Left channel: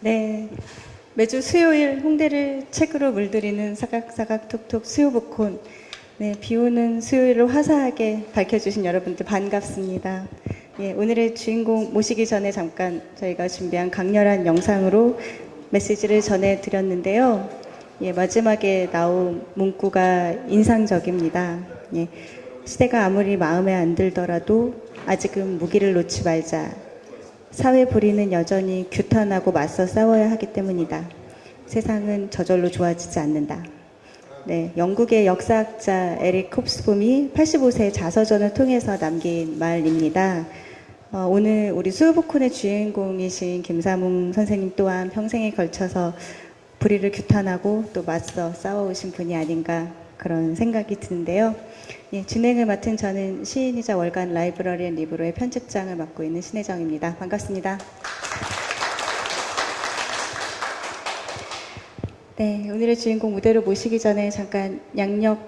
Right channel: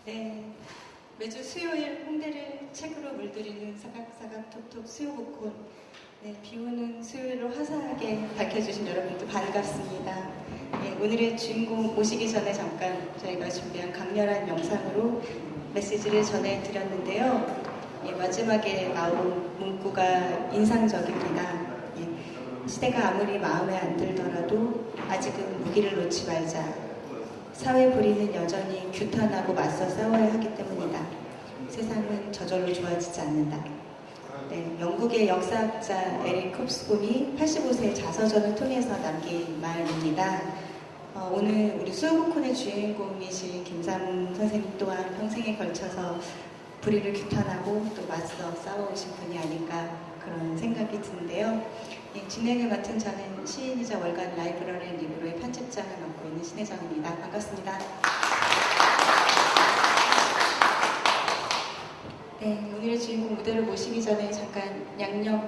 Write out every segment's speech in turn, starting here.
네, 매주 수요일 홍대를 책으로 물들이는 사각사각 톡톡 수요복콘. 네, 비오는 수요일을 화사하게 밝혀주신 여러분들 반갑습니다. 예, 오늘의 주인공 모시기 전에 잠깐 저희가 준비한 강렬한 영상으로 메시지를 전해드렸는데요. 예, 마지막에 나온 문구가 인상적입니다. 예, 시대가 아무리 마음에 안 들더라도 아직은 무기를 놓지 말자. 사회 불의는 여전히 규탄하고 맞서 싸워야 하기 때문이다. 세상은 저절로 좋아지지 않는다. 네, 영국의 역사학자 에릭 홉스봄이 85세 자서전을 통해서 남긴 말입니다. 오늘 우리 수요복콘의 주인공이신 김사몽 선생님 또한 평생에 걸쳐서 불의를 규탄하고 또 맞서 싸워오신 분이 아닌가 그런 생각이 드는데요. 예, 진행을 맡은 저는 시인이자 월간 라이브러리 앤 리브로의 편집장을 맡고 있는 신혜정입니다. 반갑습니다. 네, 오늘의 주인공 무대로 모시기 전에 잠깐 양력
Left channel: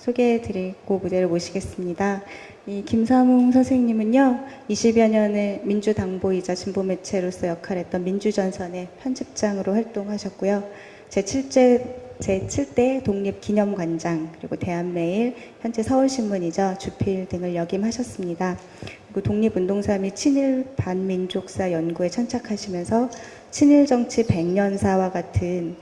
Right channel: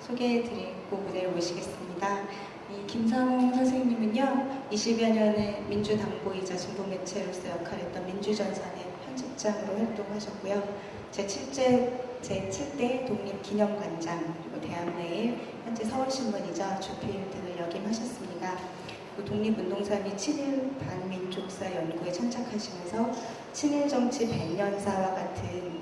소개해드리고 무대를 모시겠습니다. 이 김사몽 선생님은요, 20여 년의 민주당보이자 진보매체로서 역할했던 민주전선의 편집장으로 활동하셨고요. 제7대 독립기념관장, 그리고 대한매일, 현재 서울신문이죠. 주필 등을 역임하셨습니다. 그리고 독립운동사 및 친일 반민족사 연구에 천착하시면서 친일정치 100년사와 같은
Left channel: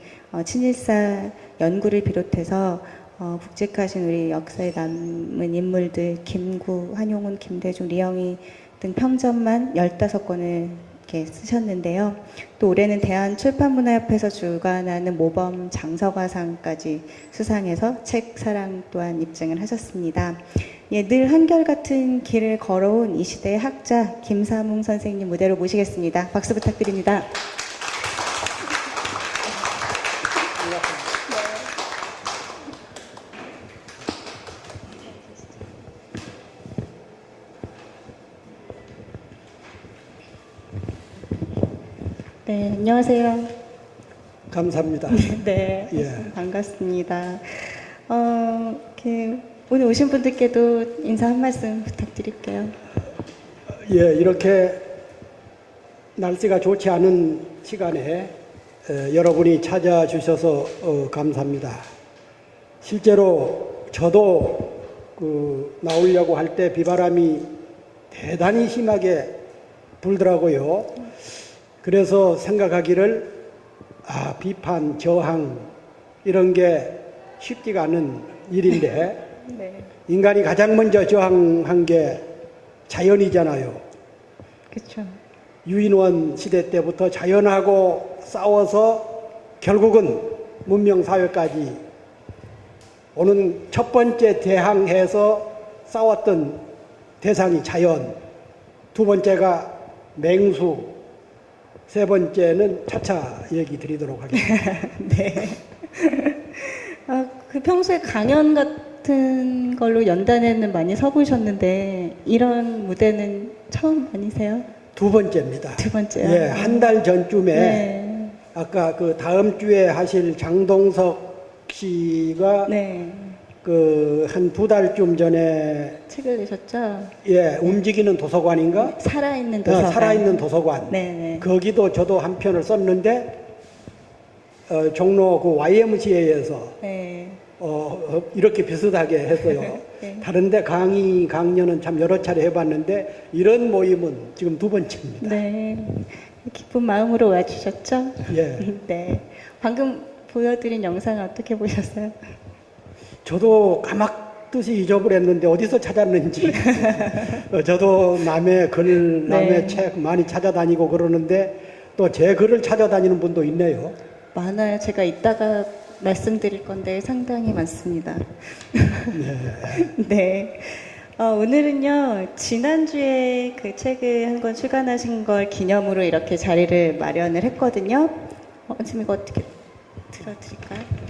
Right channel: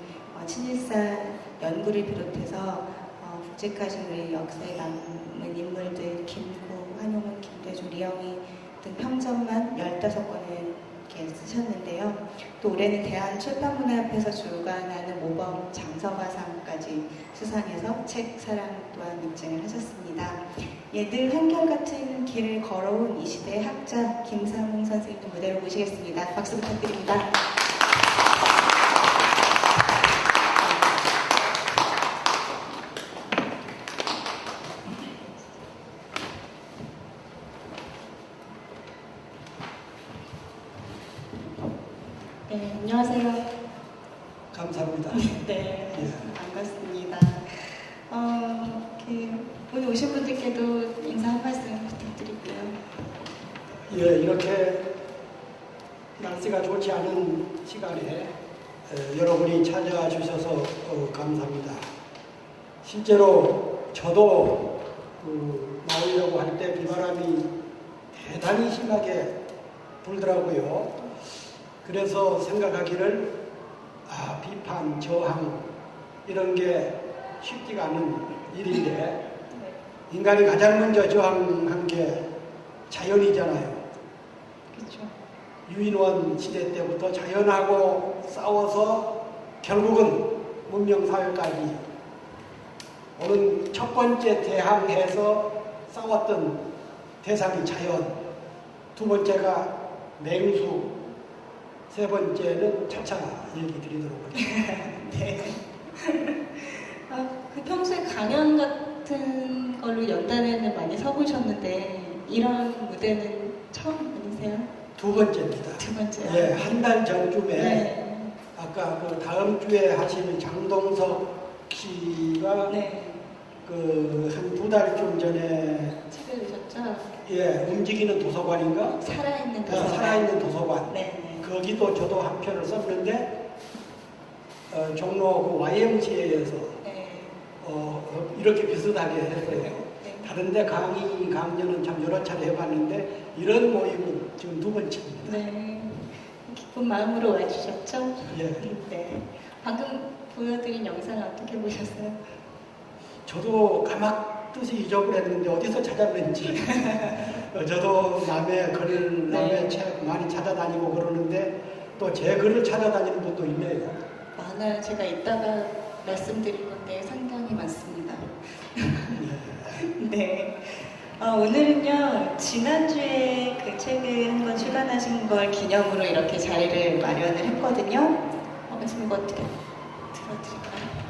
친일사 연구를 비롯해서 묵직하신 우리 역사에 남은 인물들 김구, 한용운, 김대중, 리영희 등 평전만 15권을 이렇게 쓰셨는데요. 또 올해는 대한출판문화협회에서 주관하는 모범 장서가상까지 수상해서 책 사랑 또한 입증을 하셨습니다. 예, 늘 한결같은 길을 걸어온 이 시대의 학자 김사몽 선생님 무대로 모시겠습니다. 박수 부탁드립니다. 네, 안녕하세요. 감사합니다. 네, 예. 반갑습니다. 오늘 오신 분들께도 인사 한 말씀 부탁드릴게요. 예, 이렇게 날씨가 좋지 않은 시간에 여러분이 찾아주셔서 감사합니다. 실제로 저도 나오려고 할 때 비바람이 대단히 심하게 불더라고요. 그래서 생각하기를 비판, 저항 이런 게 쉽지가 않은 일인데 네. 인간이 가장 먼저 저항한 게 자연이잖아요. 그렇죠. 유인원 시대 때부터 자연하고 싸워서 결국은 문명사회까지 오는 첫 번째 대항해서 싸웠던 대상이 자연, 두 번째가 맹수, 세 번째는 차차 얘기 드리도록 하겠습니다. 네. 그 평소에 강연 같은 걸로 연단에는 많이 서보셨는데 이런 무대는 처음 아니세요? 두 번째입니다. 두 번째요? 예, 한 달 전쯤에 네. 아까 다음 주에 하실 장동석 씨가 네. 한 두 달쯤 전에 책을 내셨죠? 예, 움직이는 도서관인가? 살아있는 도서관. 살아있는 도서관. 네네. 거기도 저도 한 편을 썼는데 종로 YMCA에서 네. 이렇게 비슷하게 했어요. 네. 다른데 강연은 참 여러 차례 해봤는데 이런 모임은 지금 두 번째입니다. 네. 기쁜 마음으로 와주셨죠? 예. 네. 방금 보여드린 영상 어떻게 보셨어요? 저도 까맣듯이 잊어버렸는데 어디서 찾았는지 저도 남의 글, 남의 네. 책 많이 찾아다니고 그러는데 또 제 글을 찾아다니는 분도 있네요. 많아요. 제가 이따가 말씀드릴 건데 상당히 많습니다. 네. 오늘은요, 지난주에 그 책을 한 권 출간하신 걸 기념으로 이렇게 자리를 마련을 했거든요. 지금 이거 어떻게 들어드릴까요?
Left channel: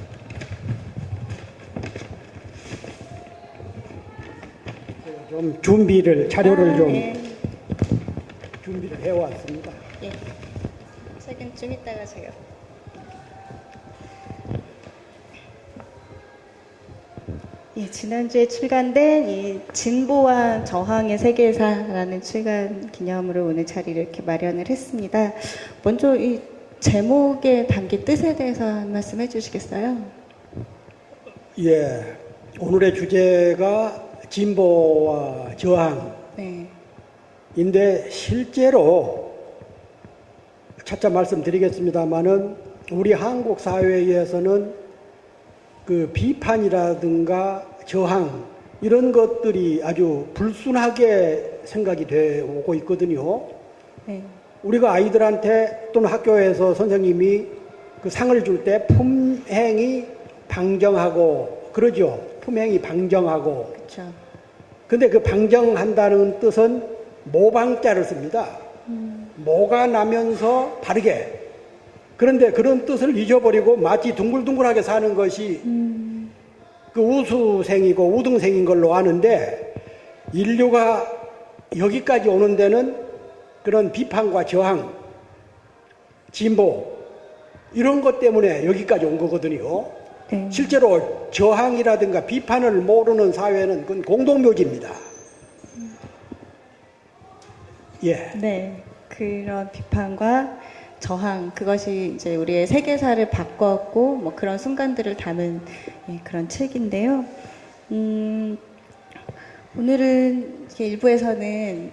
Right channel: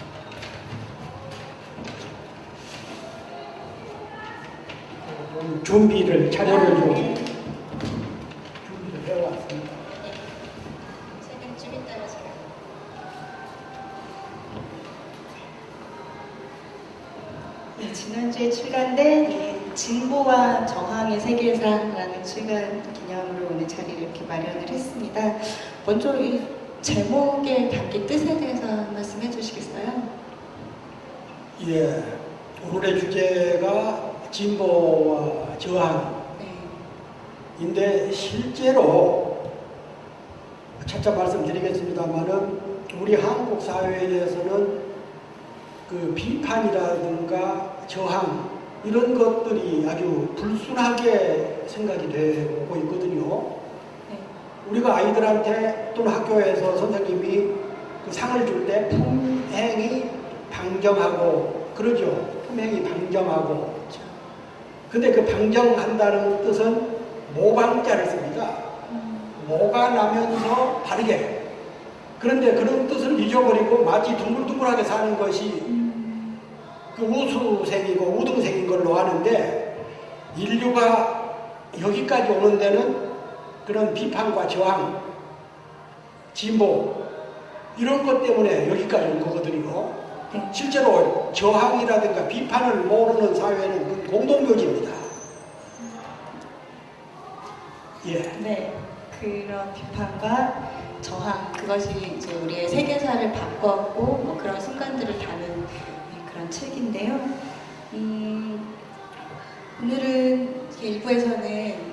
좀 준비를, 자료를 좀 네. 준비를 해왔습니다. 예. 책은 좀 이따가 제가. 예, 지난주에 출간된 이 진보와 저항의 세계사라는 출간 기념으로 오늘 자리를 이렇게 마련을 했습니다. 먼저 이 제목에 담긴 뜻에 대해서 말씀해 주시겠어요? 예, 오늘의 주제가 진보와 저항인데 네. 실제로 차차 말씀드리겠습니다만은 우리 한국 사회에서는 그 비판이라든가 저항 이런 것들이 아주 불순하게 생각이 되고 있거든요. 네. 우리가 아이들한테 또는 학교에서 선생님이 그 상을 줄 때 품행이 방정하고 그러죠. 품행이 방정하고. 그렇죠. 근데 그 방정한다는 뜻은 모방자를 씁니다. 모가 나면서 바르게. 그런데 그런 뜻을 잊어버리고 마치 둥글둥글하게 사는 것이 그 우수생이고 우등생인 걸로 아는데 인류가 여기까지 오는 데는 그런 비판과 저항, 진보 이런 것 때문에 여기까지 온 거거든요. 네. 실제로 저항이라든가 비판을 모르는 사회는 그건 공동묘지입니다. 예. 네. 그런 비판과 저항, 그것이 이제 우리의 세계사를 바꿨고, 뭐 그런 순간들을 담은 그런 책인데요. 오늘은 이렇게 1부에서는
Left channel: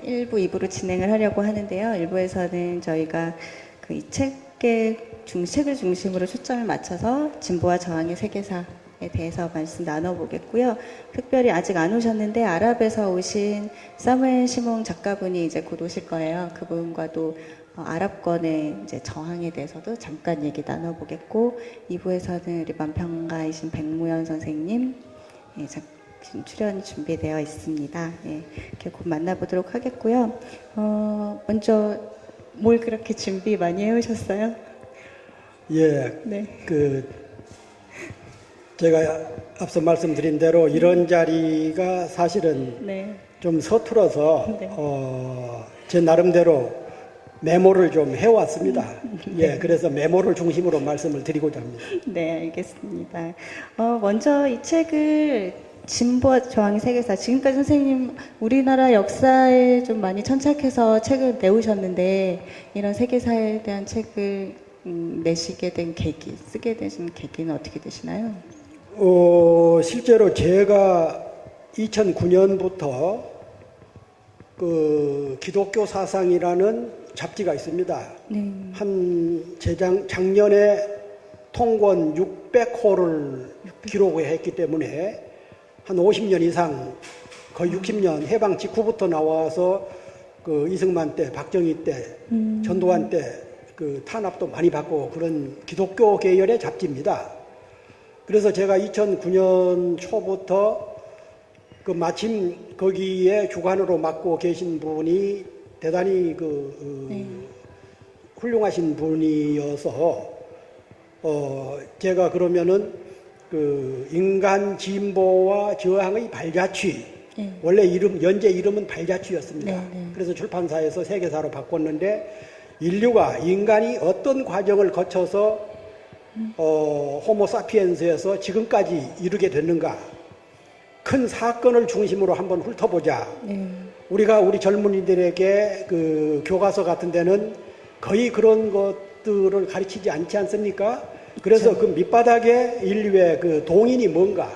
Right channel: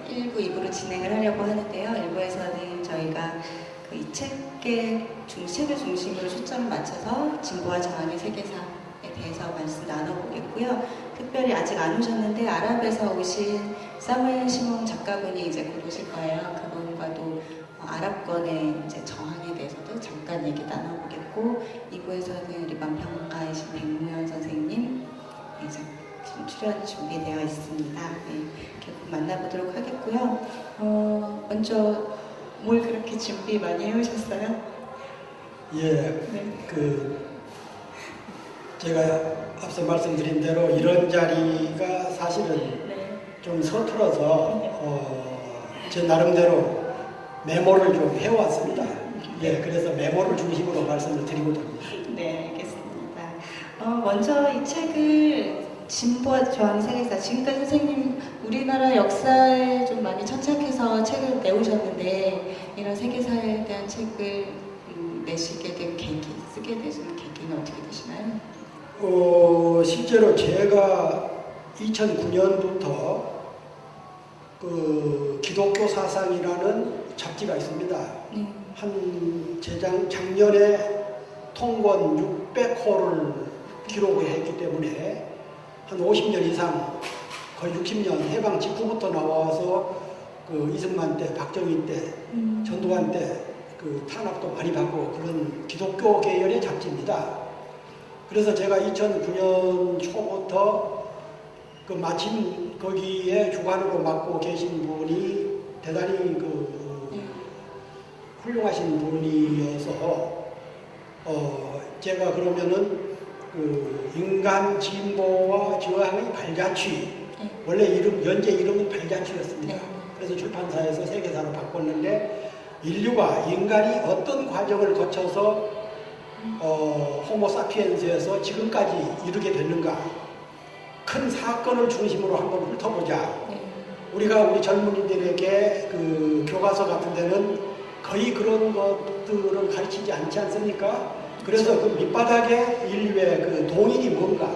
1부, 2부로 진행을 하려고 하는데요. 1부에서는 저희가 그 이 책을 중심으로 초점을 맞춰서 진보와 저항의 세계사에 대해서 말씀 나눠보겠고요. 특별히 아직 안 오셨는데 아랍에서 오신 사무엘 시몽 작가분이 이제 곧 오실 거예요. 그분과도 아랍권의 이제 저항에 대해서도 잠깐 얘기 나눠보겠고, 2부에서는 우리 만평가이신 백무현 선생님 이제 출연 준비되어 있습니다. 네, 이렇게 곧 만나보도록 하겠고요. 먼저 뭘 그렇게 준비 많이 해오셨어요? 예. 네. 제가 앞서 말씀드린 대로 이런 자리가 사실은 네. 좀 서툴어서 네. 제 나름대로 메모를 좀 해왔습니다. 예, 그래서 메모를 중심으로 말씀을 드리고자 합니다. 네, 알겠습니다. 먼저 이 책을 진보와 저항의 세계사, 지금까지 선생님 우리나라 역사에 좀 많이 천착해서 책을 내오셨는데 이런 세계사에 대한 책을 내시게 된 계기, 쓰게 되신 계기는 어떻게 되시나요? 실제로 제가 2009년부터 그 기독교 사상이라는 잡지가 있습니다. 네. 작년에 통권 600호를 기록했기 때문에 한 50년 이상, 거의 60년 해방 직후부터 나와서 그 이승만 때, 박정희 때, 전두환 때 그 탄압도 많이 받고 그런 기독교 계열의 잡지입니다. 그래서 제가 2009년 초부터 그 마침 거기에 주관으로 맡고 계신 분이 대단히 훌륭하신 분이어서 제가 그러면은 그 인간 진보와 저항의 발자취, 네. 원래 연재 이름은 발자취였습니다. 네. 그래서 출판사에서 세계사로 바꿨는데 인간이 어떤 과정을 거쳐서 호모 사피엔스에서 지금까지 이르게 됐는가, 큰 사건을 중심으로 한번 훑어보자. 네. 우리가 우리 젊은이들에게 그 교과서 같은 데는 거의 그런 것들을 가르치지 않지 않습니까? 그래서 그 밑바닥에 인류의 그 동인이 뭔가,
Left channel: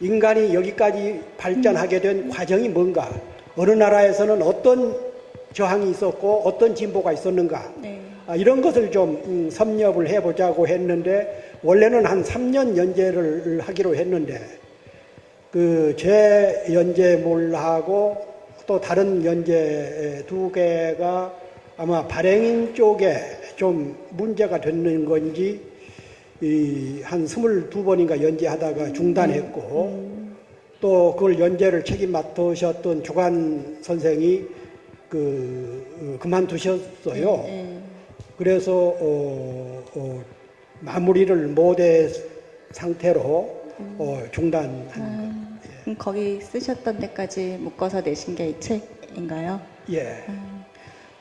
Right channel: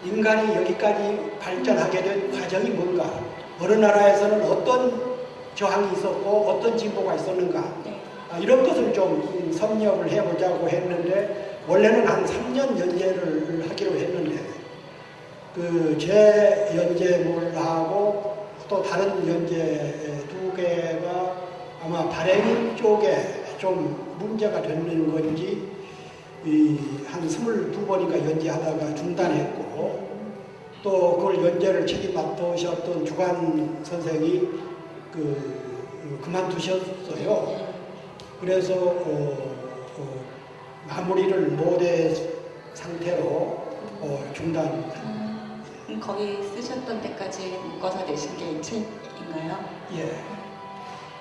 인간이 여기까지 발전하게 된 과정이 뭔가, 어느 나라에서는 어떤 저항이 있었고 어떤 진보가 있었는가, 네. 이런 것을 좀 섭렵을 해보자고 했는데, 원래는 한 3년 연재를 하기로 했는데 그 제 연재물하고 또 다른 연재 2개가 아마 발행 쪽에 좀 문제가 되는 건지 한 22번인가 연재하다가 중단했고, 또 그걸 연재를 책임 맡으셨던 주관 선생이 그만두셨어요. 네. 그래서 마무리를 못한 상태로 중단. 그럼 거기 쓰셨던 때까지 묶어서 내신 게 이 책인가요? 예.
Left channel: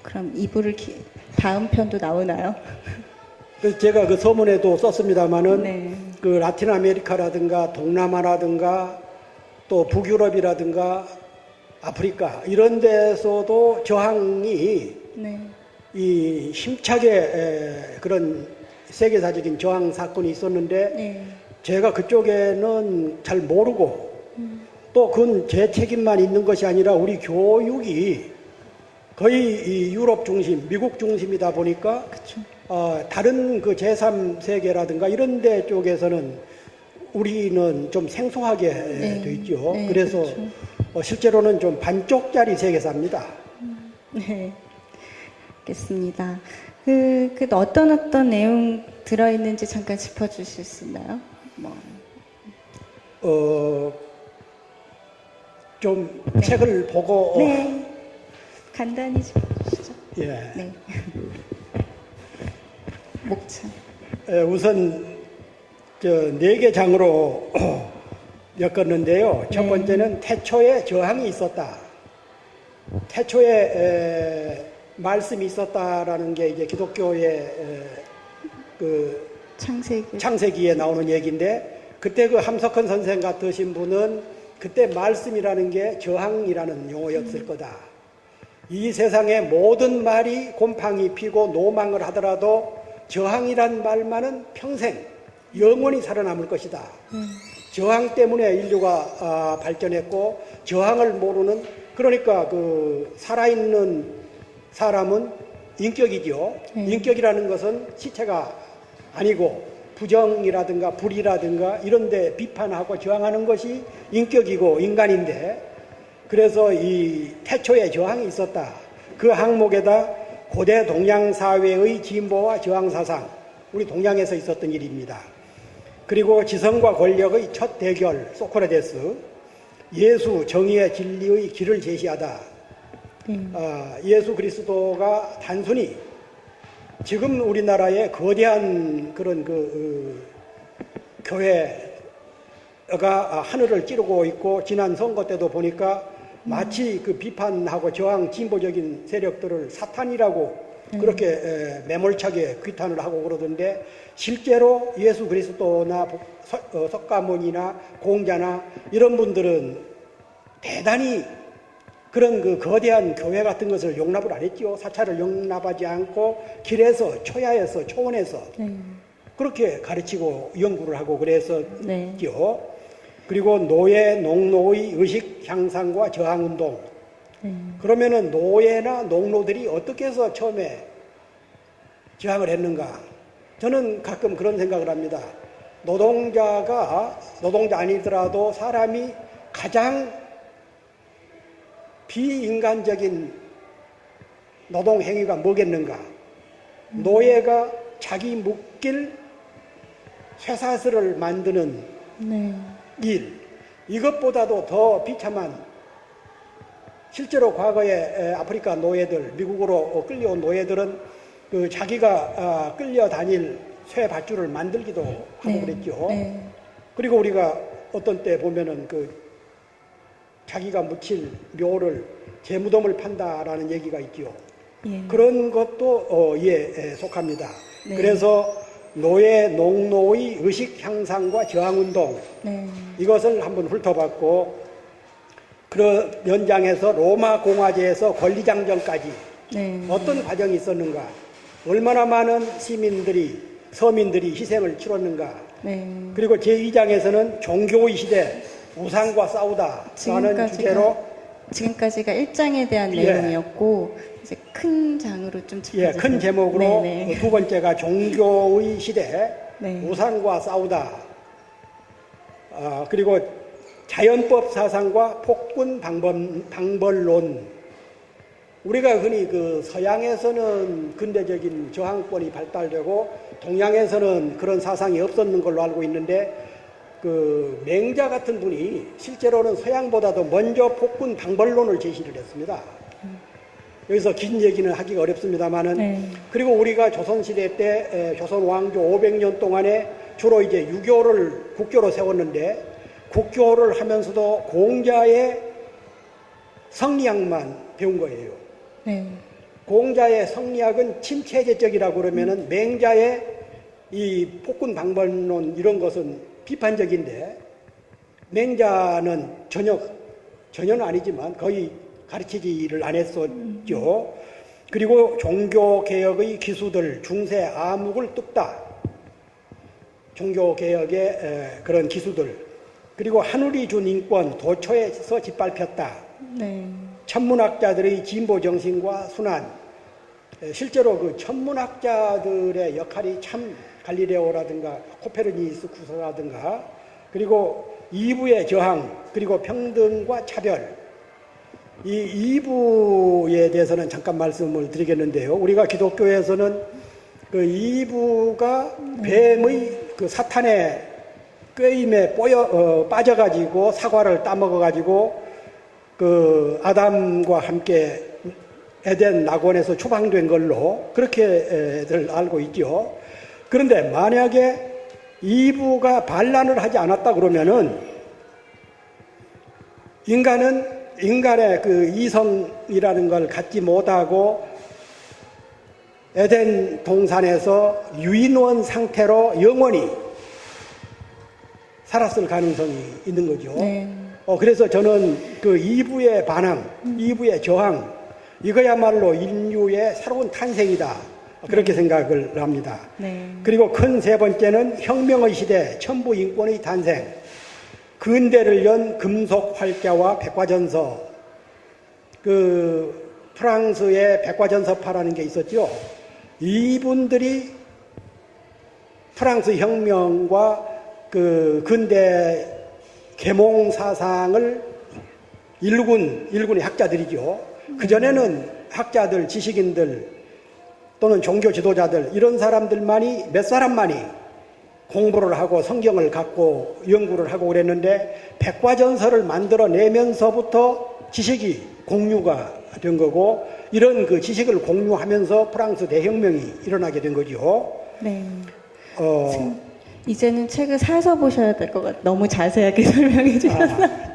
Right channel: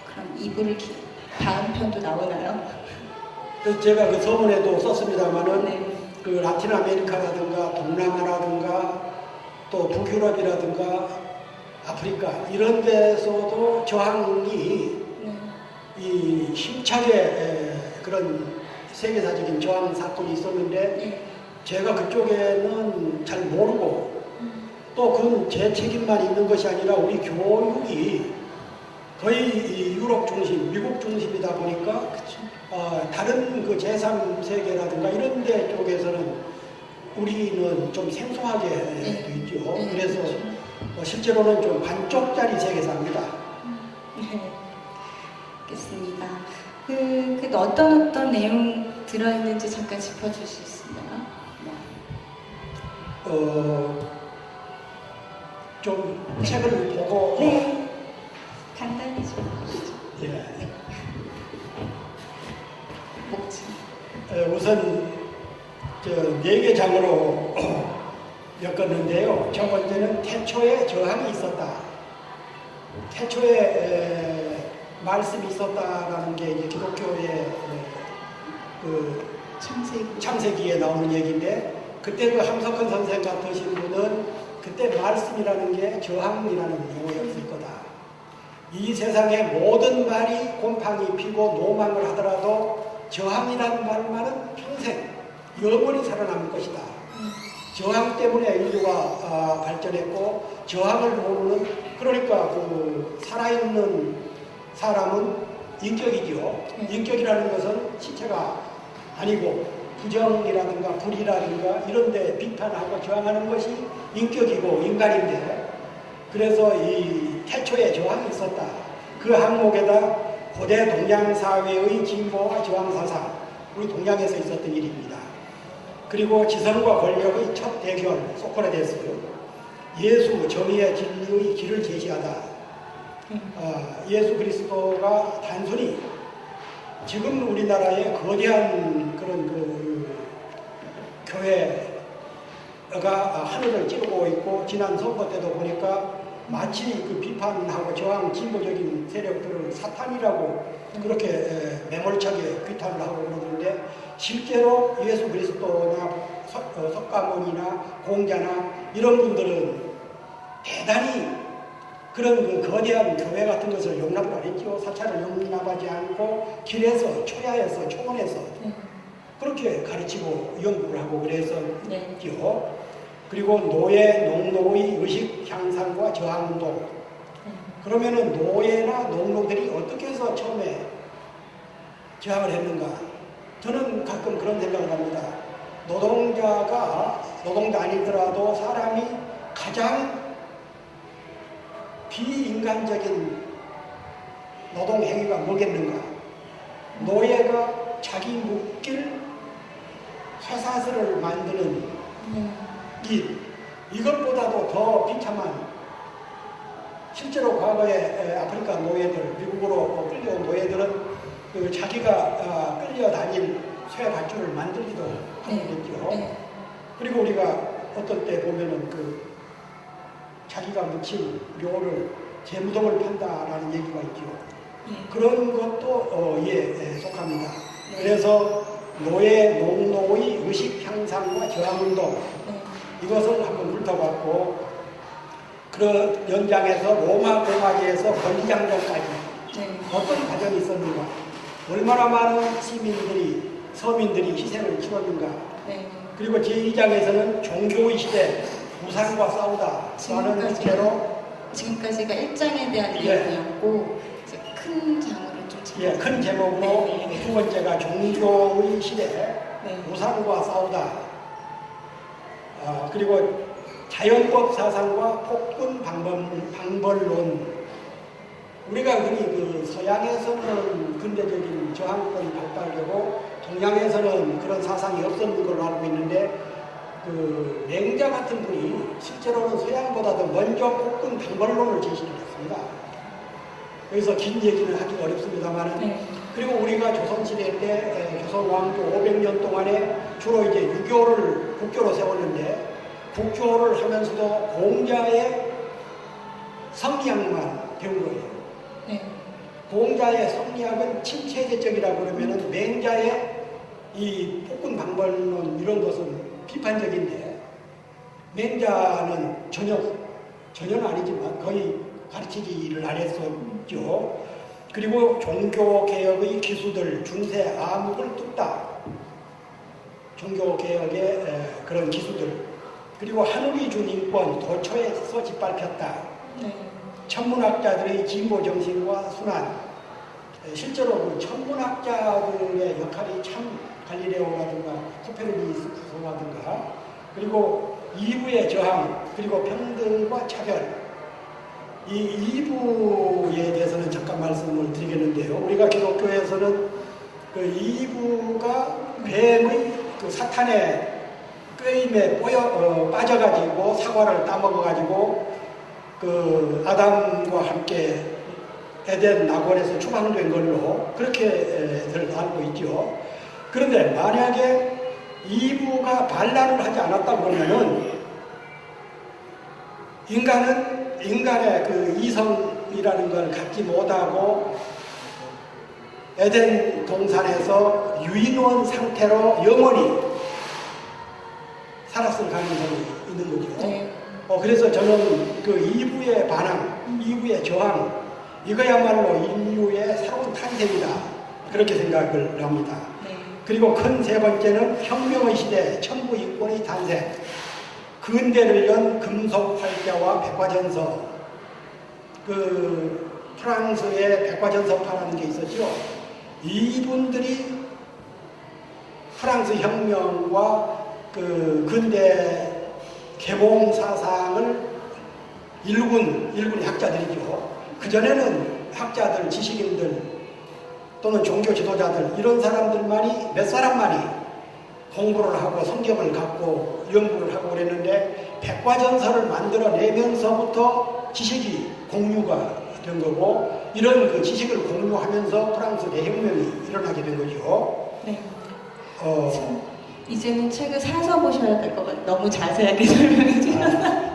그럼 2부를 다음 편도 나오나요? 그래서 제가 그 서문에도 썼습니다만은 네. 그 라틴 아메리카라든가 동남아라든가 또 북유럽이라든가 아프리카 이런 데서도 저항이 네. 이 힘차게 그런 세계사적인 저항 사건이 있었는데 네. 제가 그쪽에는 잘 모르고 또 그건 제 책임만 있는 것이 아니라 우리 교육이 거의 이 유럽 중심, 미국 중심이다 보니까 그렇죠. 다른 그 제3세계라든가 이런 데 쪽에서는 우리는 좀 생소하게 네. 돼 있죠. 네, 그래서 그렇죠. 실제로는 좀 반쪽짜리 세계사입니다. 네. 알겠습니다. 그 어떤 내용 들어있는지 잠깐 짚어주실 수 있나요? 좀 네. 책을 보고 네. 간단히 짚어주시죠. 예. 네. 목차. 우선 네 개 장으로 엮었는데요. 첫 네. 번째는 태초에 저항이 있었다. 태초에 말씀이 있었다라는 게 이제 기독교의 그 창세기. 창세기에 나오는 얘기인데 그때 그 함석헌 선생 같으신 분은 그때 말씀이라는 게 저항이라는 용어였을 거다. 이 세상의 모든 말이 곰팡이 피고 노망을 하더라도 저항이란 말만은 평생 영원히 살아남을 것이다. 저항 때문에 인류가 발전했고 저항을 모르는 그러니까 그 살아있는 사람은 인격이죠. 인격이라는 것은 시체가 아니고 부정이라든가 불이라든가 이런 데 비판하고 저항하는 것이 인격이고 인간인데 그래서 이 태초에 저항이 있었다. 그 항목에다 고대 동양 사회의 진보와 저항 사상, 우리 동양에서 있었던 일입니다. 그리고 지성과 권력의 첫 대결, 소크라테스, 예수 정의의 진리의 길을 제시하다. 예수 그리스도가 단순히 지금 우리나라의 거대한 그런 그 교회가 하늘을 찌르고 있고 지난 선거 때도 보니까 마치 그 비판하고 저항 진보적인 세력들을 사탄이라고 그렇게 매몰차게 귀탄을 하고 그러던데 실제로 예수 그리스도나 석가모니나 공자나 이런 분들은 대단히 그런 그 거대한 교회 같은 것을 용납을 안 했죠. 사찰을 용납하지 않고 길에서 초야에서 초원에서 그렇게 가르치고 연구를 하고 그래서 네. 있죠. 그리고 노예, 농노의 의식 향상과 저항운동. 그러면은 노예나 농노들이 어떻게 해서 처음에 저항을 했는가? 저는 가끔 그런 생각을 합니다. 노동자 아니더라도 사람이 가장 비인간적인 노동행위가 뭐겠는가? 노예가 자기 묶일 쇠사슬을 만드는 이것보다도 더 비참한 실제로 과거에 아프리카 노예들, 미국으로 끌려온 노예들은 그 자기가 끌려다닐 쇠 밧줄을 만들기도 하고 그랬죠. 그리고 우리가 어떤 때 보면은 그 자기가 묻힌 묘를 재무덤을 판다라는 얘기가 있죠. 그런 것도 이에 속합니다. 그래서 노예, 농노의 의식 향상과 저항운동 이것을 한번 훑어봤고 그 연장에서 로마 공화제에서 권리장정까지 어떤 과정이 있었는가 얼마나 많은 시민들이 서민들이 희생을 치렀는가 그리고 제2장에서는 종교의 시대 부산과 싸우다 라는 주제로 지금까지가 1장에 대한 내용이었고 이제 큰 장으로 좀 큰 제목으로 두 번째가 종교의 시대 우상과 싸우다 그리고 자연법 사상과 폭군 방벌론 우리가 흔히 그 서양에서는 근대적인 저항권이 발달되고 동양에서는 그런 사상이 없었는 걸로 알고 있는데 그 맹자 같은 분이 실제로는 서양보다도 먼저 폭군 방벌론을 제시를 했습니다. 여기서 긴 얘기는 하기가 어렵습니다만은 그리고 우리가 조선시대 때 조선 왕조 500년 동안에 주로 이제 유교를 국교로 세웠는데 국교를 하면서도 공자의 성리학만 배운 거예요. 공자의 성리학은 침체제적이라고 그러면은 맹자의 이 폭군 방벌론 이런 것은 비판적인데 맹자는 전혀는 아니지만 거의 가르치기를 안 했었죠. 그리고 종교개혁의 기수들 중세 암흑을 뚝딱 종교개혁의 그런 기수들 그리고 하늘이 준 인권 도처에서 짓밟혔다. 네. 천문학자들의 진보 정신과 순환 실제로 그 천문학자들의 역할이 참 갈릴레오라든가 코페르니쿠스라든가 그리고 이부의 저항 그리고 평등과 차별 이 2부에 대해서는 잠깐 말씀을 드리겠는데요. 우리가 기독교에서는 그 2부가 뱀의 그 사탄의 꾀임에 빠져가지고 사과를 따먹어가지고 그 아담과 함께 에덴 낙원에서 추방된 걸로 그렇게들 알고 있죠. 그런데 만약에 2부가 반란을 하지 않았다 그러면은 인간의 그 이성이라는 걸 갖지 못하고 에덴 동산에서 유인원 상태로 영원히 살았을 가능성이 있는 거죠. 네. 그래서 저는 그 2부의 반항, 2부의 저항, 이거야말로 인류의 새로운 탄생이다. 그렇게 생각을 합니다. 네. 그리고 큰 세 번째는 혁명의 시대, 천부 인권의 탄생, 근대를 연 금속 활자와 백과전서, 그 프랑스의 백과전서파라는 게 있었죠. 이분들이 프랑스 혁명과 그 근대 계몽 사상을 일군의 학자들이죠. 그전에는 학자들, 지식인들 또는 종교 지도자들 이런 사람들만이 몇 사람만이 공부를 하고 성경을 갖고 연구를 하고 그랬는데 백과전서를 만들어내면서부터 지식이 공유가 된 거고 이런 그 지식을 공유하면서 프랑스 대혁명이 일어나게 된 거죠. 네. 이제는 책을 사서 보셔야 될 것 같아요. 너무 자세하게 설명해 주셔서.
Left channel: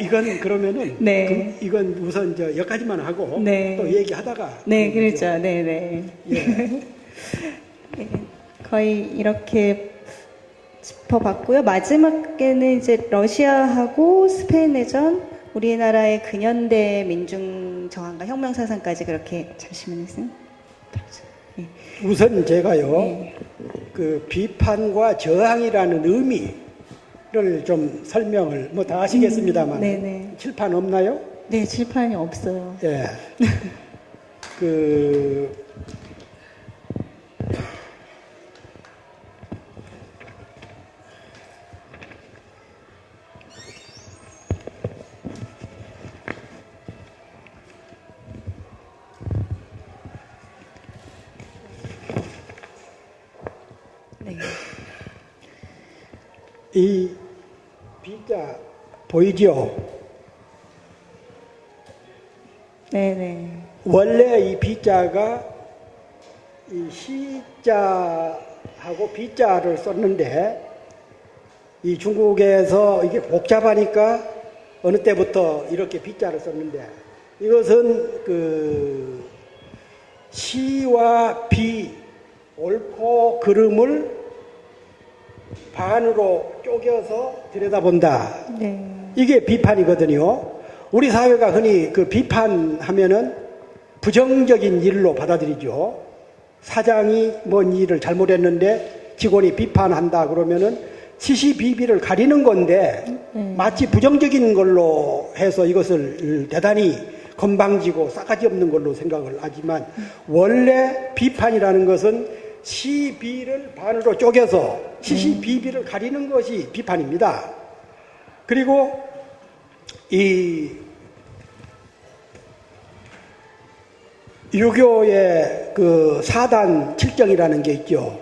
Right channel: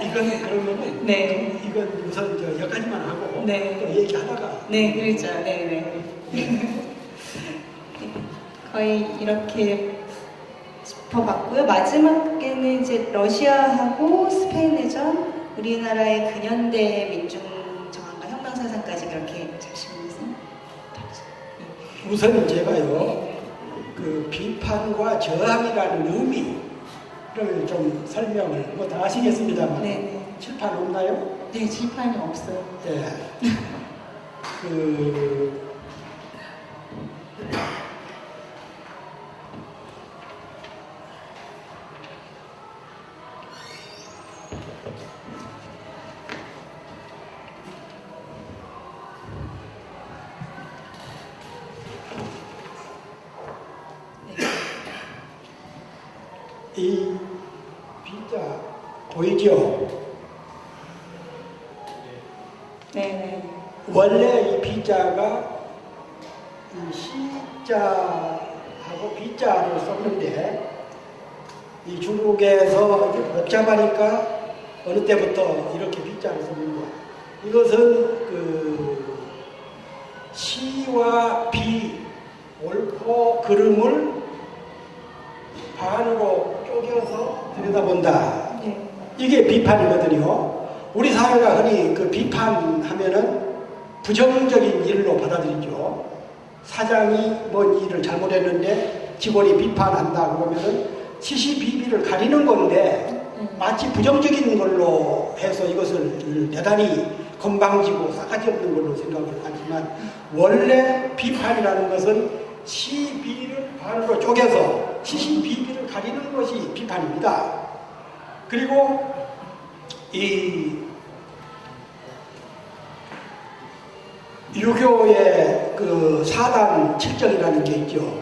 이건 그러면은 네. 이건 우선 여기까지만 하고 네. 또 얘기하다가 네, 그렇죠. 네. 네. 거의 이렇게 짚어봤고요. 마지막에는 이제 러시아하고 스페인 내전, 우리나라의 근현대 민중 저항과 혁명 사상까지 그렇게 자신있습 우선 제가요 네. 그 비판과 저항이라는 의미를 좀 설명을 뭐 다 아시겠습니다만 네네. 칠판 없나요? 네, 칠판이 없어요. 예. 그 이 비자 보이죠? 네네. 원래 이 비자가 이 시자하고 비자를 썼는데 이 중국에서 이게 복잡하니까 어느 때부터 이렇게 비자를 썼는데 이것은 그 시와 비, 옳고 그름을 반으로 쪼개서 들여다본다. 네. 이게 비판이거든요. 우리 사회가 흔히 그 비판하면은 부정적인 일로 받아들이죠. 사장이 뭔 일을 잘못했는데 직원이 비판한다 그러면은 시시비비를 가리는 건데 마치 부정적인 걸로 해서 이것을 대단히 건방지고 싸가지 없는 걸로 생각을 하지만 원래 비판이라는 것은 시비를 반으로 쪼개서 시시비비를 가리는 것이 비판입니다. 그리고 이 유교의 그 사단 칠정이라는 게 있죠.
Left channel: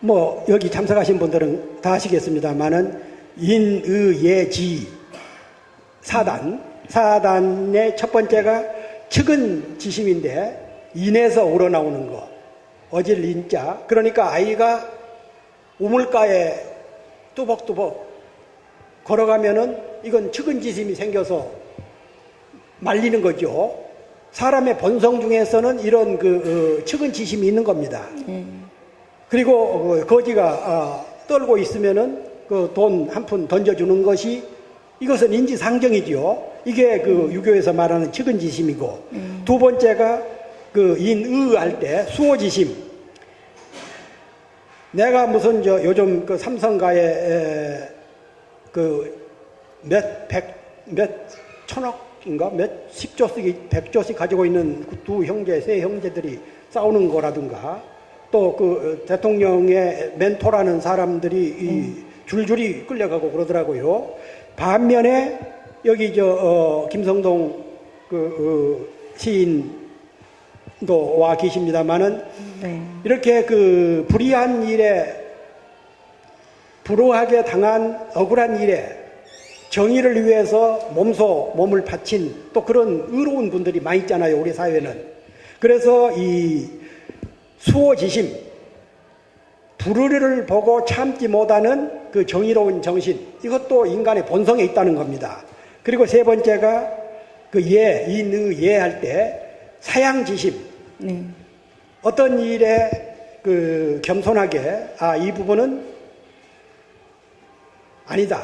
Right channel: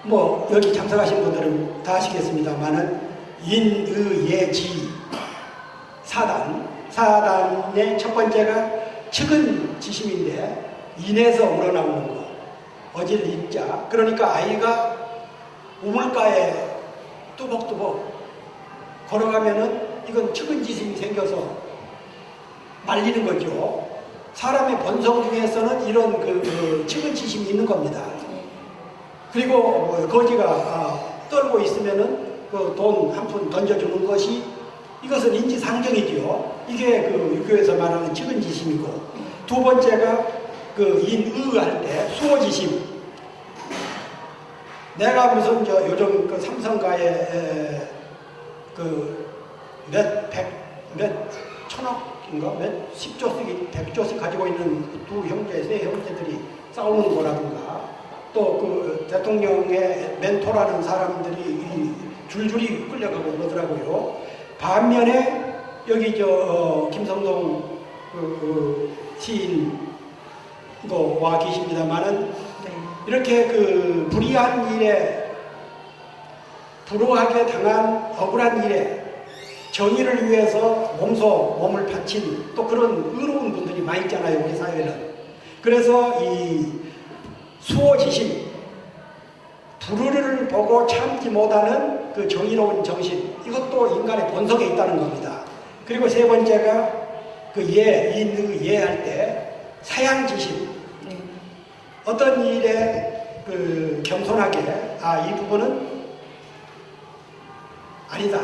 뭐 여기 참석하신 분들은 다 아시겠습니다만은 인의예지 사단의 첫 번째가 측은 지심인데 인에서 우러나오는 거 어질 인자 그러니까 아이가 우물가에 뚜벅뚜벅 걸어가면은 이건 측은 지심이 생겨서 말리는 거죠. 사람의 본성 중에서는 이런 측은 지심이 있는 겁니다. 그리고 거지가 떨고 있으면은 그 돈 한 푼 던져주는 것이 이것은 인지상정이죠. 이게 그 유교에서 말하는 측은 지심이고 두 번째가 그 인의 할 때 수호지심. 내가 무슨 저 요즘 그 삼성가에 몇 천억인가 몇 십조씩 100조씩 가지고 있는 그 두 형제 세 형제들이 싸우는 거라든가 또 그 대통령의 멘토라는 사람들이 이 줄줄이 끌려가고 그러더라고요. 반면에 여기 김성동 시인도 와 계십니다만은 네. 이렇게 그 불의한 일에 불우하게 당한 억울한 일에 정의를 위해서 몸을 바친 또 그런 의로운 분들이 많이 있잖아요, 우리 사회는. 그래서 이 수호지심, 불의를 보고 참지 못하는 그 정의로운 정신, 이것도 인간의 본성에 있다는 겁니다. 그리고 세 번째가 그 인의 예할 때 사양지심. 네. 어떤 일에 그 겸손하게 이 부분은 아니다.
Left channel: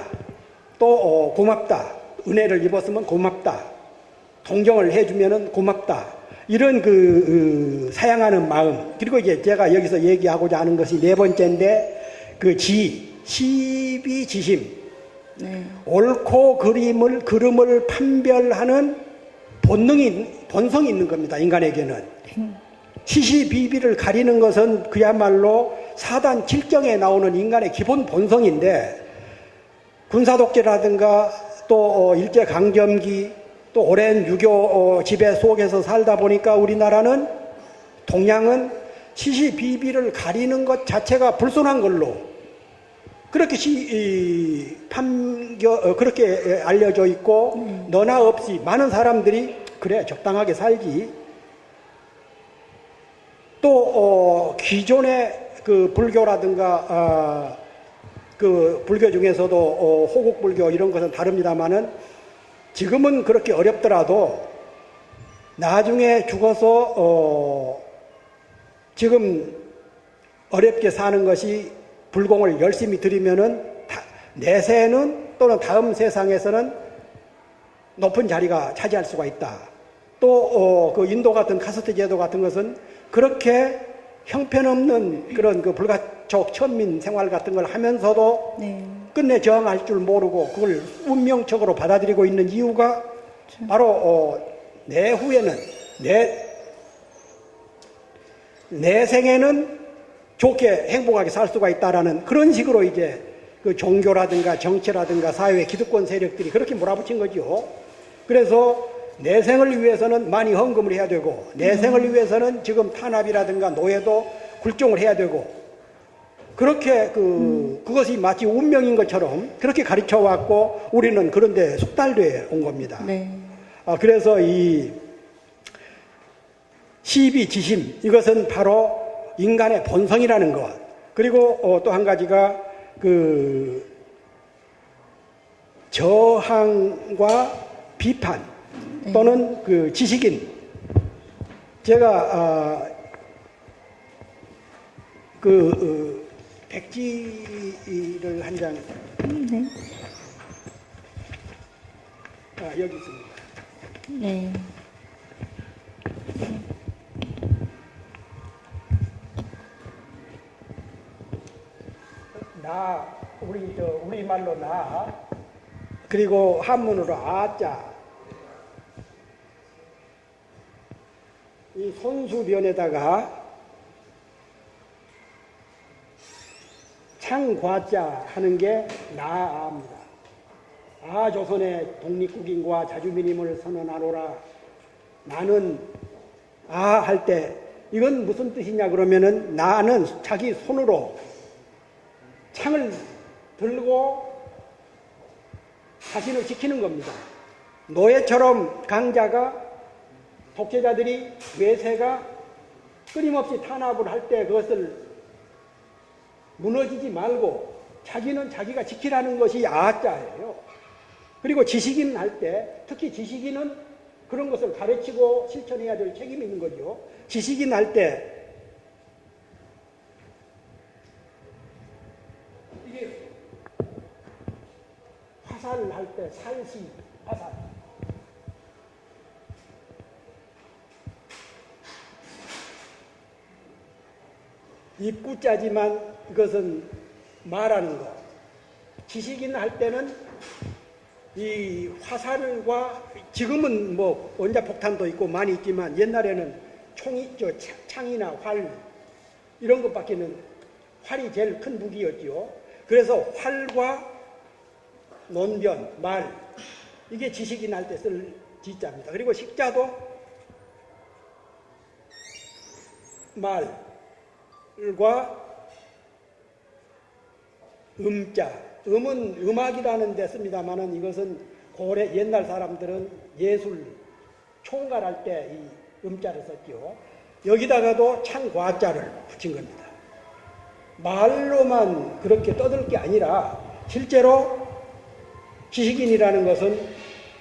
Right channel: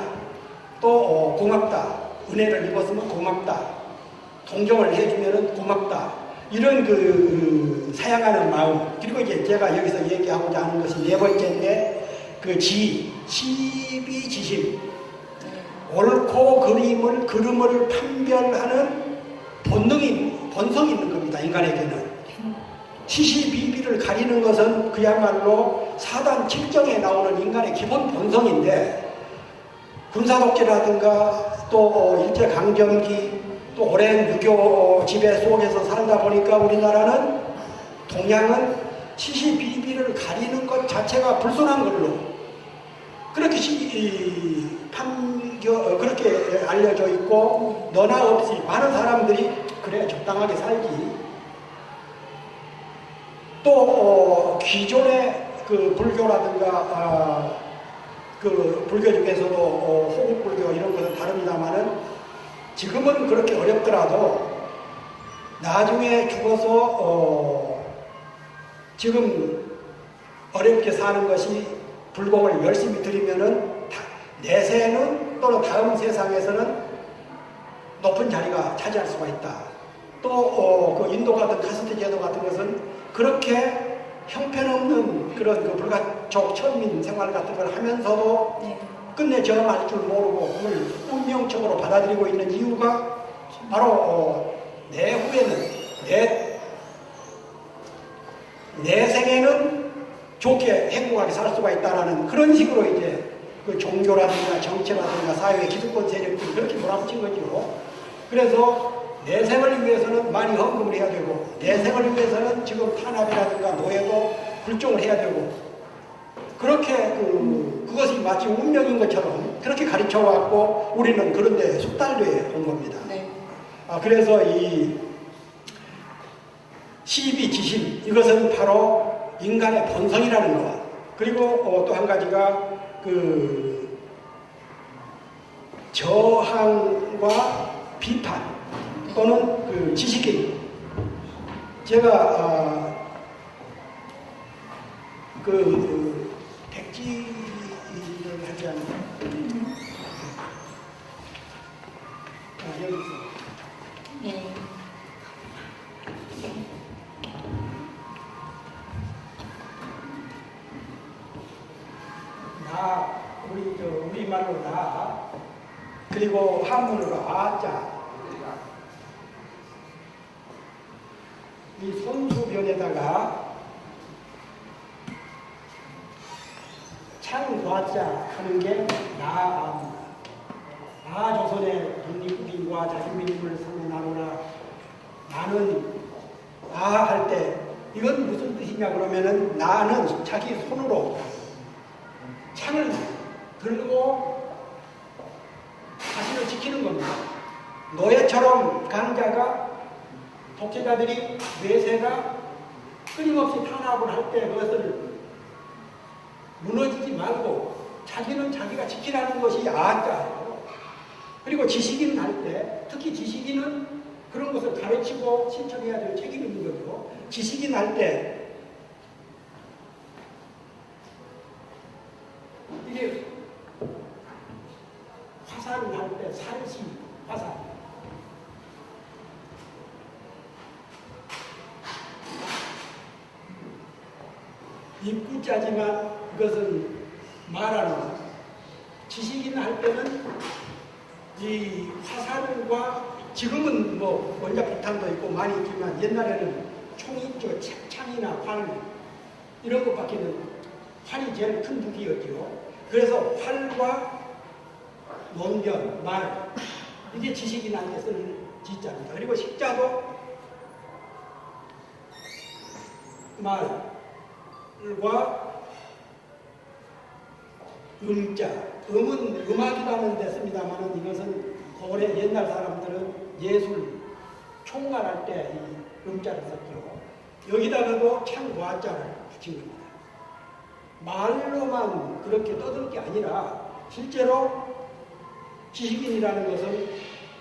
또 고맙다. 은혜를 입었으면 고맙다. 동정을 해주면은 고맙다. 이런 그 사양하는 마음. 그리고 이제 제가 여기서 얘기하고자 하는 것이 네 번째인데 그 시비지심. 네. 옳고 그름을 판별하는 본성이 있는 겁니다. 인간에게는. 시시비비를 가리는 것은 그야말로 사단 7경에 나오는 인간의 기본 본성인데 군사독재라든가 또 일제강점기 또 오랜 유교 지배 속에서 살다 보니까 우리나라는 동양은 시시비비를 가리는 것 자체가 불순한 걸로 그렇게 그렇게 알려져 있고 너나 없이 많은 사람들이 그래 적당하게 살기. 또 기존의 그 불교라든가 그 불교 중에서도 호국불교 이런 것은 다릅니다만은 지금은 그렇게 어렵더라도 나중에 죽어서 지금 어렵게 사는 것이 불공을 열심히 드리면은 내세는 또는 다음 세상에서는 높은 자리가 차지할 수가 있다. 또 그 인도 같은 카스트 제도 같은 것은 그렇게 형편없는 그런 그 불가촉 천민 생활 같은 걸 하면서도 네. 끝내 저항할 줄 모르고 그걸 운명적으로 받아들이고 있는 이유가 바로 내후에는 내 생에는 좋게 행복하게 살 수가 있다라는 그런 식으로 이제 그 종교라든가 정치라든가 사회 기득권 세력들이 그렇게 몰아붙인 거죠. 그래서 내생을 위해서는 많이 헌금을 해야 되고 내생을 위해서는 지금 탄압이라든가 노예도 굴종을 해야 되고 그렇게 그것이 마치 운명인 것처럼 그렇게 가르쳐 왔고 우리는 그런데 숙달돼 온 겁니다. 네. 그래서 이 시비지심 이것은 바로 인간의 본성이라는 것. 그리고 또 한 가지가 그 저항과 비판 또는 그 지식인. 제가 백지를 한 장 네. 여기 있습니다. 네. 우리말로 나 그리고 한문으로 아자 이 손수변에다가 창과자 하는 게 나입니다. 조선의 독립국인과 자주민임을 선언하노라. 나는 할 때 이건 무슨 뜻이냐 그러면은 나는 자기 손으로 창을 들고 자신을 지키는 겁니다. 노예처럼 강자가 독재자들이 외세가 끊임없이 탄압을 할 때 그것을 무너지지 말고 자기는 자기가 지키라는 것이 아자예요. 그리고 지식인 할 때 특히 지식인은 그런 것을 가르치고 실천해야 될 책임이 있는 거죠. 지식인 할 때 이게 화살을 할 때 살시 화살 입구자지만 이것은 말하는 것. 지식인 할 때는 이 화살과 지금은 뭐 원자 폭탄도 있고 많이 있지만 옛날에는 총이 있죠. 창이나 활 이런 것밖에는 활이 제일 큰 무기였죠. 그래서 활과 논변, 말 이게 지식인한테 쓸 지자입니다. 그리고 식자도 말과 음자, 음은 음악이라는 데 씁니다만은 이것은 고래 옛날 사람들은 예술 총괄할 때 이 음자를 썼죠. 여기다가도 창과자를 붙인 겁니다. 말로만 그렇게 떠들 게 아니라 실제로 지식인이라는 것은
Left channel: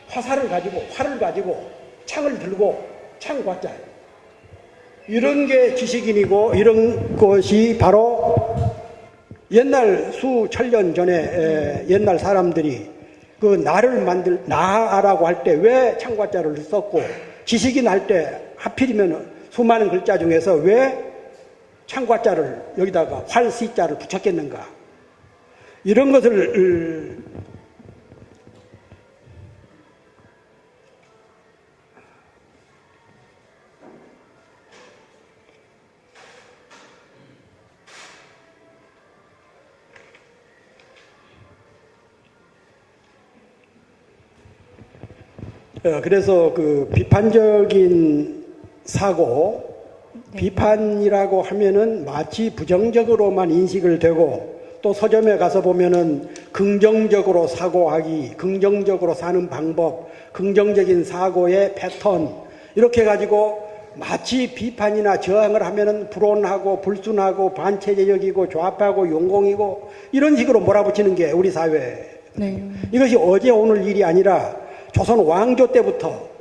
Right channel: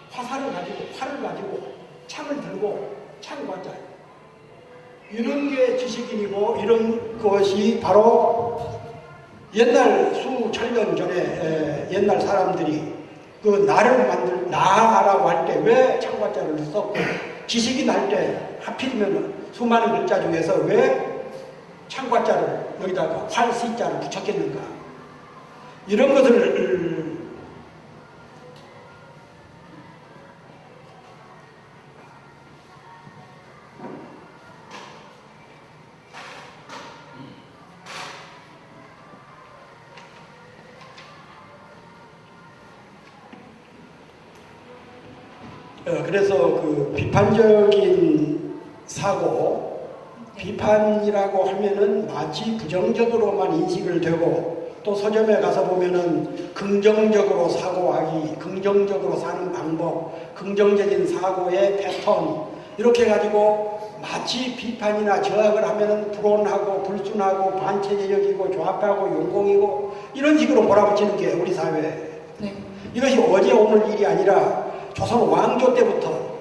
화살을 가지고 활을 가지고 창을 들고 창과자 이런 게 지식인이고 이런 것이 바로 옛날 수천년 전에 옛날 사람들이 그 나라고 할 때 왜 창과자를 썼고 지식인 할 때 하필이면 수많은 글자 중에서 왜 창과자를 여기다가 활시자를 붙였겠는가 이런 것을 그래서 그 비판적인 사고, 비판이라고 하면은 마치 부정적으로만 인식을 되고 또 서점에 가서 보면은 긍정적으로 사고하기, 긍정적으로 사는 방법, 긍정적인 사고의 패턴 이렇게 해가지고 마치 비판이나 저항을 하면은 불온하고 불순하고 반체제적이고 좌파고 용공이고 이런 식으로 몰아붙이는 게 우리 사회. 네. 이것이 어제 오늘 일이 아니라 조선 왕조 때부터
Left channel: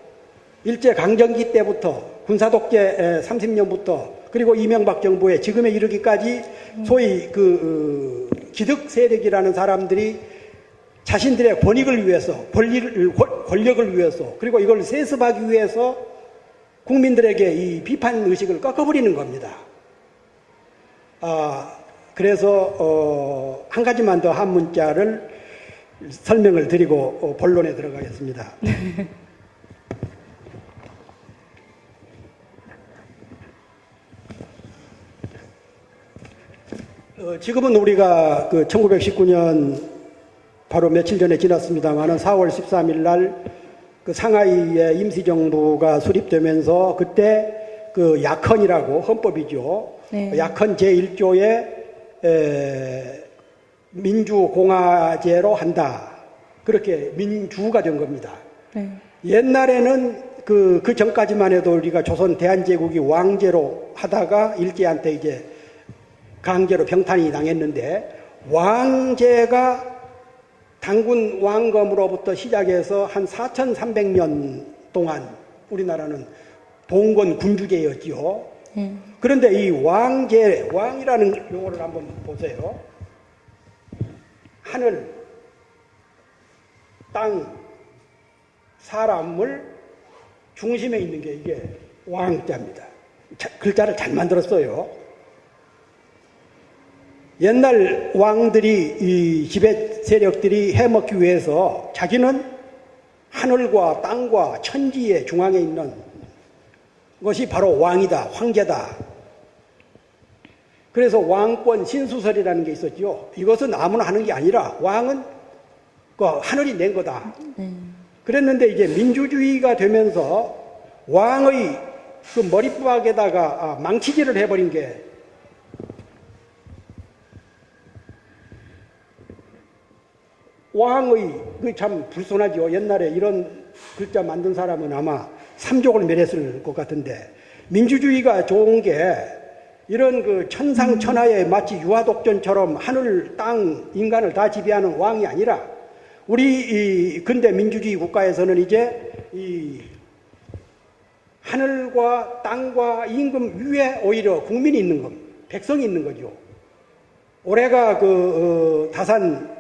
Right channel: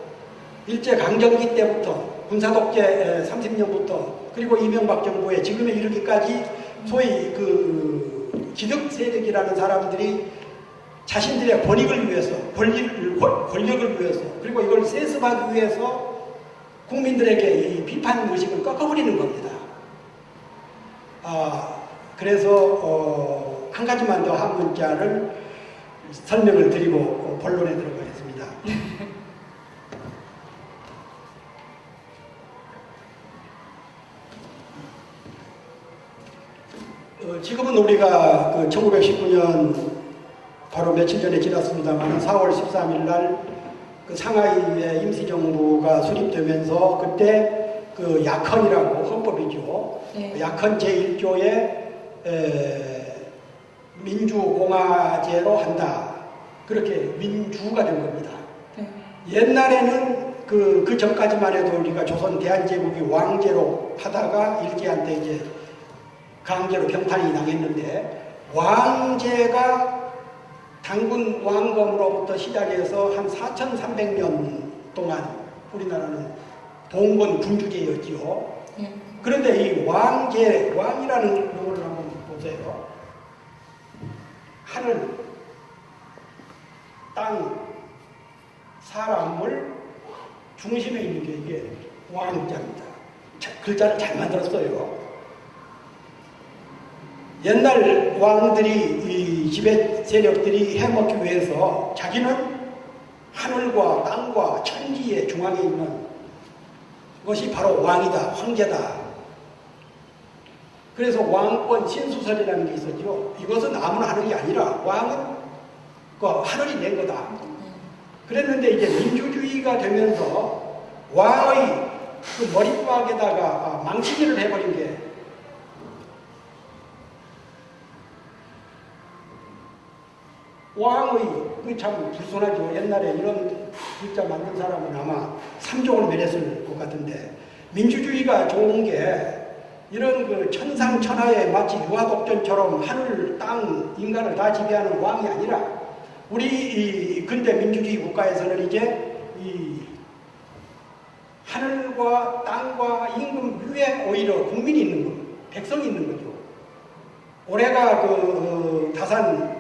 일제강점기 때부터 군사독재 30년부터 그리고 이명박 정부에 지금에 이르기까지 소위 그 기득 세력이라는 사람들이 자신들의 권익을 위해서 권력을 위해서 그리고 이걸 세습하기 위해서 국민들에게 이 비판 의식을 꺾어버리는 겁니다. 그래서 한 가지만 더 한 문자를 설명을 드리고 본론에 들어가겠습니다. 지금은 우리가 그 1919년 바로 며칠 전에 지났습니다만 4월 13일 날 그 상하이의 임시정부가 수립되면서 그때 그 약헌이라고 헌법이죠. 네. 약헌 제1조에 민주공화제로 한다. 그렇게 민주가 된 겁니다. 네. 옛날에는 그 전까지만 해도 우리가 조선 대한제국이 왕제로 하다가 일제한테 이제 강제로 병탄이 당했는데 왕제가 당군 왕검으로부터 시작해서 한 4,300년 동안 우리나라는 봉건 군주제였지요. 네. 그런데 이 왕제, 왕이라는 용어를 한번 보세요. 하늘, 땅, 사람을 중심에 있는 게 이게 왕자입니다. 글자를 잘 만들었어요. 옛날 왕들이 이 지배 세력들이 해먹기 위해서 자기는 하늘과 땅과 천지의 중앙에 있는 것이 바로 왕이다, 황제다. 그래서 왕권 신수설이라는 게 있었죠. 이것은 아무나 하는 게 아니라 왕은 그 하늘이 낸 거다. 그랬는데 이제 민주주의가 되면서 왕의 그 머리뚜락에다가 망치질을 해버린 게 왕의, 그게 참 불손하죠. 옛날에 이런 글자 만든 사람은 아마 삼족을 멸했을 것 같은데, 민주주의가 좋은 게 이런 그 천상천하에 마치 유아독전처럼 하늘, 땅, 인간을 다 지배하는 왕이 아니라 우리 이 근대 민주주의 국가에서는 이제 이 하늘과 땅과 임금 위에 오히려 국민이 있는 것, 백성이 있는 거죠. 올해가 다산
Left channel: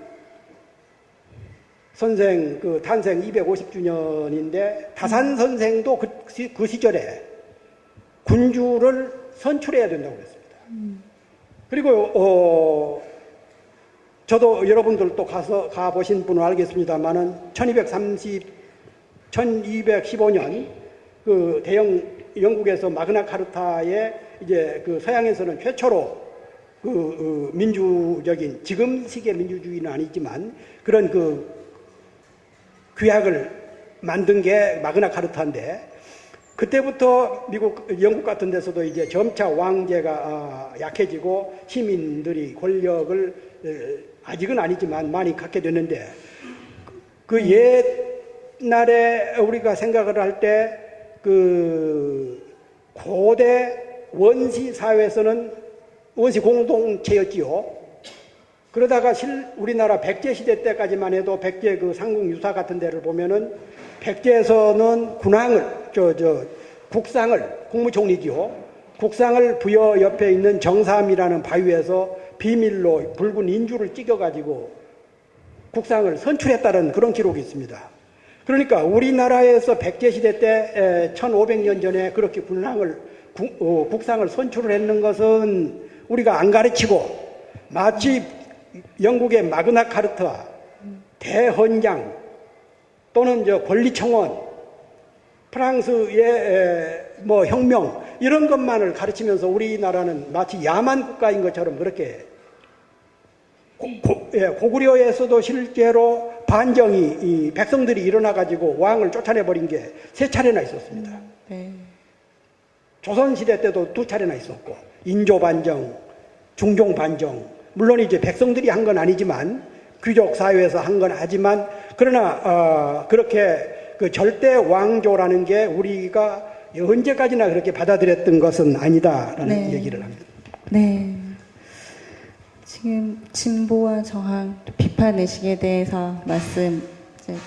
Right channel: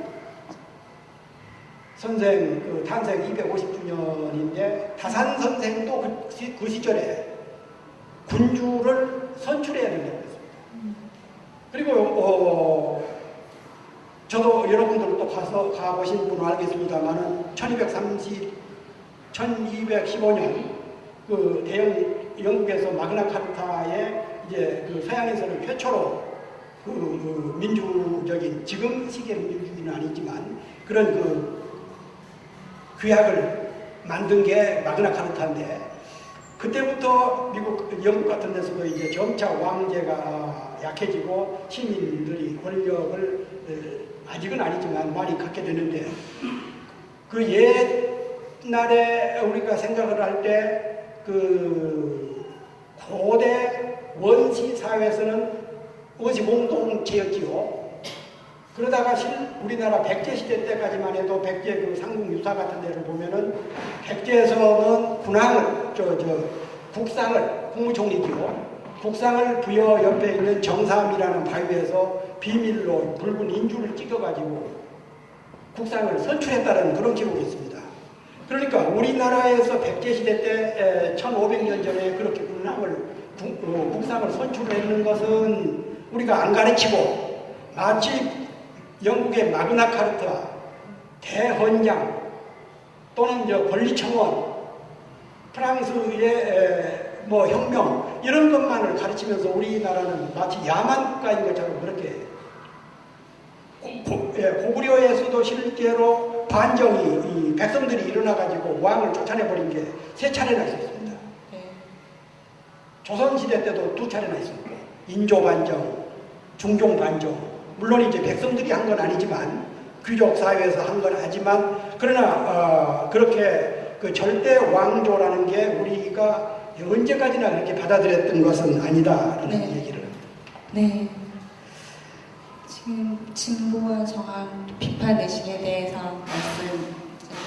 선생 그 탄생 250주년인데 다산 선생도 그 시절에 군주를 선출해야 된다고 했습니다. 그리고 저도 여러분들도 가보신 분은 알겠습니다만은 1215년 그 대영 영국에서 마그나카르타에 이제 그 서양에서는 최초로 그 민주적인 지금식의 민주주의는 아니지만 그런 그 규약을 만든 게 마그나카르타인데 그때부터 미국, 영국 같은 데서도 이제 점차 왕제가 약해지고 시민들이 권력을 아직은 아니지만 많이 갖게 되는데 그 옛날에 우리가 생각을 할 때 그 고대 원시 사회에서는 원시 공동체였지요. 그러다가 우리나라 백제 시대 때까지만 해도 백제 그 상국 유사 같은 데를 보면은 백제에서는 군왕을 국상을 국무총리지요. 국상을 부여 옆에 있는 정삼이라는 바위에서 비밀로 붉은 인주를 찍어가지고 국상을 선출했다는 그런 기록이 있습니다. 그러니까 우리나라에서 백제시대 때 1500년 전에 그렇게 국상을 선출을 했는 것은 우리가 안 가르치고 마치 영국의 마그나카르타, 대헌장 또는 권리청원, 프랑스의 뭐 혁명 이런 것만을 가르치면서 우리나라는 마치 야만 국가인 것처럼 그렇게 고구려에서도 실제로 반정이 백성들이 일어나가지고 왕을 쫓아내버린 게 3차례나 있었습니다. 네. 조선시대 때도 2차례나 있었고 인조반정, 중종반정 물론 이제 백성들이 한 건 아니지만 귀족 사회에서 한 건 하지만 그러나 그렇게 그 절대 왕조라는 게 우리가 언제까지나 그렇게 받아들였던 것은 아니다라는 네. 얘기를 합니다. 네. 지금 진보와 저항, 비판 의식에 대해서 말씀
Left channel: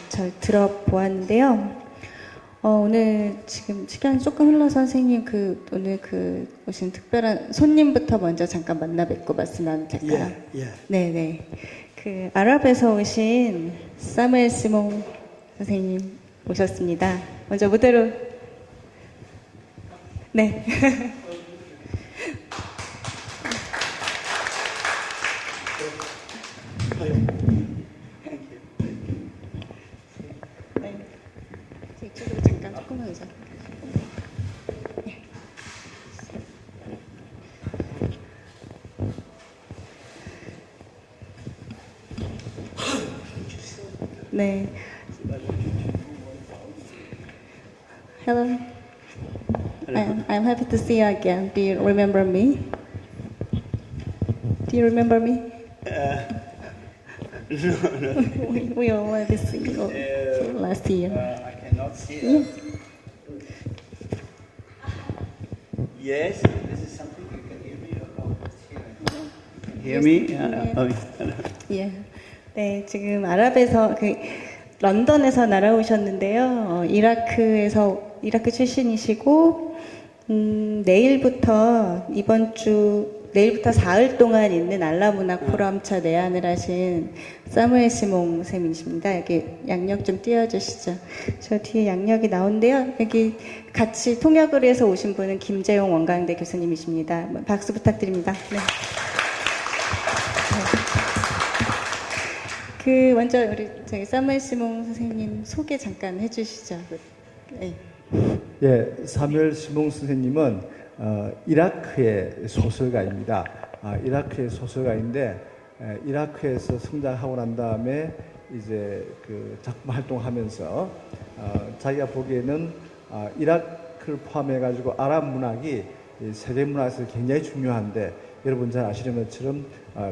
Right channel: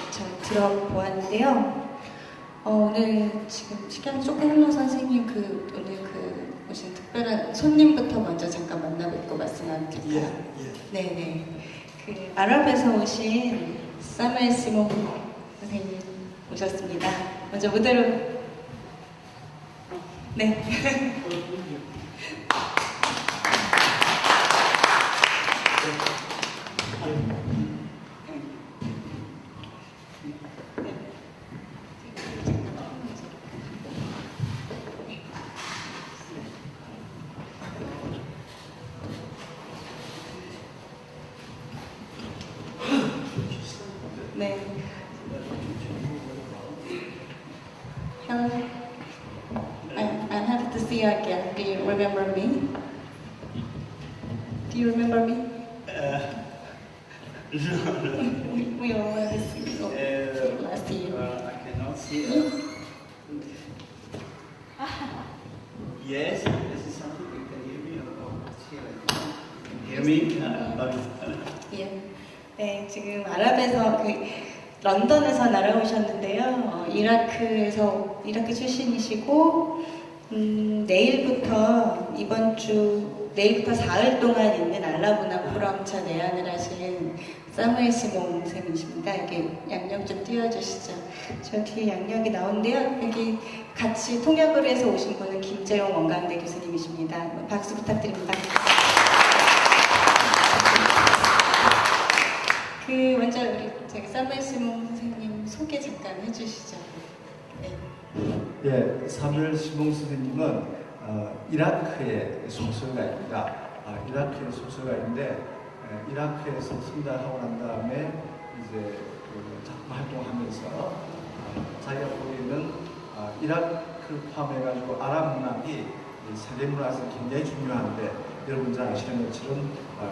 잘 들어보았는데요. 오늘 지금 시간이 조금 흘러서 선생님 오늘 오신 특별한 손님부터 먼저 잠깐 만나 뵙고 말씀 나누면 될까요? 예. 네네. 아랍에서 오신 사무엘 시몬 선생님 오셨습니다. 먼저 무대로. 네. 네. Hello. I'm happy to see you again. Do you remember me? Do you remember me? No. We already see you last year. I cannot see. Yes, this is something you can hear me about. Hear me? 예. 네, 지금 아랍에서 런던에서 날아오셨는데요. 이라크 출신이시고 내일부터 내일부터 사흘 동안 있는 알라문화 포럼차 내한을 하신 사무엘 시몽 쌤이십니다. 여기 양력 좀 띄워주시죠. 저 뒤에 양력이 나오는데요. 여기 같이 통역을 해서 오신 분은 김재용 원광대 교수님이십니다. 박수 부탁드립니다. 먼저 우리 사무엘 시몽 선생님 소개 잠깐 해주시죠. 네. 예, 사무엘 시몽 선생님은 이라크의 소설가입니다. 이라크의 소설가인데 이라크에서 성장하고 난 다음에 이제 작품 활동하면서 자기가 보기에는 이라크를 포함해가지고 아랍 문학이 세계 문학에서 굉장히 중요한데 여러분 잘 아시는 것처럼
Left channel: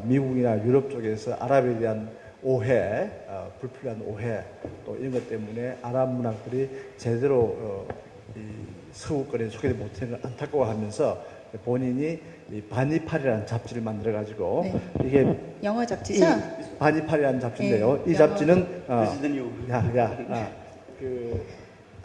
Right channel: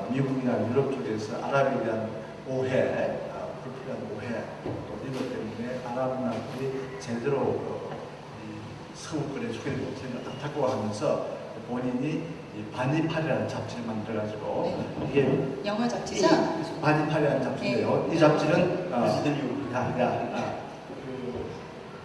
미국이나 유럽 쪽에서 아랍에 대한 오해, 불필요한 오해 또 이런 것 때문에 아랍 문학들이 제대로 서구권에 소개를 못하는 안타까워하면서 본인이 바니팔이라는 잡지를 만들어가지고 네. 이게 영화 잡지죠? 바니팔이라는 잡지인데요. 네. 이 잡지는 This is the new.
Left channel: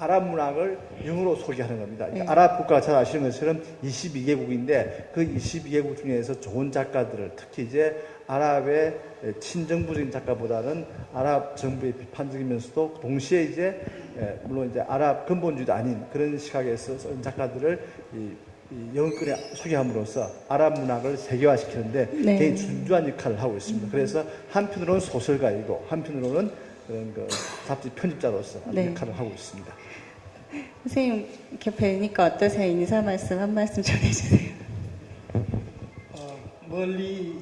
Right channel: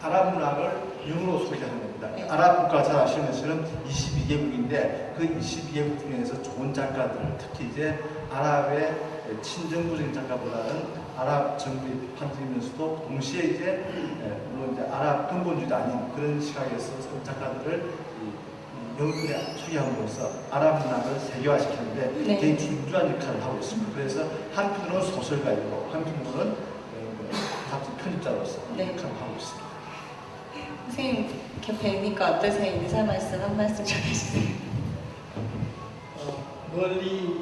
아랍 문학을 영어로 소개하는 겁니다. 네. 아랍 국가 잘 아시는 것처럼 22개국인데 그 22개국 중에서 좋은 작가들을 특히 이제 아랍의 친정부적인 작가보다는 아랍 정부의 비판적이면서도 동시에 이제 물론 이제 아랍 근본주의도 아닌 그런 시각에서 쓴 작가들을 이 영국에 소개함으로써 아랍 문화를 세계화시키는데 네. 굉장히 중요한 역할을 하고 있습니다. 그래서 한편으로는 소설가이고 한편으로는 같이 편집자로서 네. 역할을 하고 있습니다. 선생님 이렇게 뵈니까 어떠세요? 인사 말씀 한 말씀 전해주세요. 멀리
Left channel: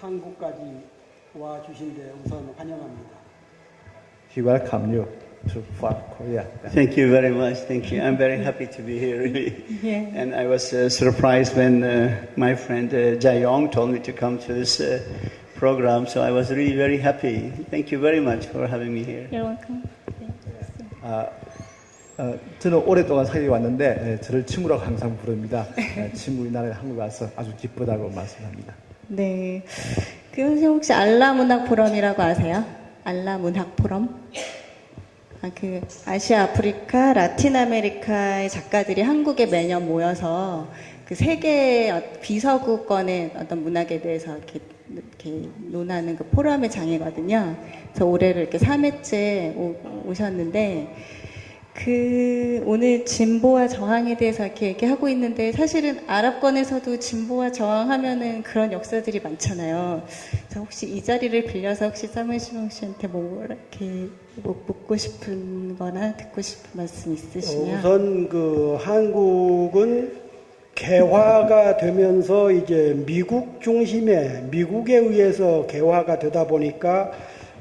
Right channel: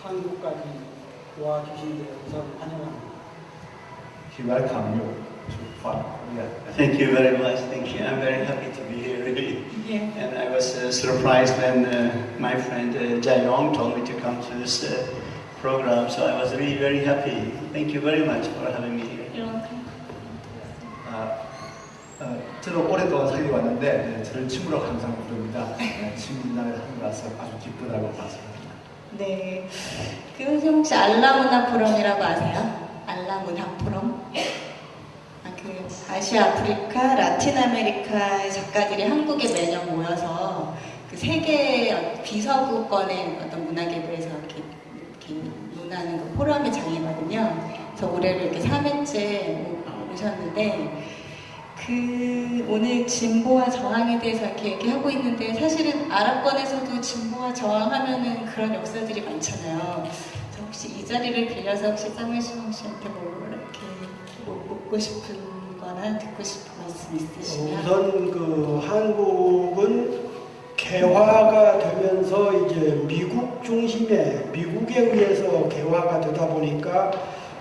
한국까지 와 주신 데 우선 환영합니다. He welcome you to Korea. Thank you very much. Thank you. I'm very happy to be here, really. 예. And I was surprised when my friend Jae-yong told me to come to this program. So I was really very happy. Thank you very much for having me here. 저는 오랫동안 사귀어 왔는데 저를 친구라고 항상 부릅니다. 친구 나라에 한국 와서 아주 기쁘다고 말씀합니다. 네. 그 선생님 혹시 알라 문화 포럼이라고 아세요? 알라 문화 포럼? 그 아시아, 아프리카, 라틴 아메리카의 작가들이 한국에 매년 모여서 그 세계 비서구권의 어떤 문학에 대해서 이렇게 논하는 그 포럼의 장이거든요. 그래서 올해를 이렇게 3회째 오셨는데 그 오늘 진보와 저항에 대해서 이렇게 하고 있는데 사실은 아랍권에서도 진보와 저항하면은 그런 역사들이 많잖아요. 그래서 혹시 이 자리를 빌려서 혹시 쌍매시몽 씨한테 뭐 이렇게 묻고 싶은 거나 듣고 싶은 말씀 있으시면? 우선 그 한국은 개화가 되면서 이제 미국 중심의 미국에 의해서 개화가 되다 보니까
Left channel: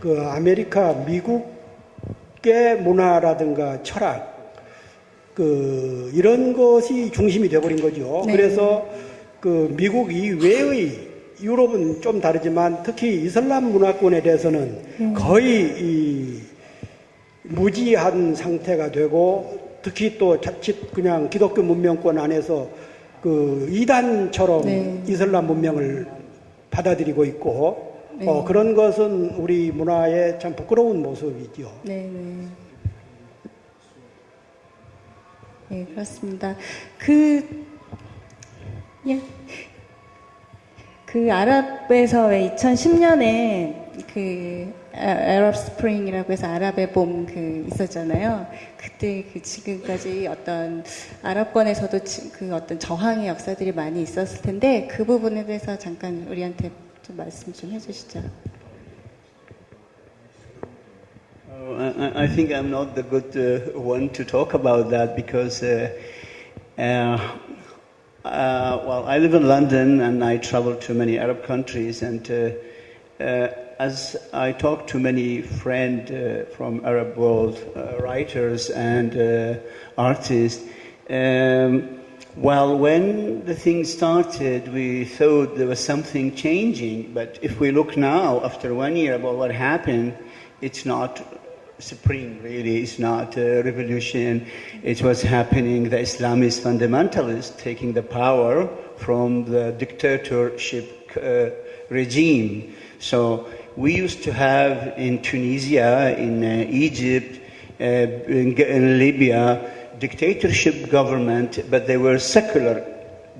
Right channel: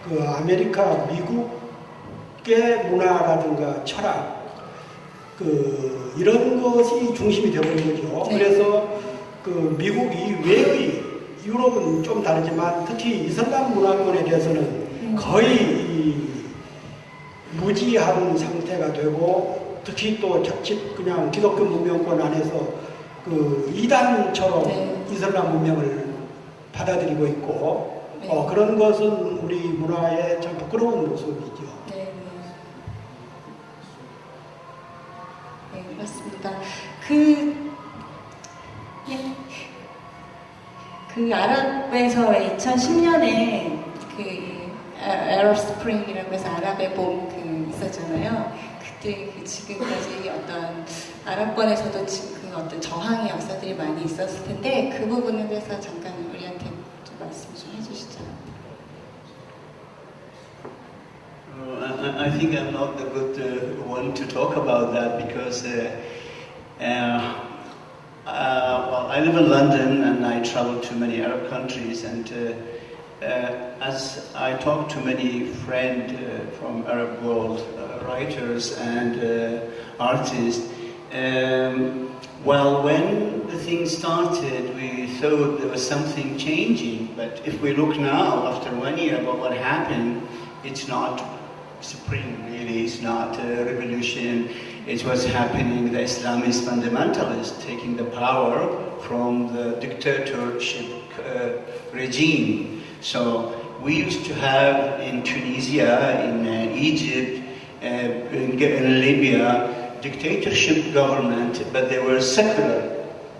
그 아메리카 미국의 문화라든가 철학 그 이런 것이 중심이 되버린 거죠. 네. 그래서 그 미국 이외의 유럽은 좀 다르지만 특히 이슬람 문화권에 대해서는 거의 이 무지한 상태가 되고 특히 또 자칫 그냥 기독교 문명권 안에서 그 이단처럼 네. 이슬람 문명을 받아들이고 있고 네. 그런 것은 우리 문화의 참 부끄러운 모습이죠. 네, 네. 네, 그렇습니다. 그 아랍에서 2010년에 그 아랍 스프링이라고 해서 아랍의 봄 그 있었잖아요. 그때 그 지금까지 어떤 아랍권에서도 그 어떤 저항의 역사들이 많이 있었을 텐데 그 부분에 대해서 잠깐 우리한테 좀 말씀 좀 해주시죠. I think I'm not the good one to talk about that because, well, I live in London and I travel to many Arab countries, and as I talk to many friends from Arab world, writers and artists, well, when the thing started, we thought there was something changing, but if we look now, after 1 year, about what happened, it's not spring, really. It's not a revolution. It was happening, the Islamist fundamentalists taking the power from the dictatorship regime. So we used to have in Tunisia, in Egypt, in Libya, dictatorship government, but they were secular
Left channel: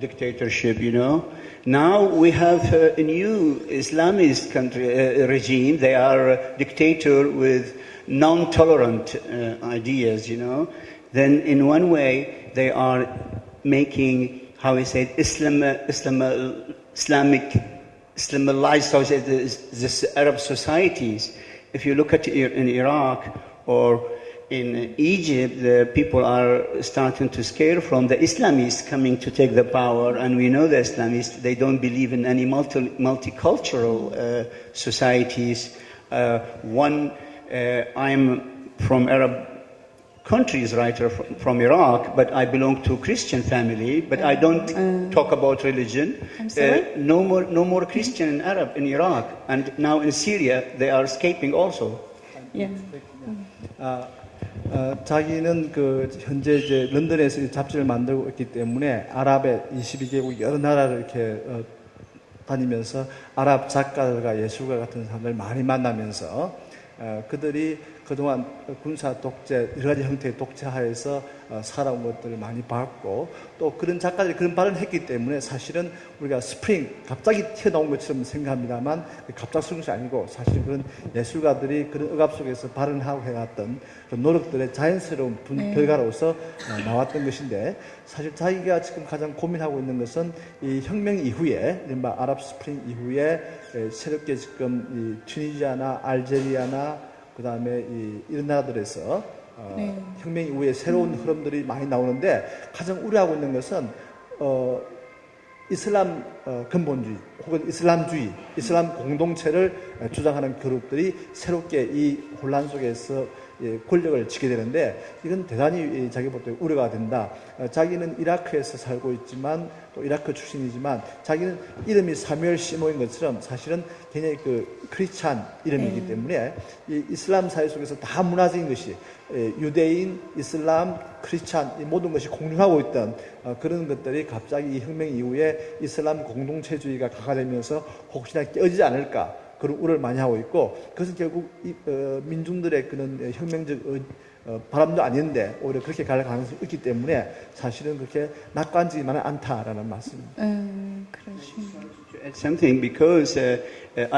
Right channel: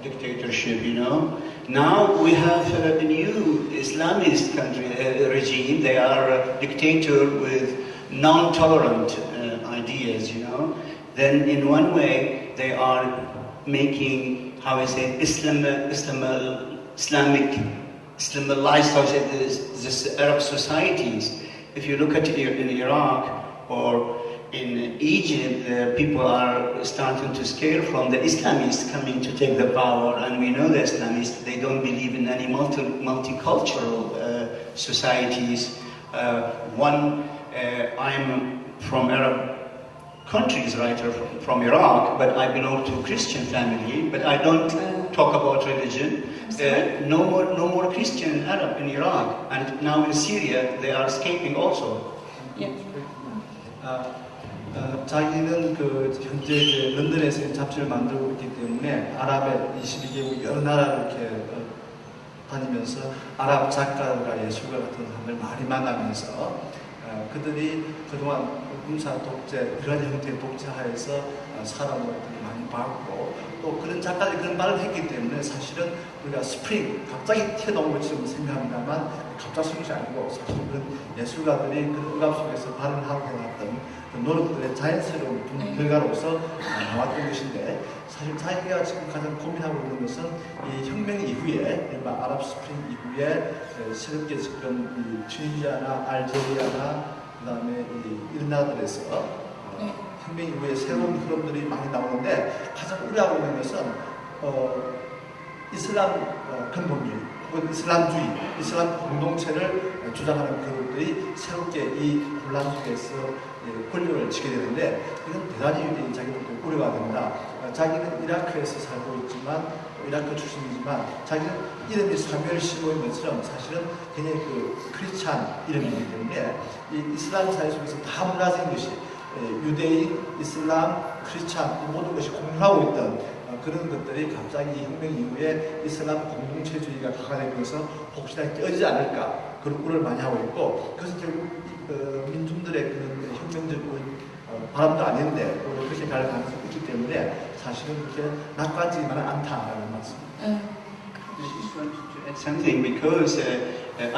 dictatorship, you know. Now we have a new Islamist country regime. They are a dictator with non-tolerant ideas, you know. Then in one way they are making, how we say, Islamized, how we say, this Arab societies. If you look at it in Iraq or in Egypt, the people are starting to scare from the Islamists coming to take the power, and we know the Islamists, they don't believe in any multicultural societies. I'm from Arab countries, writer from Iraq, but I belong to a Christian family, but I don't talk about religion. No more Christian Arab in Iraq, and now in Syria they are escaping also. 예. 자기는 그 현재 이제 런던에서 잡지를 만들고 있기 때문에 아랍의 22개국 여러 나라를 이렇게 다니면서 아랍 작가들과 예술가 같은 사람들 많이 만나면서 그들이 그동안 군사 독재, 여러 가지 형태의 독재하에서 사람 것들을 많이 봤고 또 그런 작가들이 그런 말을 했기 때문에 사실은 우리가 스프링 갑자기 튀어나온 것처럼 생각합니다만 갑작스러운 것이 아니고 사실 그런 예술가들이 그런 억압 속에서 발현하고 해놨던 그 노력들의 자연스러운 결과로서 나왔던 것인데 사실 자기가 지금 가장 고민하고 있는 것은 이 혁명 이후에 이른바 아랍 스프링 이후에 새롭게 지금 이 튀니지아나 알제리아나 그 다음에 이런 나라들에서 혁명 이후에 새로운 흐름들이 많이 나오는데 가장 우려하고 있는 것은 이슬람 근본주의 혹은 이슬람주의, 이슬람 공동체를 주장하는 그룹들이 새롭게 이 혼란 속에서 권력을 쥐게 되는데 이건 대단히 자기는 우려가 된다. 자기는 이라크에서 살고 있지만 이라크 출신이지만 자기는 이름이 사뮤엘 시모인 것처럼 사실은 굉장히 그 크리스찬 이름이기 때문에 이 이슬람 사회 속에서 다 문화적인 것이 유대인, 이슬람, 크리스찬 모든 것이 공존하고 있던 그런 것들이 갑자기 이 혁명 이후에 이슬람 공동체주의가 가가되면서 혹시나 깨어지지 않을까 그런 우려를 많이 하고 있고 그것은 결국 민중들의 그런 혁명적 바람도 아닌데 오히려 그렇게 갈 가능성이 있기 때문에 사실은 그렇게 낙관적이만은 않다라는 말씀입니다. I just wanted to add something because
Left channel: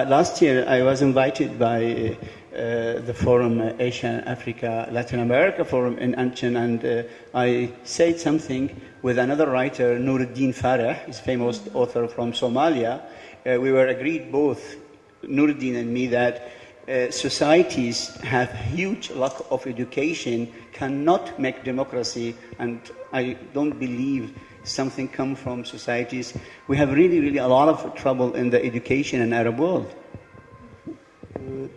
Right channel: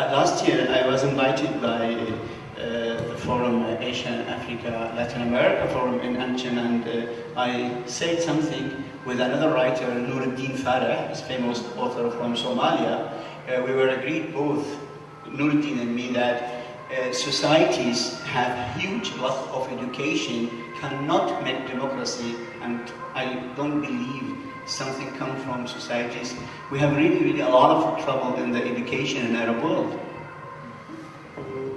last year I was invited by the forum Asia, Africa, Latin America forum in Antrim, and I said something with another writer, Nuruddin Farah, his famous author from Somalia. We were agreed both, Nuruddin and me, that societies have huge loss of education cannot make democracy, and I don't believe something comes from societies. We have really a lot of trouble in the education in Arab world.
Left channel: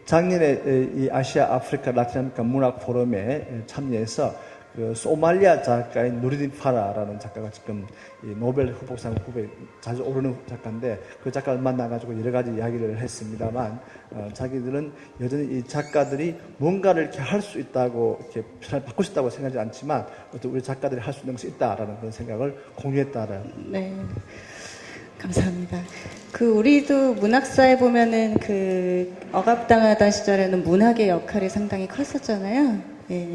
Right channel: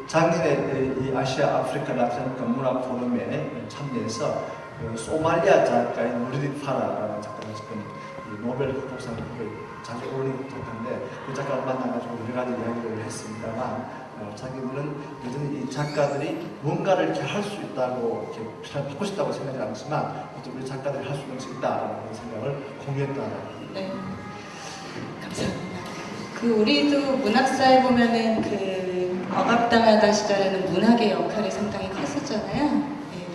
작년에 이 아시아, 아프리카, 라틴 아메리카 문학 포럼에 참여해서 그 소말리아 작가인 누르딘 파라라는 작가가 지금 이 노벨 후보상 후보에 자주 오르는 작가인데 그 작가를 만나가지고 여러 가지 이야기를 했습니다만 자기들은 여전히 이 작가들이 뭔가를 이렇게 할 수 있다고 이렇게 바꾸고 싶다고 생각하지 않지만 또 우리 작가들이 할 수 있는 것이 있다라는 그런 생각을 공유했다라는. 네, 감사합니다. 그 우리도 문학사에 보면은 그 억압당하던 시절에는 문학의 역할이 상당히 컸었잖아요. 네.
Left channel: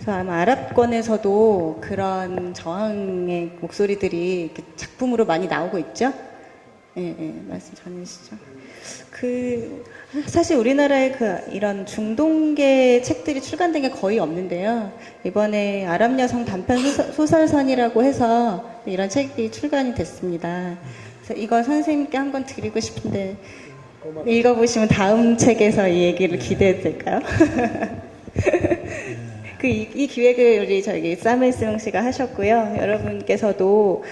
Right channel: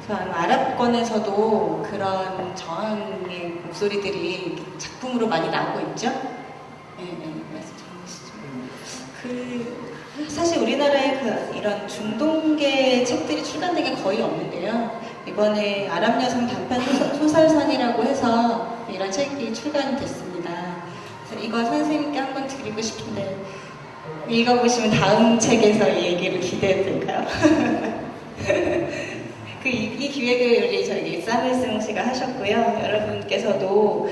그래서 아마 아랍권에서도 그런 저항의 목소리들이 작품으로 많이 나오고 있죠. 네, 네, 말씀 전해주시죠. 그 사실 우리나라에 그 이런 중동계 책들이 출간된 게 거의 없는데요. 이번에 아랍 여성 단편 소설선이라고 해서 이런 책이 출간이 됐습니다. 그래서 이거 선생님께 한번 드리고 싶은데 읽어보시면 다음 책에서 이 얘기를 기대해도 될까요? 이 기획을 우리 저기 사무엘스롱 씨가 하셨고요. 여러분께서도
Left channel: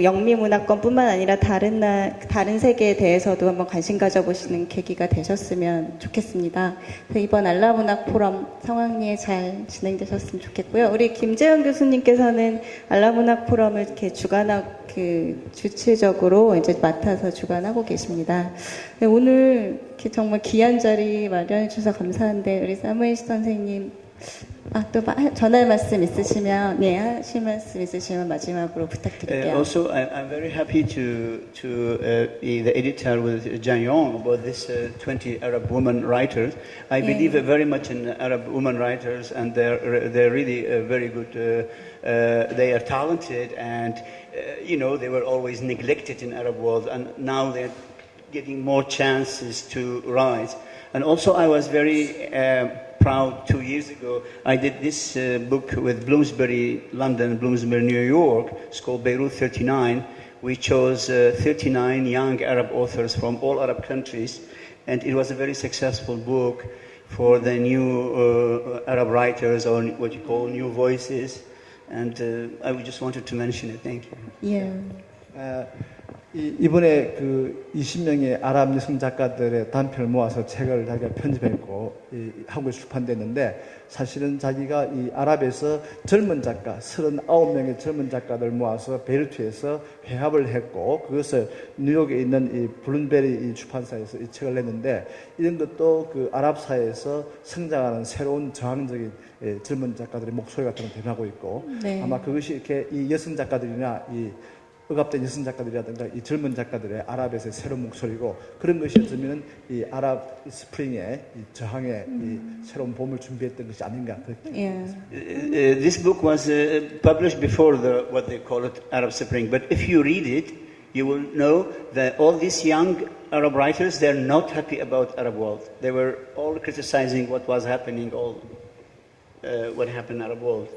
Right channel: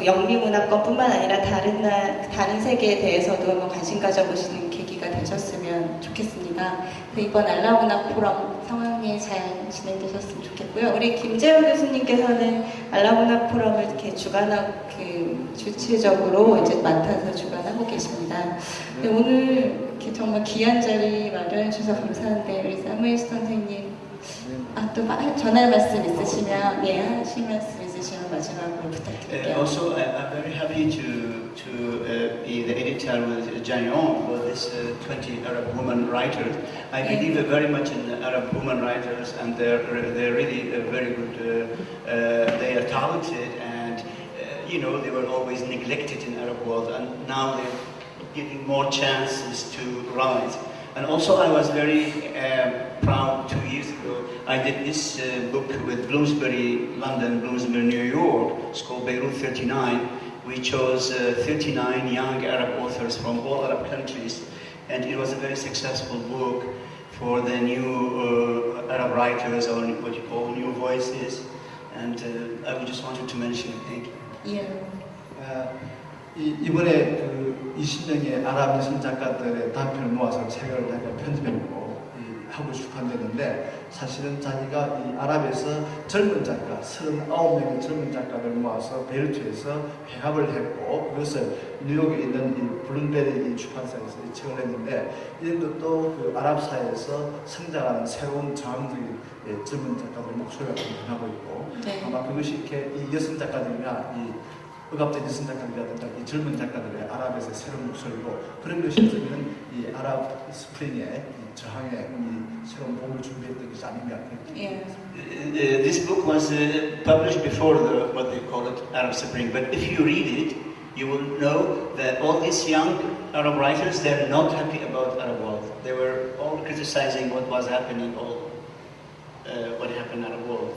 영미문화권뿐만 아니라 다른 세계에 대해서도 한번 관심 가져보시는 계기가 되셨으면 좋겠습니다. 이번 알라문학 포럼 성황리에 잘 진행되셨으면 좋겠고요. 우리 김재원 교수님께서는 알라문학 포럼을 이렇게 주체적으로 이제 맡아서 주관하고 계십니다. 오늘 이렇게 정말 귀한 자리 마련해 주셔서 감사한데 우리 사무엘 선생님. 또 전할 말씀 있으시면 하실 말씀 있으시면 마지막으로 부탁드릴게요. Also, I'm very happy to be the editor with Janion about this 20 Arab women writers. I believe very much in Arab women writers, and they're really very good. They are talented, and they were always neglected in Arab world, and now they're getting more chances to rise. And also, I was very proud 2 years ago. I did this book with Bloomsbury London, Bloomsbury New York. It's called Beirut 39. We chose 39 young Arab authors from all Arab countries, and it was a very successful book for the new Arab writers, or what you call new voices. And I just wanted to mention it. Thank you. Yeah. 이번에 그 20명의 아랍 여성 작가들의 단편을 모아서 책을 자기가 편집했고 하고 출판됐는데 사실은 자기가 이 아랍에서 젊은 작가 39명의 젊은 작가를 모아서 베이루트에서 회합을 했고 그것을 뉴욕에 있는 이 블룸베리 출판사에서 이 책을 냈는데 이런 것도 그 아랍사회에서 성장하는 새로운 저항적인 젊은 작가들의 목소리가 좀 변하고 있고 아마 그것이 이렇게 이 여성 작가들이나 이 억압된 이승 작가들이라든가 이 젊은 작가들의 아랍에서의 새로운 목소리로 그런 것이 어쩌면 이 아랍 스프링의 이 저항의 이 새로운 봄을 준비했던 것이 아닌가 그렇게 예. This book was published before what they call it Arab Spring, but if you read it, you will know that all these young Arab writers, they're not happy about Arab world. They were all criticizing what was happening, what happened in Arab world.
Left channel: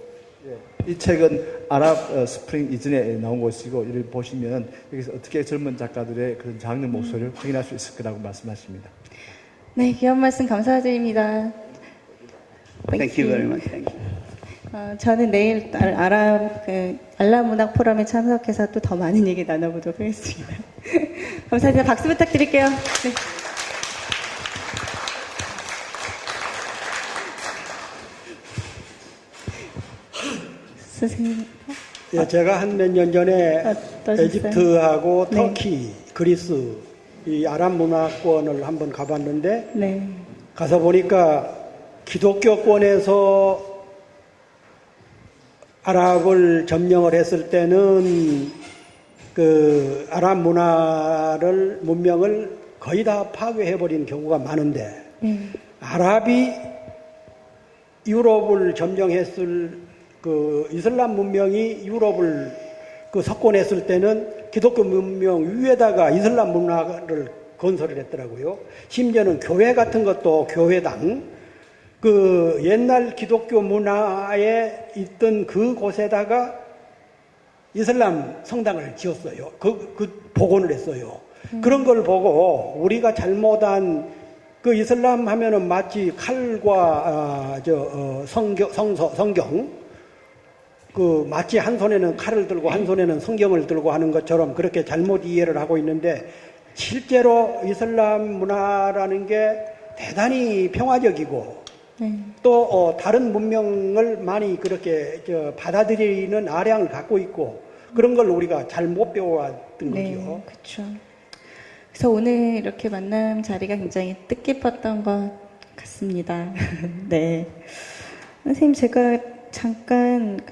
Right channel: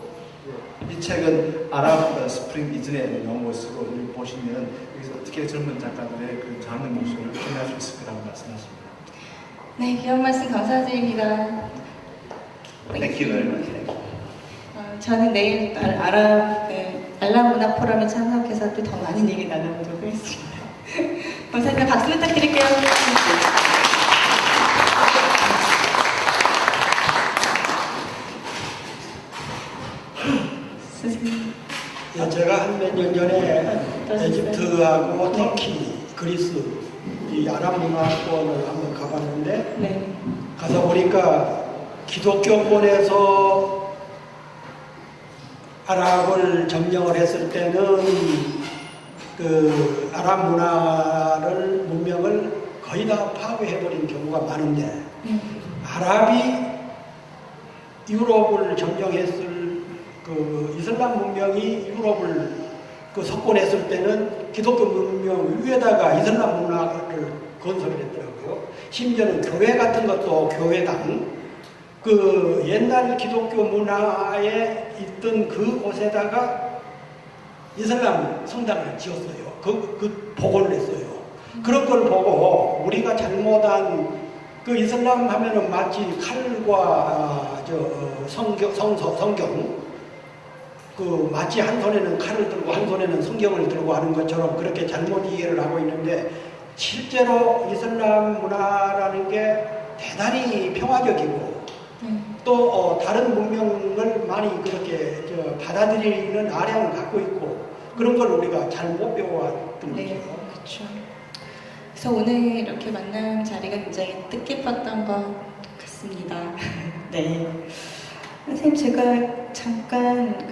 이 책은 아랍 스프링 이전에 나온 것이고 이를 보시면 여기서 어떻게 젊은 작가들의 그 젊은 목소리를 부인할 수 있을 거라고 말씀하십니다. 네, 귀한 말씀 감사드립니다. Thank you very much. Thank you. 저는 내일 아랍 알람 문화 포럼에 참석해서 또 더 많은 얘기 나눠보도록 하겠습니다. 감사합니다. 박수 부탁드릴게요. 선생님. 예, 제가 한 몇 년 전에 어떠셨어요? 에집트하고 네. 터키, 그리스 이 아랍 문화권을 한번 가봤는데 네. 가서 보니까 기독교권에서 아랍을 점령을 했을 때는 그 아랍 문명을 거의 다 파괴해버린 경우가 많은데 아랍이 유럽을 점령했을 그 이슬람 문명이 유럽을 그 석권했을 때는 기독교 문명 위에다가 이슬람 문화를 건설을 했더라고요. 심지어는 교회 같은 것도 교회당 그 옛날 기독교 문화에 있던 그 곳에다가 이슬람 성당을 지었어요. 그 복원을 했어요. 그런 걸 보고 우리가 잘못한 그 이슬람 하면은 마치 칼과 성경 그 마치 한 손에는 칼을 들고 한 손에는 성경을 들고 하는 것처럼 그렇게 잘못 이해를 하고 있는데 실제로 이슬람 문화라는 게 대단히 평화적이고 또 다른 문명을 많이 그렇게 받아들이는 아량을 갖고 있고 그런 걸 우리가 잘못 배워왔던 네, 거죠. 그렇죠. 그래서 오늘 이렇게 만난 자리가 굉장히 뜻깊었던 것 같습니다. 네. 선생님, 제가 잠깐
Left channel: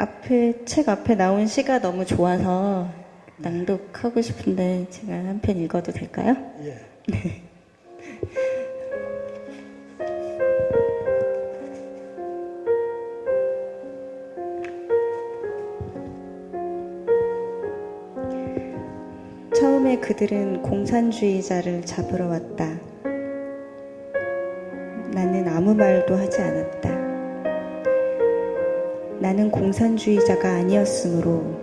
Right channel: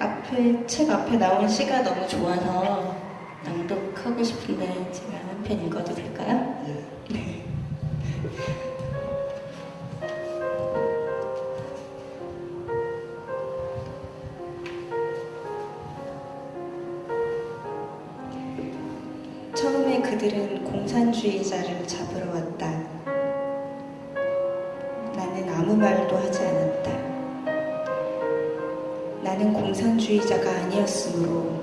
책 앞에 나온 시가 너무 좋아서 낭독하고 싶은데 제가 한 편 읽어도 될까요? 예. 네. 처음에 그들은 공산주의자를 잡으러 왔다. 나는 아무 말도 하지 않았다. 나는 공산주의자가 아니었으므로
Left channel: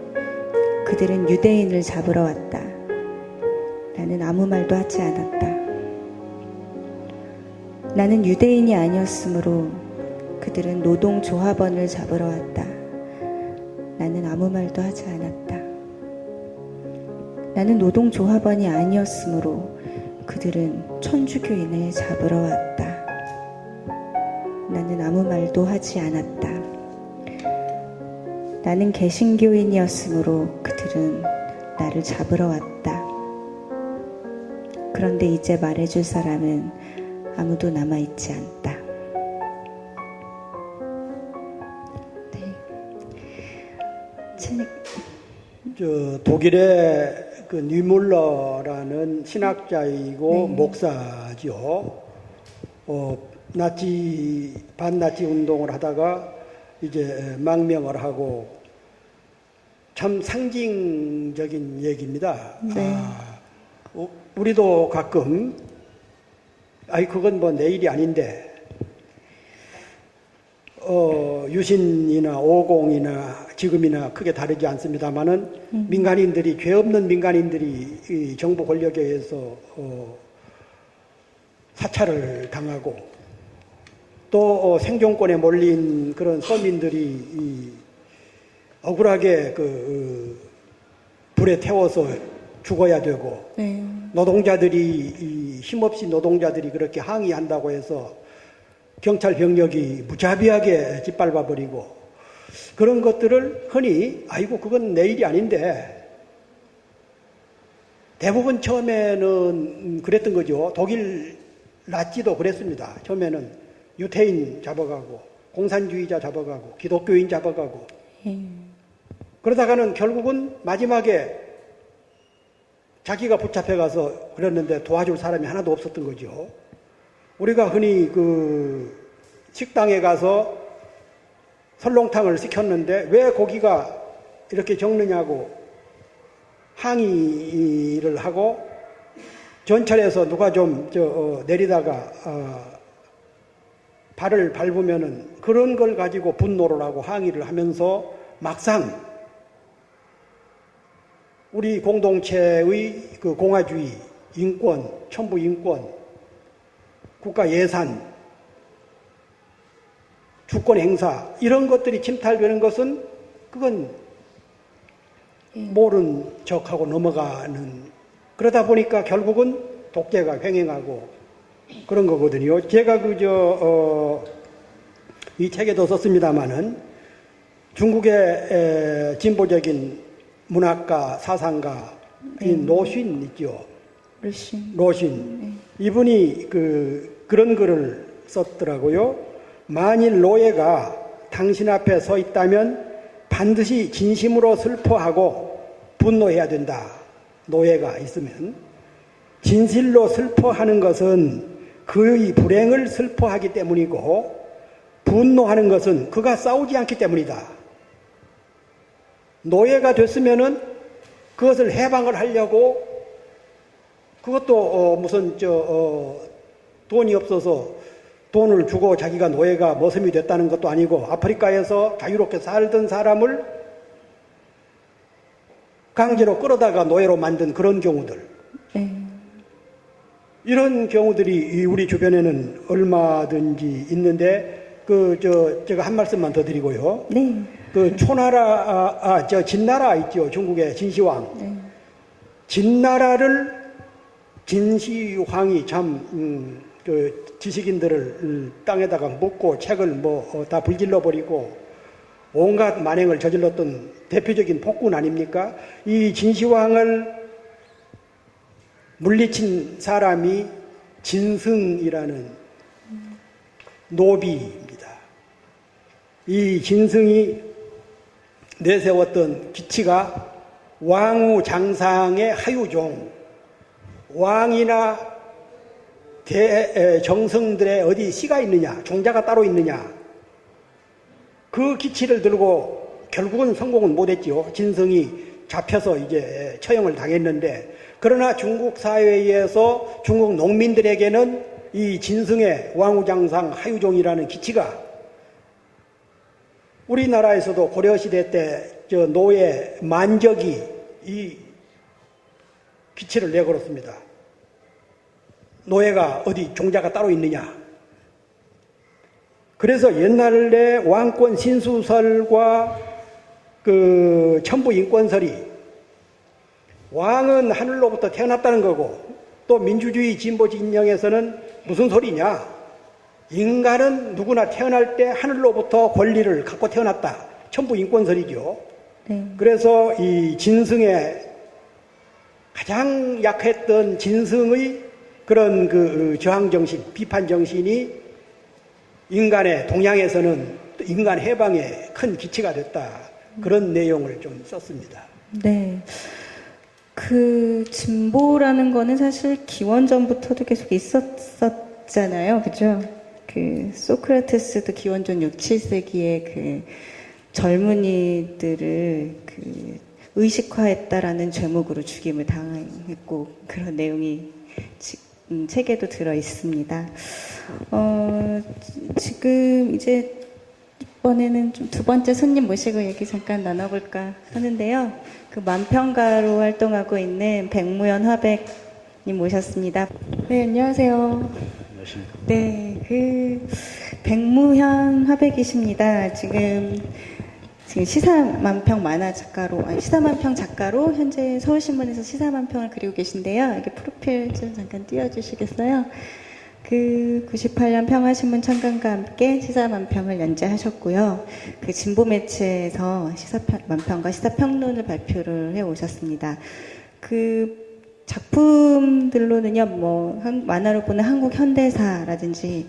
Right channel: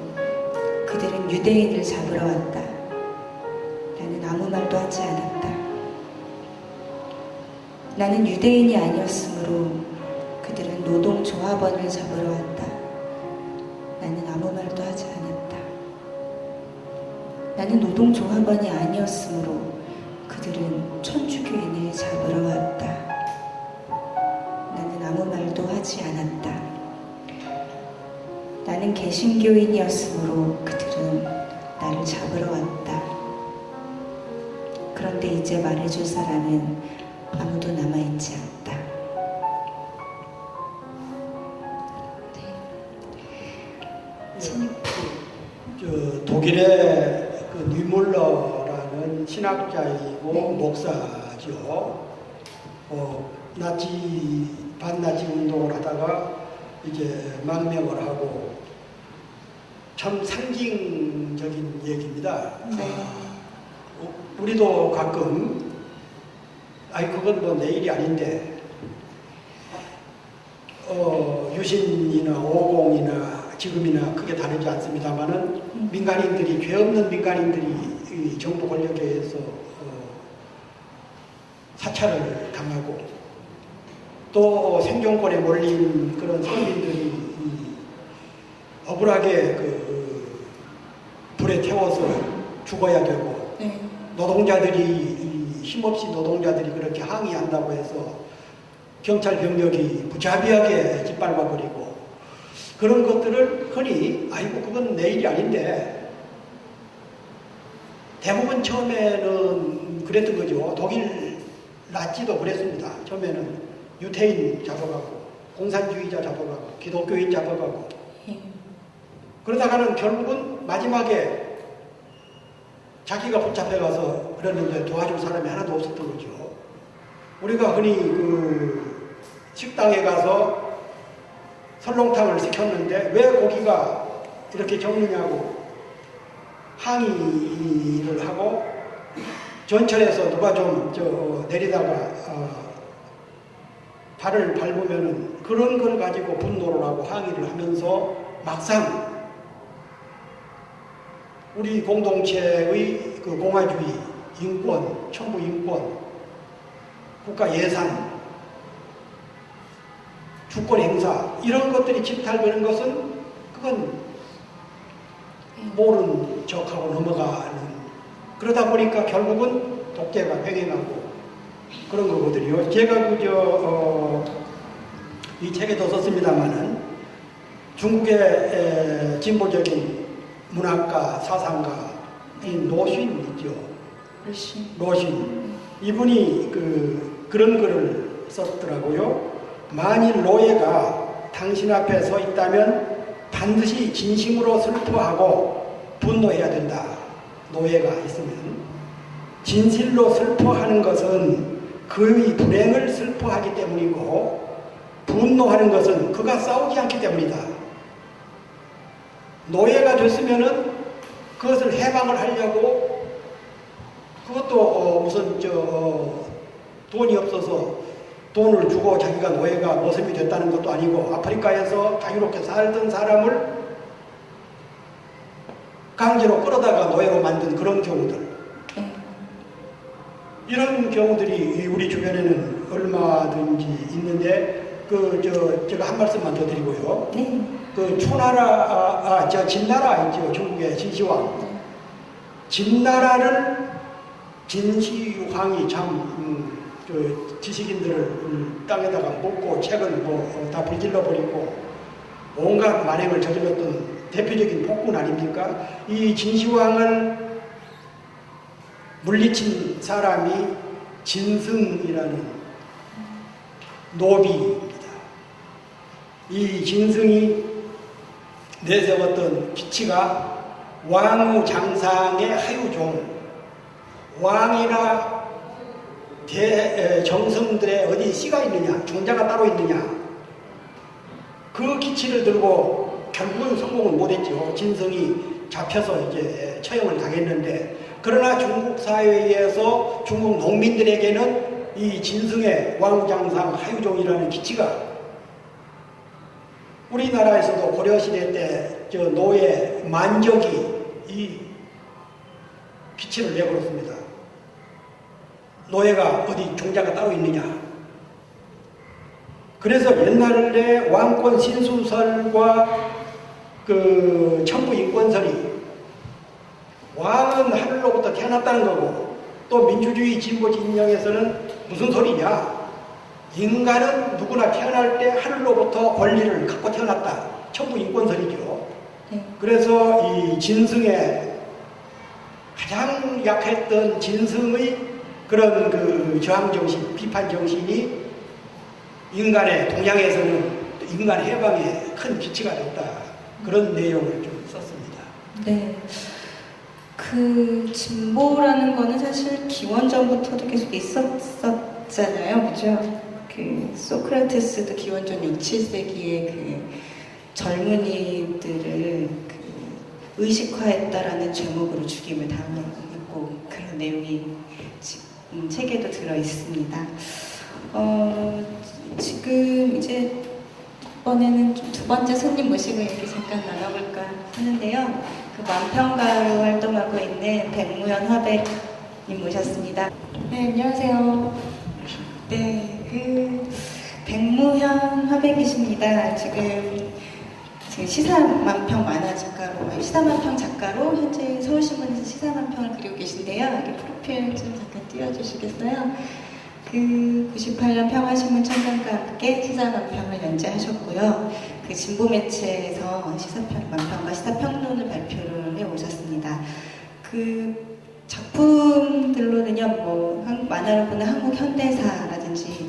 그들은 유대인을 잡으러 왔다. 나는 아무 말도 하지 않았다. 나는 유대인이 아니었으므로 그들은 노동조합원을 잡으러 왔다. 나는 아무 말도 하지 않았다. 나는 노동조합원이 아니었으므로 그들은 천주교인을 잡으러 왔다. 나는 아무 말도 하지 않았다. 나는 개신교인이었으므로 그들은 나를 잡으러 왔다. 그런데 이제 말해줄 사람은 아무도 남아있지 않다. 독일의 그 뉴물러라는 신학자이고 네. 목사죠. 반나치 운동을 하다가 이제 망명을 하고 참 상징적인 얘기입니다. 네. 우리도 가끔 그건 뭐 내 일이 아닌데 유신이나 오공이나 지금이나 크게 다르지 않습니다만은 민간인들이 죄 없는 민간인들이 이 정부 권력에 의해서 사찰을 당하고 또 생존권에 몰린 그런 서민들이 억울하게 불에 태워서 죽어야 되고 네. 노동자들이 힘없이 노동자들이 그렇게 항의한다고 해서 경찰 병력이 무자비하게 짓밟아 버리고 그런 것들을 흔히 그건 내 일이 아닌데 대부분 처음에는 그랬던 거죠. 독일 나치도 그랬습니다. 처음에는 유태인 잡아가고 공산주의자 잡아가고 기독교인 잡아가고 그러다가는 결국은 마지막에 자기가 붙잡혀 가서 그랬는데 도와줄 사람이 하나도 없었던 거죠. 우리가 흔히 그 식당에 가서 설렁탕을 시켰는데 왜 고기가 이렇게 적느냐고 항의를 하고 전철에서 누가 좀 내리다가 발을 밟으면은 그런 걸 가지고 분노를 하고 항의를 하면서 막상 우리 공동체의 그 공화주의, 인권, 천부 인권, 국가 예산, 주권 행사 이런 것들이 침탈되는 것은 그건 모른 척하고 넘어가는 그러다 보니까 결국은 독재가 횡행하고 그런 거거든요. 제가 이 책에도 썼습니다마는 중국의 진보적인 문학가, 사상가인 노신 있죠. 노신. 이분이 그런 글을 썼더라고요. 만일 노예가 당신 앞에 서 있다면 반드시 진심으로 슬퍼하고 분노해야 된다. 노예가 있으면. 진실로 슬퍼하는 것은 그의 불행을 슬퍼하기 때문이고 분노하는 것은 그가 싸우지 않기 때문이다. 노예가 됐으면은 그것을 해방을 하려고 그것도 무슨 돈이 없어서 돈을 주고 자기가 노예가 모습이 됐다는 것도 아니고 아프리카에서 자유롭게 살던 사람을 강제로 끌어다가 노예로 만든 그런 경우들. 이런 경우들이 우리 주변에는 얼마든지 있는데 제가 한 말씀만 더 드리고요. 네. 진나라 있죠. 중국의 진시황. 진나라를 진시황이 참 지식인들을 땅에다가 묻고 책을 다 불질러 버리고 온갖 만행을 저질렀던 대표적인 폭군 아닙니까? 이 진시황을 물리친 사람이 진승이라는 노비입니다. 이 진승이 내세웠던 기치가 왕후 장상의 하유종, 왕이나 정승들의 어디 씨가 있느냐, 종자가 따로 있느냐, 그 기치를 들고 결국은 성공을 못했죠. 진승이 잡혀서 이제 처형을 당했는데, 그러나 중국 사회에서 중국 농민들에게는 이 진승의 왕후장상 하유종이라는 기치가 우리나라에서도 고려시대 때 노예 만적이 이 기치를 내걸었습니다. 노예가 어디 종자가 따로 있느냐. 그래서 옛날에 왕권 신수설과 천부 인권설이 왕은 하늘로부터 태어났다는 거고 또 민주주의 진보 진영에서는 무슨 소리냐. 인간은 누구나 태어날 때 하늘로부터 권리를 갖고 태어났다. 천부 인권설이죠. 그래서 이 진승의 가장 약했던 진승의 그런 저항정신, 비판정신이 인간의 동양에서는 인간 해방에 큰 기치가 됐다. 그런 내용을 좀 썼습니다. 네. 진보라는 거는 사실 기원전부터도 계속 있었잖아요. 그죠? 소크라테스도 기원전 6, 7세기에 젊은이들을 의식화했다라는 제목으로 죽임을 당했고 그런 내용이 책에도 들어 있습니다. 지금 이제 이번에는 좀 두 번째 손님 모시고 얘기 잠깐 나눠볼까 하는데요. 만평가로 활동하고 있는 백무현 화백님 모셨습니다. 네, 안녕하세요. 네, 백무현 화백이십니다. 지금 시사만평 만화 시사만평 작가로 현재 서울신문에서 시사만평을 그리고 계신데요. 여기 프로필 좀 잠깐 띄워주시겠어요? 98년 평화신문 청간과 함께 시사만평을 연재하셨고요. 진보 매체에서 시사만평과 시사평론을 발표를 해오셨습니다. 작품들로는요, 만화로 보는 한국 현대사라든지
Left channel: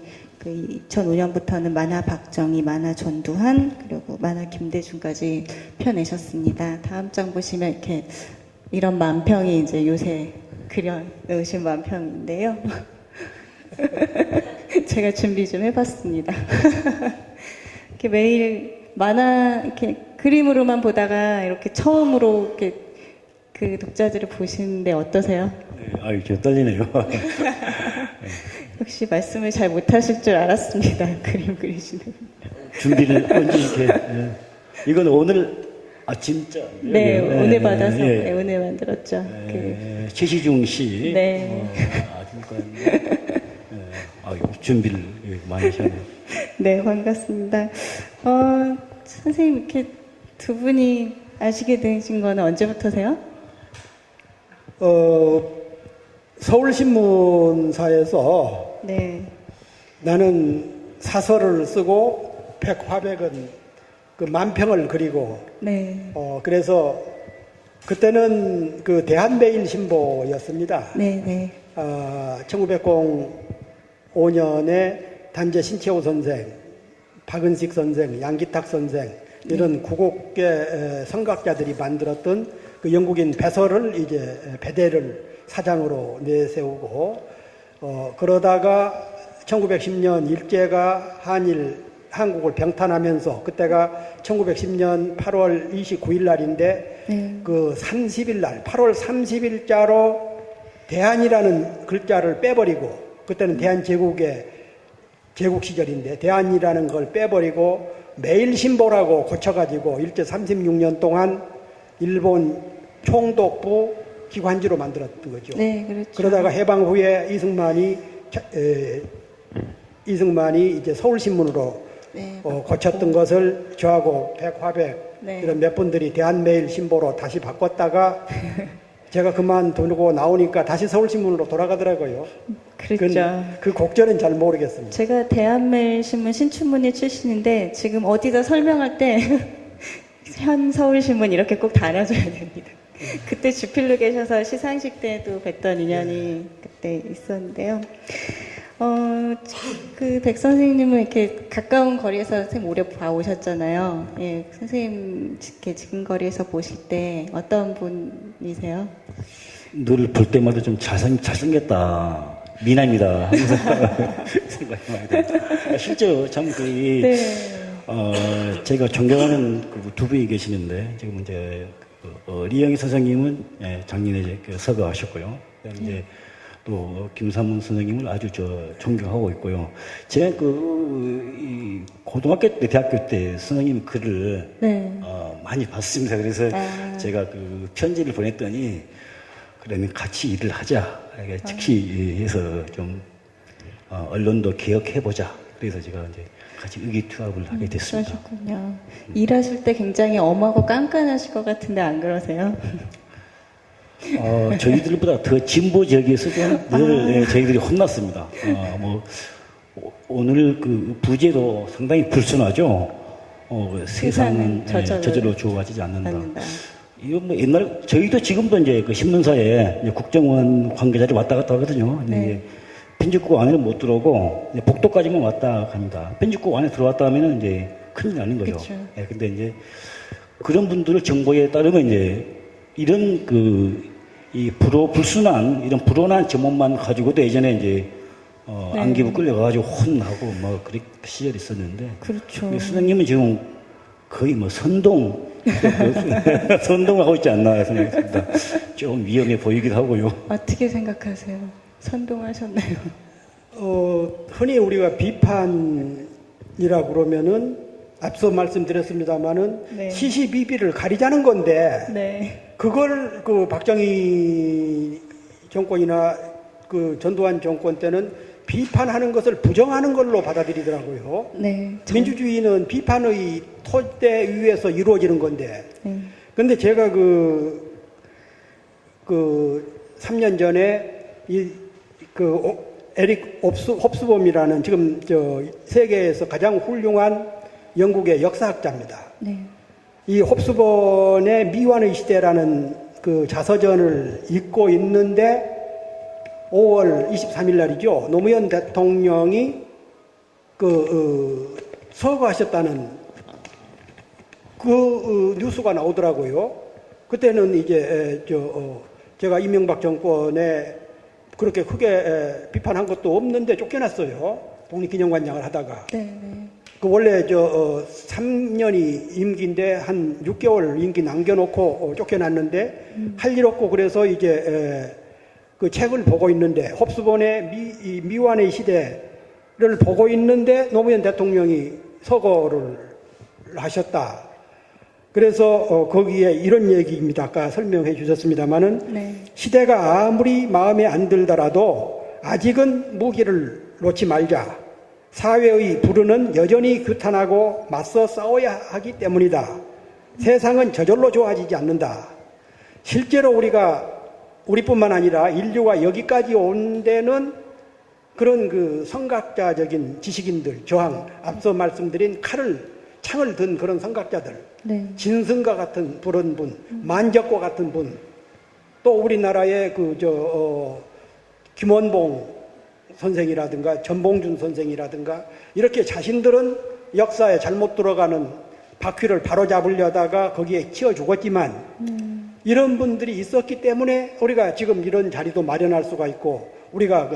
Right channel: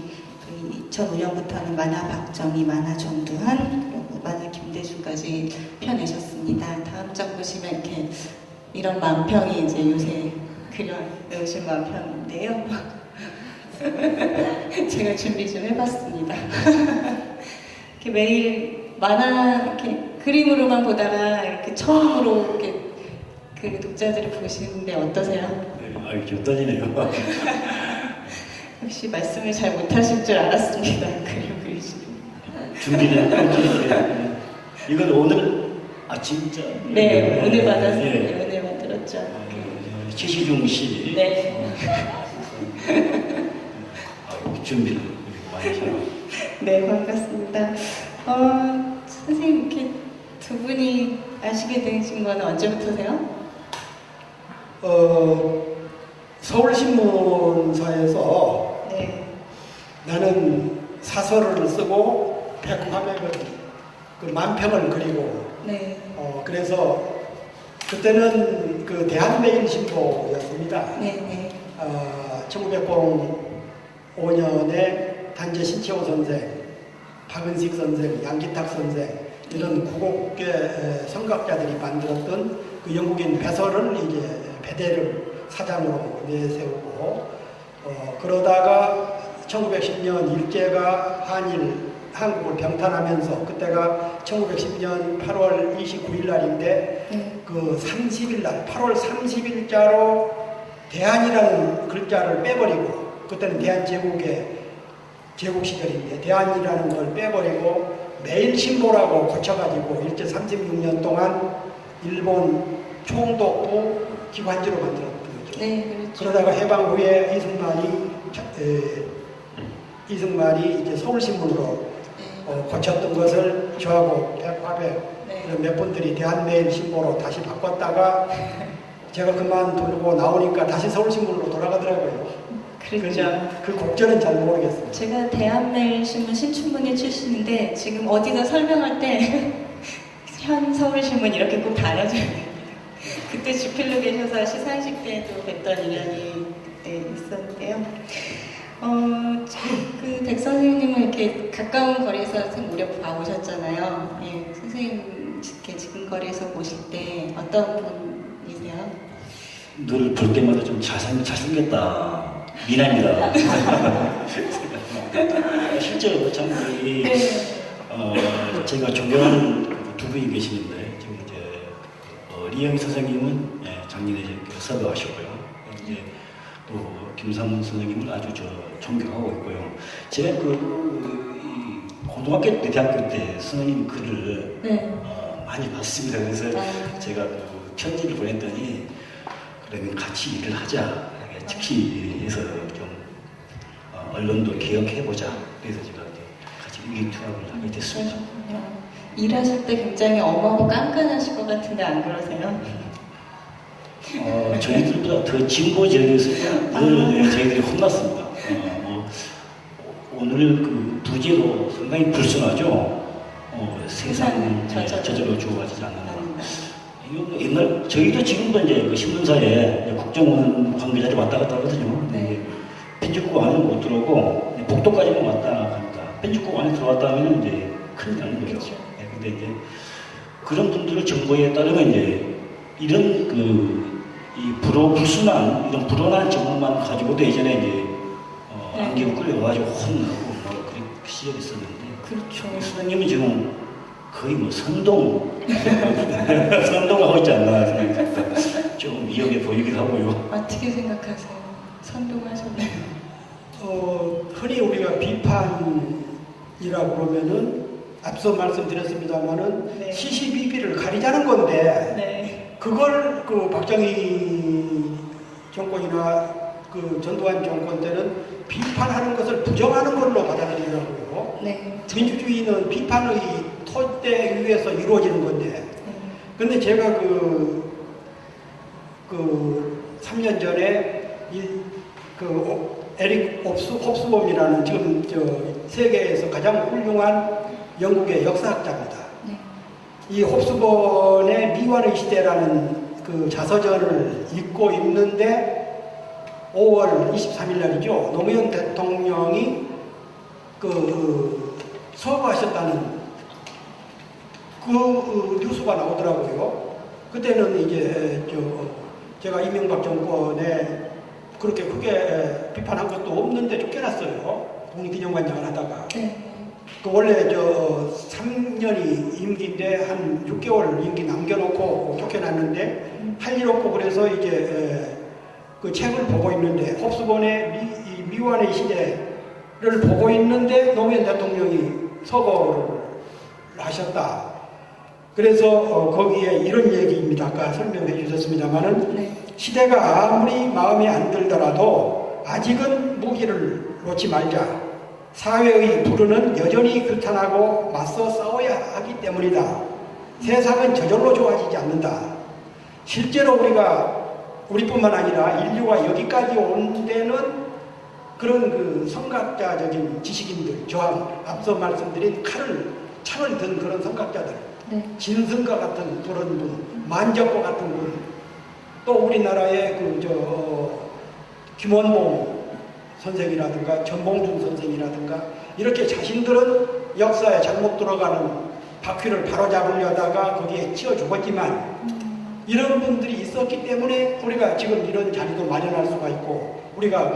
2005년부터는 만화 박정희, 만화 전두환, 그리고 만화 김대중까지 펴내셨습니다. 다음 장 보시면 이렇게 이런 만평이 이제 요새 그려 놓으신 만평인데요. 제가 준비 좀 해봤습니다. 이렇게 매일 만화 이렇게 그림으로만 보다가 이렇게 처음으로 이렇게 그 독자들을 보시는데 어떠세요? 아, 이렇게 떨리네요. 혹시 말씀을 잘 못하실 줄 알았습니다. 그림 그리시는. 준비는 꼭 이렇게. 이건 오늘 진짜. 네, 오늘 받아서 예. 네, 오늘 만들었죠. 최시중 씨. 네. 준비를 많이 하셨네요. 네, 반갑습니다. 선생님, 이렇게 두 분이 아시게 되신 거는 언제부터세요? 서울신문사에서 네. 나는 사설을 쓰고 백화백은 그 만평을 그리고 네. 그래서 그때는 그 대한매일신보였습니다. 네, 네. 1905년에 단재 신채호 선생, 박은식 선생, 양기탁 선생 이런 구곡계 성각자들이 만들었던 그 영국인 배설을 이제 배대를 사장으로 내세우고 그러다가 1910년 일제가 한국을 병탄하면서 그때가 1910년 8월 29일 날인데 네. 그 30일 날 8월 30일자로 대한이라는 글자를 빼버리고 그때는 대한제국의 제국 시절인데 대한이라는 걸 빼버리고 매일신보라고 고쳐가지고 일제 36년 동안 일본 총독부 기관지로 만들었던 거죠. 네, 그렇죠. 그러다가 해방 후에 이승만이 이제 서울신문으로 네. 고쳤던 것을 저하고 백화백 네. 이런 몇 분들이 대한매일신보로 다시 바꿨다가 제가 그만두고 나오니까 다시 서울신문으로 돌아가더라고요. 그렇죠. 그 곡절은 잘 모르겠어요. 제가 대한매일신문 신춘문예 출신인데 지금 어디다 설명할 때 현 서울신문 이렇게 꼭 달아줘야 됩니다. 그때 주필로 계셔서 시상식 때도 뵀던 인연이 그때 있었는데요. 그 백 선생님은 이렇게 가까운 거리에서 선생님 오래 봐오셨잖아요. 예, 선생님 이렇게 지금 거리에서 보실 때 어떤 분이세요? 늘 볼 때마다 좀 잘생겼다. 미남이다. 생각합니다. 실제로 참기 네. 제가 존경하는 두 분이 계시는데 지금 이제 리영희 선생님은 작년에 이제 섭외하셨고요. 이제 또 김삼문 선생님을 아주 존경하고 있고요. 제가 이 고등학교 때, 대학교 때 선생님 글을 네. 많이 봤습니다. 그래서 제가 그 편지를 보냈더니 그러면 같이 일을 하자. 이렇게 특히 해서 좀 언론도 개혁해보자. 그래서 제가 이제 같이 의기투합을 하게 됐습니다. 그러셨군요. 일하실 때 굉장히 엄하고 깐깐하실 것 같은데 안 그러세요? 저희들보다 더 진보적이어서 늘 저희들이 혼났습니다. 오늘 그 부제도 상당히 불순하죠. 세상 저절로 주어가지 않는다. 이건 뭐 옛날 저희도 지금도 이제 그 신문사에 이제 국정원 관계자들이 왔다 갔다 하거든요. 네. 편집국 안에는 못 들어오고 복도까지만 왔다 갑니다. 편집국 안에 들어왔다 하면 이제 큰일 나는 거죠. 그쵸. 네, 근데 이제 그런 분들의 정보에 따르면 이제 이런 이 불순한 이런 불온한 제목만 가지고도 예전에 이제 네. 안개부 끌려가지고 혼나고 뭐 그런 시절이 있었는데 그렇죠. 선생님이 지금 거의 뭐 선동을 하고 있지 않나 생각합니다. 좀 위험해 보이기도 하고요. 어떻게 생각하세요? 선동하셨나요? 흔히 우리가 비판이라고 그러면은 앞서 말씀드렸습니다마는 네. 시시비비를 가리자는 건데 네. 그걸 그 박정희 정권이나 그 전두환 정권 때는 비판하는 것을 부정하는 걸로 받아들이더라고요. 네. 민주주의는 비판의 토대 위에서 이루어지는 건데. 네. 근데 제가 그 3년 전에 에릭 홉스범이라는 지금 세계에서 가장 훌륭한 영국의 역사학자입니다. 네. 이 홉스번의 미완의 시대라는 그 자서전을 읽고 있는데 5월 23일 날이죠. 노무현 대통령이 서거하셨다는 그 뉴스가 나오더라고요. 그때는 이제 제가 이명박 정권에 그렇게 크게 비판한 것도 없는데 쫓겨났어요. 독립기념관장을 하다가. 네. 그 원래 3년이 임기인데 한 6개월 임기 남겨놓고 쫓겨났는데 할 일 없고 그래서 이제 그 책을 보고 있는데 홉스본의 미완의 시대를 보고 있는데 노무현 대통령이 서거를 하셨다. 그래서 거기에 이런 얘기입니다. 아까 설명해 주셨습니다만은 네. 시대가 아무리 마음에 안 들더라도 아직은 무기를 놓지 말자. 사회의 불운은 여전히 규탄하고 맞서 싸워야 하기 때문이다. 세상은 저절로 좋아지지 않는다. 실제로 우리뿐만 아니라 인류가 여기까지 온 데는 그런 그 성각자적인 지식인들, 저항, 앞서 말씀드린 창을 든 그런 성각자들, 네. 진성과 같은 그런 분, 만작과 같은 분, 또 우리나라의 김원봉 선생이라든가 전봉준 선생이라든가 이렇게 자신들은 역사에 잘못 들어가는 바퀴를 바로잡으려다가 거기에 치여 죽었지만 이런 분들이 있었기 때문에 우리가 지금 이런 자리도 마련할 수가 있고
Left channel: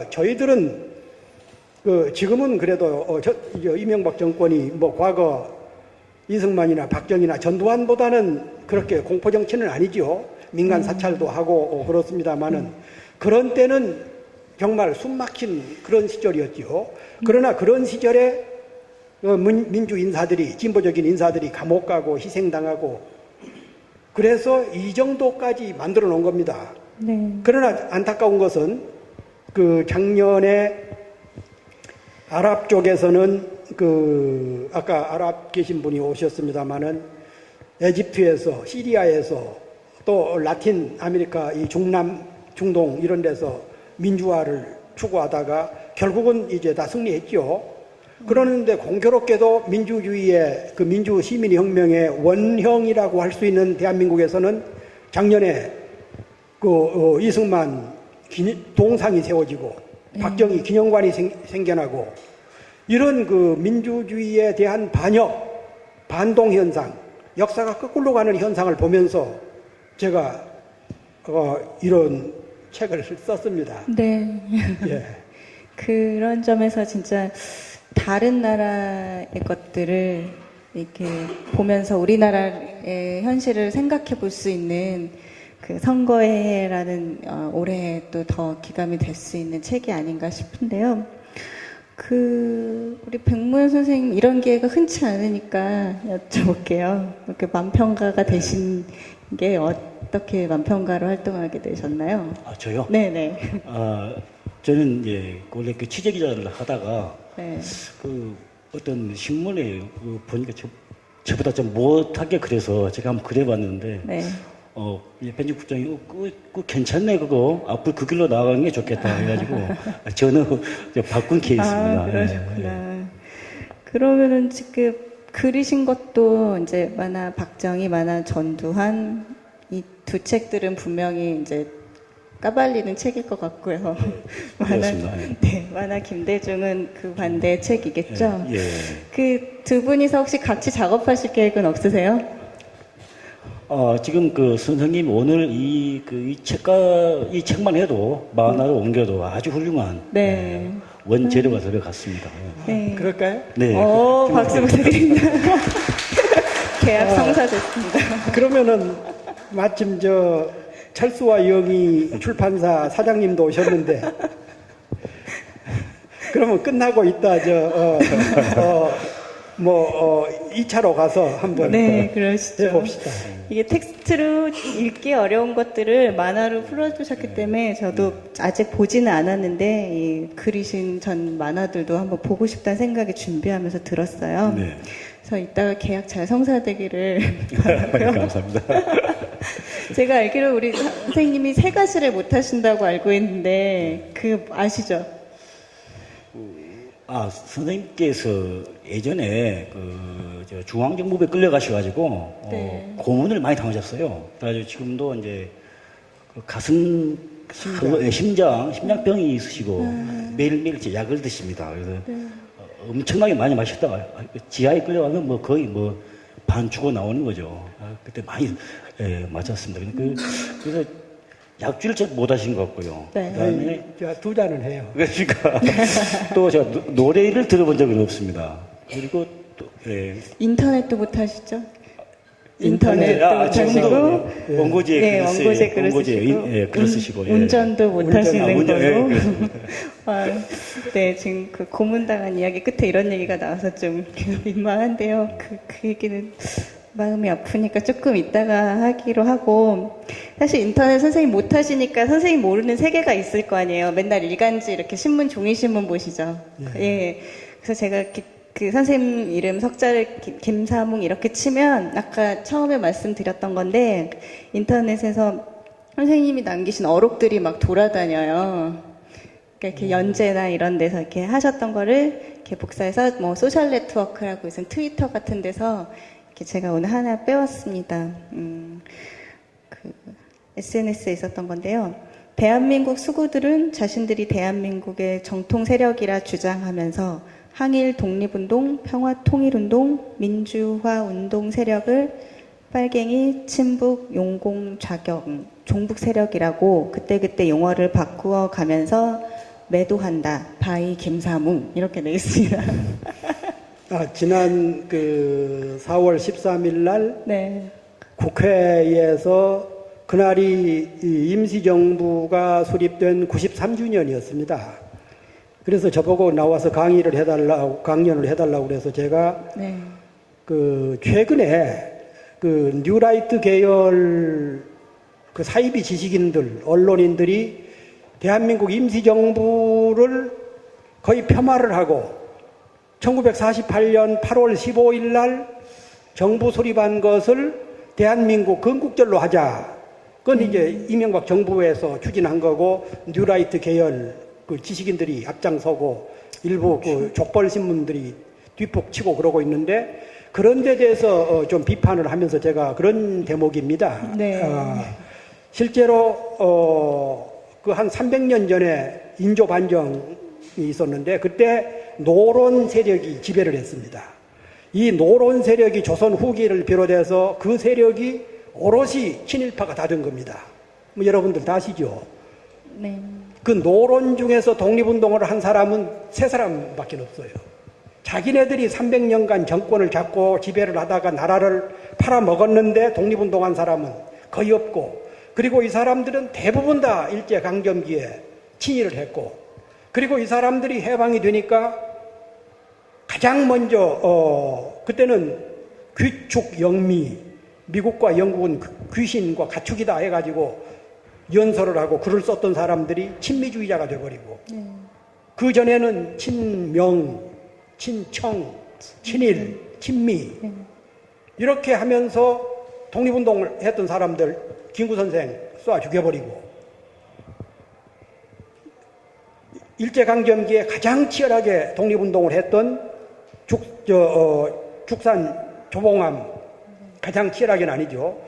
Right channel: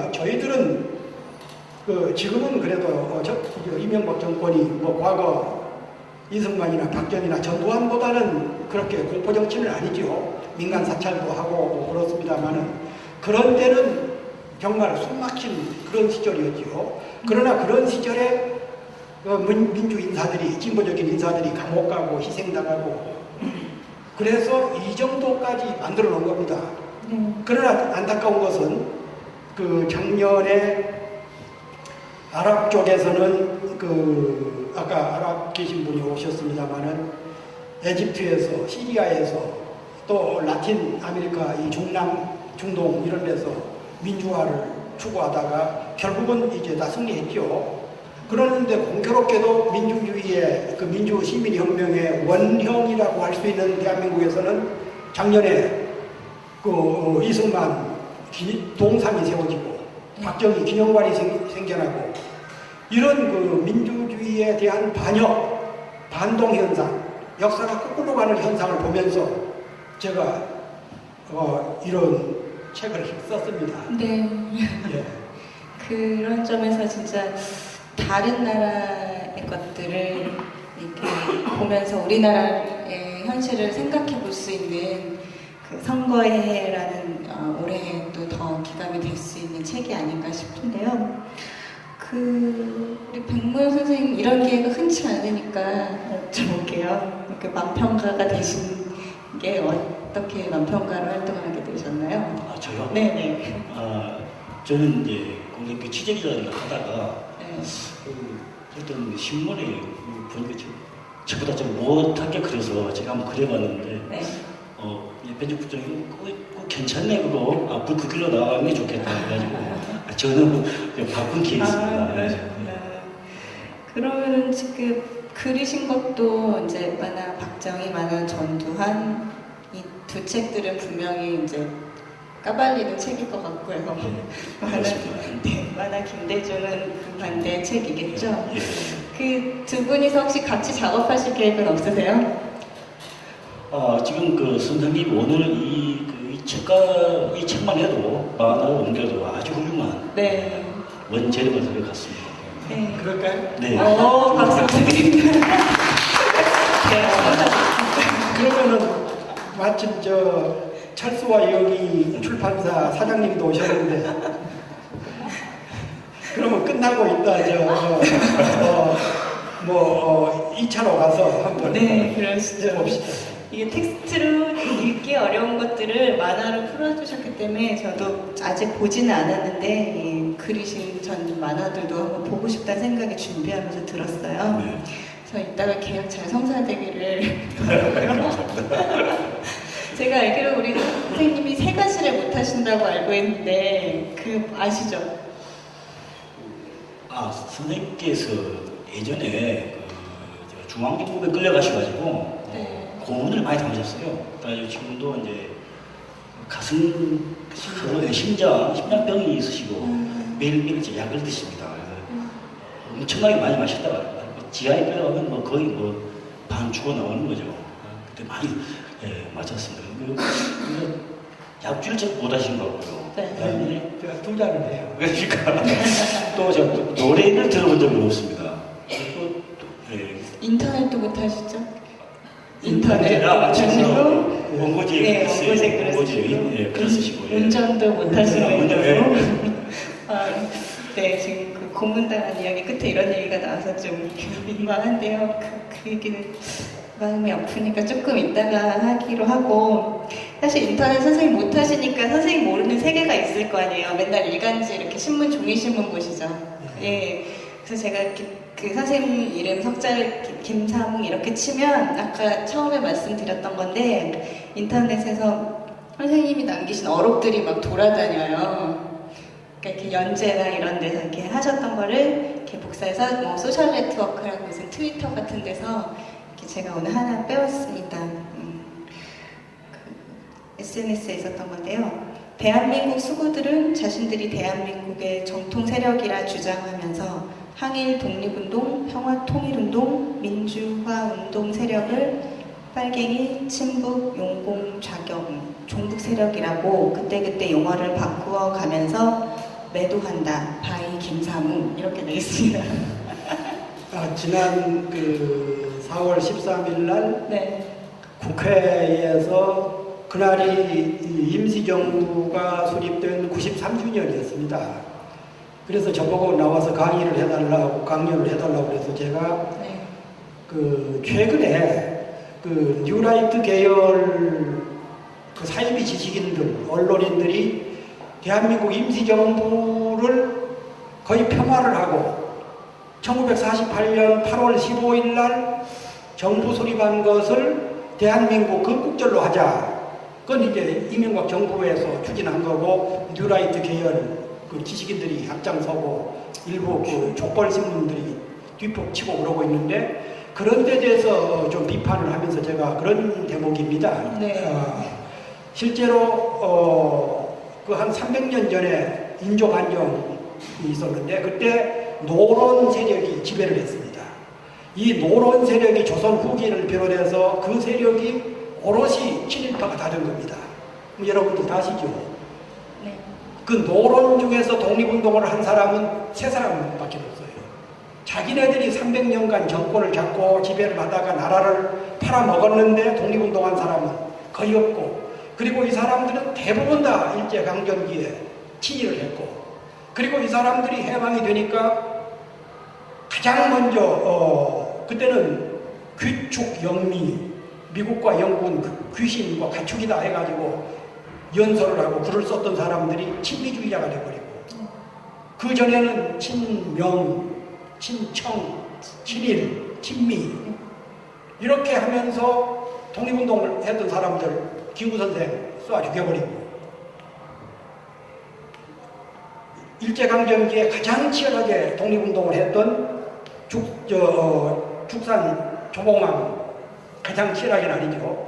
저희들은 지금은 그래도 이명박 정권이 뭐 과거 이승만이나 박정희나 전두환보다는 그렇게 공포정치는 아니죠. 민간 사찰도 하고 그렇습니다만은 그런 때는 정말 숨막힌 그런 시절이었죠. 그러나 그런 시절에 민주 인사들이, 진보적인 인사들이 감옥 가고 희생당하고 그래서 이 정도까지 만들어 놓은 겁니다. 네. 그러나 안타까운 것은 작년에 아랍 쪽에서는 아까 아랍 계신 분이 오셨습니다마는 에집트에서, 시리아에서 또 라틴 아메리카, 이 중동 이런 데서 민주화를 추구하다가 결국은 이제 다 승리했죠. 그러는데 공교롭게도 민주주의의 민주 시민혁명의 원형이라고 할 수 있는 대한민국에서는 작년에 이승만 동상이 세워지고 박정희 기념관이 생겨나고 이런 민주주의에 대한 반동 현상, 역사가 거꾸로 가는 현상을 보면서 제가 이런 책을 썼습니다. 네. 예. 그런 점에서 진짜 다른 나라의 것들을 이렇게 보면서 우리나라의 현실을 생각해 볼 수 있는 그 선거해라는 올해 또 더 기감이 될 수 있는 책이 아닌가 싶은데요. 우리 백무현 선생님 이런 기회가 흔치 않으니까 여쭤볼게요. 이렇게 만평가가 되신 게 어떻게 만평가로 활동하게 되셨나요? 저요? 네네. 저는 이제 원래 취재 기자를 하다가 네. 어떤 신문에 보니까 저보다 좀 못하게 그래서 제가 한번 그려봤는데 네. 편집국장이 그 괜찮네 그거 앞으로 그 길로 나가는 게 좋겠다 해가지고 저는 바꾼 케이스입니다. 그러셨구나. 그러면은 지금 그리신 것도 이제 만화 박정희, 만화 전두환 이 두 책들은 분명히 이제 까발리는 책일 것 같고요. 그렇습니다. 만화 김대중은 그 반대의 책이겠죠. 예. 그 두 분이서 혹시 같이 작업하실 계획은 없으세요? 지금 선생님 오늘 이 책만 해도 만화로 옮겨도 아주 훌륭한 네. 원재료가 들어갔습니다. 네. 그럴까요? 네. 박수 부탁드립니다. 대학 성사 좋습니다. 그러면은 마침 철수와 영희 출판사 사장님도 오셨는데 그러면 끝나고 있다 2차로 가서 한번 네, 그러시죠. 해봅시다. 이게 텍스트로 읽기 어려운 것들을 만화로 풀어주셨기 때문에 저도 아직 보지는 않았는데 이 그리신 전 만화들도 한번 보고 싶다는 생각이 준비하면서 들었어요. 네. 그래서 이따가 계약 잘 성사되기를 바라고요. 감사합니다. 제가 알기로 우리 선생님이 세 가지를 못 하신다고 알고 있는데 아시죠? 선생님께서 예전에 중앙정부에 끌려가셔가지고 네. 고문을 많이 당하셨어요. 그래서 지금도 이제 심장병이 있으시고 매일매일 이제 약을 드십니다. 그래서 엄청나게 많이 마셨다가 지하에 들어가면 거의 반 죽어 나오는 거죠. 그때 많이 예, 맞았습니다. 그래서 약주를 잘 못하신 것 같고요. 네. 그다음에 두 잔을 해요. 그러니까 또 제가 노래를 들어본 적은 없습니다. 그리고 예, 인터넷도 못 하시죠? 인터넷 못하시고, 원고지에 네, 글 쓰- 원고지에 글을 원고지에 쓰시고, 예, 글을 쓰시고 예. 운전도 못 하시는 운전, 거고. 예. 아, 네, 지금 그 고문당한 이야기 끝에 이런 얘기가 나와서 좀 민망한데요. 그 얘기는 마음이 아프니까 조금 이따가 하기로 하고, 사실 인터넷 선생님 못 하시니까 선생님 모르는 세계가 있을 거 아니에요. 맨날 일간지 이렇게 신문, 종이신문 보시죠. 예. 그래서 제가 그 선생님 이름 석자를 김사뭉 이렇게 치면 아까 처음에 말씀드렸던 건데 인터넷에서 선생님이 남기신 어록들이 막 돌아다녀요. 그러니까 이렇게 연재나 이런 데서 이렇게 하셨던 거를 이렇게 복사해서 뭐 소셜 네트워크라고 무슨 트위터 같은 데서 이렇게 제가 오늘 하나 빼왔습니다. SNS에 있었던 건데요. 대한민국 수구들은 자신들이 대한민국의 정통 세력이라 주장하면서 항일 독립운동, 평화통일운동, 민주화운동 세력을 빨갱이, 친북, 용공, 좌격, 종북 세력이라고 그때그때 용어를 바꾸어 가면서 매도한다. 바이 김사뭉 이렇게 돼 있습니다. 지난 4월 13일 날 네. 국회에서 그날이 이 임시정부가 수립된 93주년이었습니다. 그래서 저보고 나와서 강연을 해달라고 해서 제가 네. 최근에 뉴라이트 계열 사이비 지식인들, 언론인들이 대한민국 임시정부를 거의 폄하를 하고 1948년 8월 15일 날 정부 수립한 것을 대한민국 건국절로 하자. 그건 이제 이명박 정부에서 추진한 거고 뉴라이트 계열 지식인들이 앞장서고 일부 족벌 신문들이 뒷북치고 그러고 있는데 그런 데 대해서 좀 비판을 하면서 제가 그런 대목입니다. 네. 실제로 한 300년 전에 인조 반정이 있었는데 그때 노론 세력이 지배를 했습니다. 이 노론 세력이 조선 후기를 비롯해서 그 세력이 오롯이 친일파가 다 된 겁니다. 뭐 여러분들 다 아시죠? 네. 그 노론 중에서 독립운동을 한 사람은 3사람밖에 없어요. 자기네들이 300년간 정권을 잡고 지배를 하다가 나라를 팔아먹었는데 독립운동한 사람은 거의 없고 그리고 이 사람들은 대부분 다 일제강점기에 친일을 했고 그리고 이 사람들이 해방이 되니까 가장 먼저 그때는 귀축 영미 미국과 영국은 귀신과 가축이다 해가지고 연설을 하고 글을 썼던 사람들이 친미주의자가 돼버리고 그 전에는 친명, 친청, 친일, 친미 이렇게 하면서 독립운동을 했던 사람들 김구 선생 쏴 죽여버리고 일제강점기에 가장 치열하게 독립운동을 했던 축산 조봉암 가장 치열하게는 아니죠.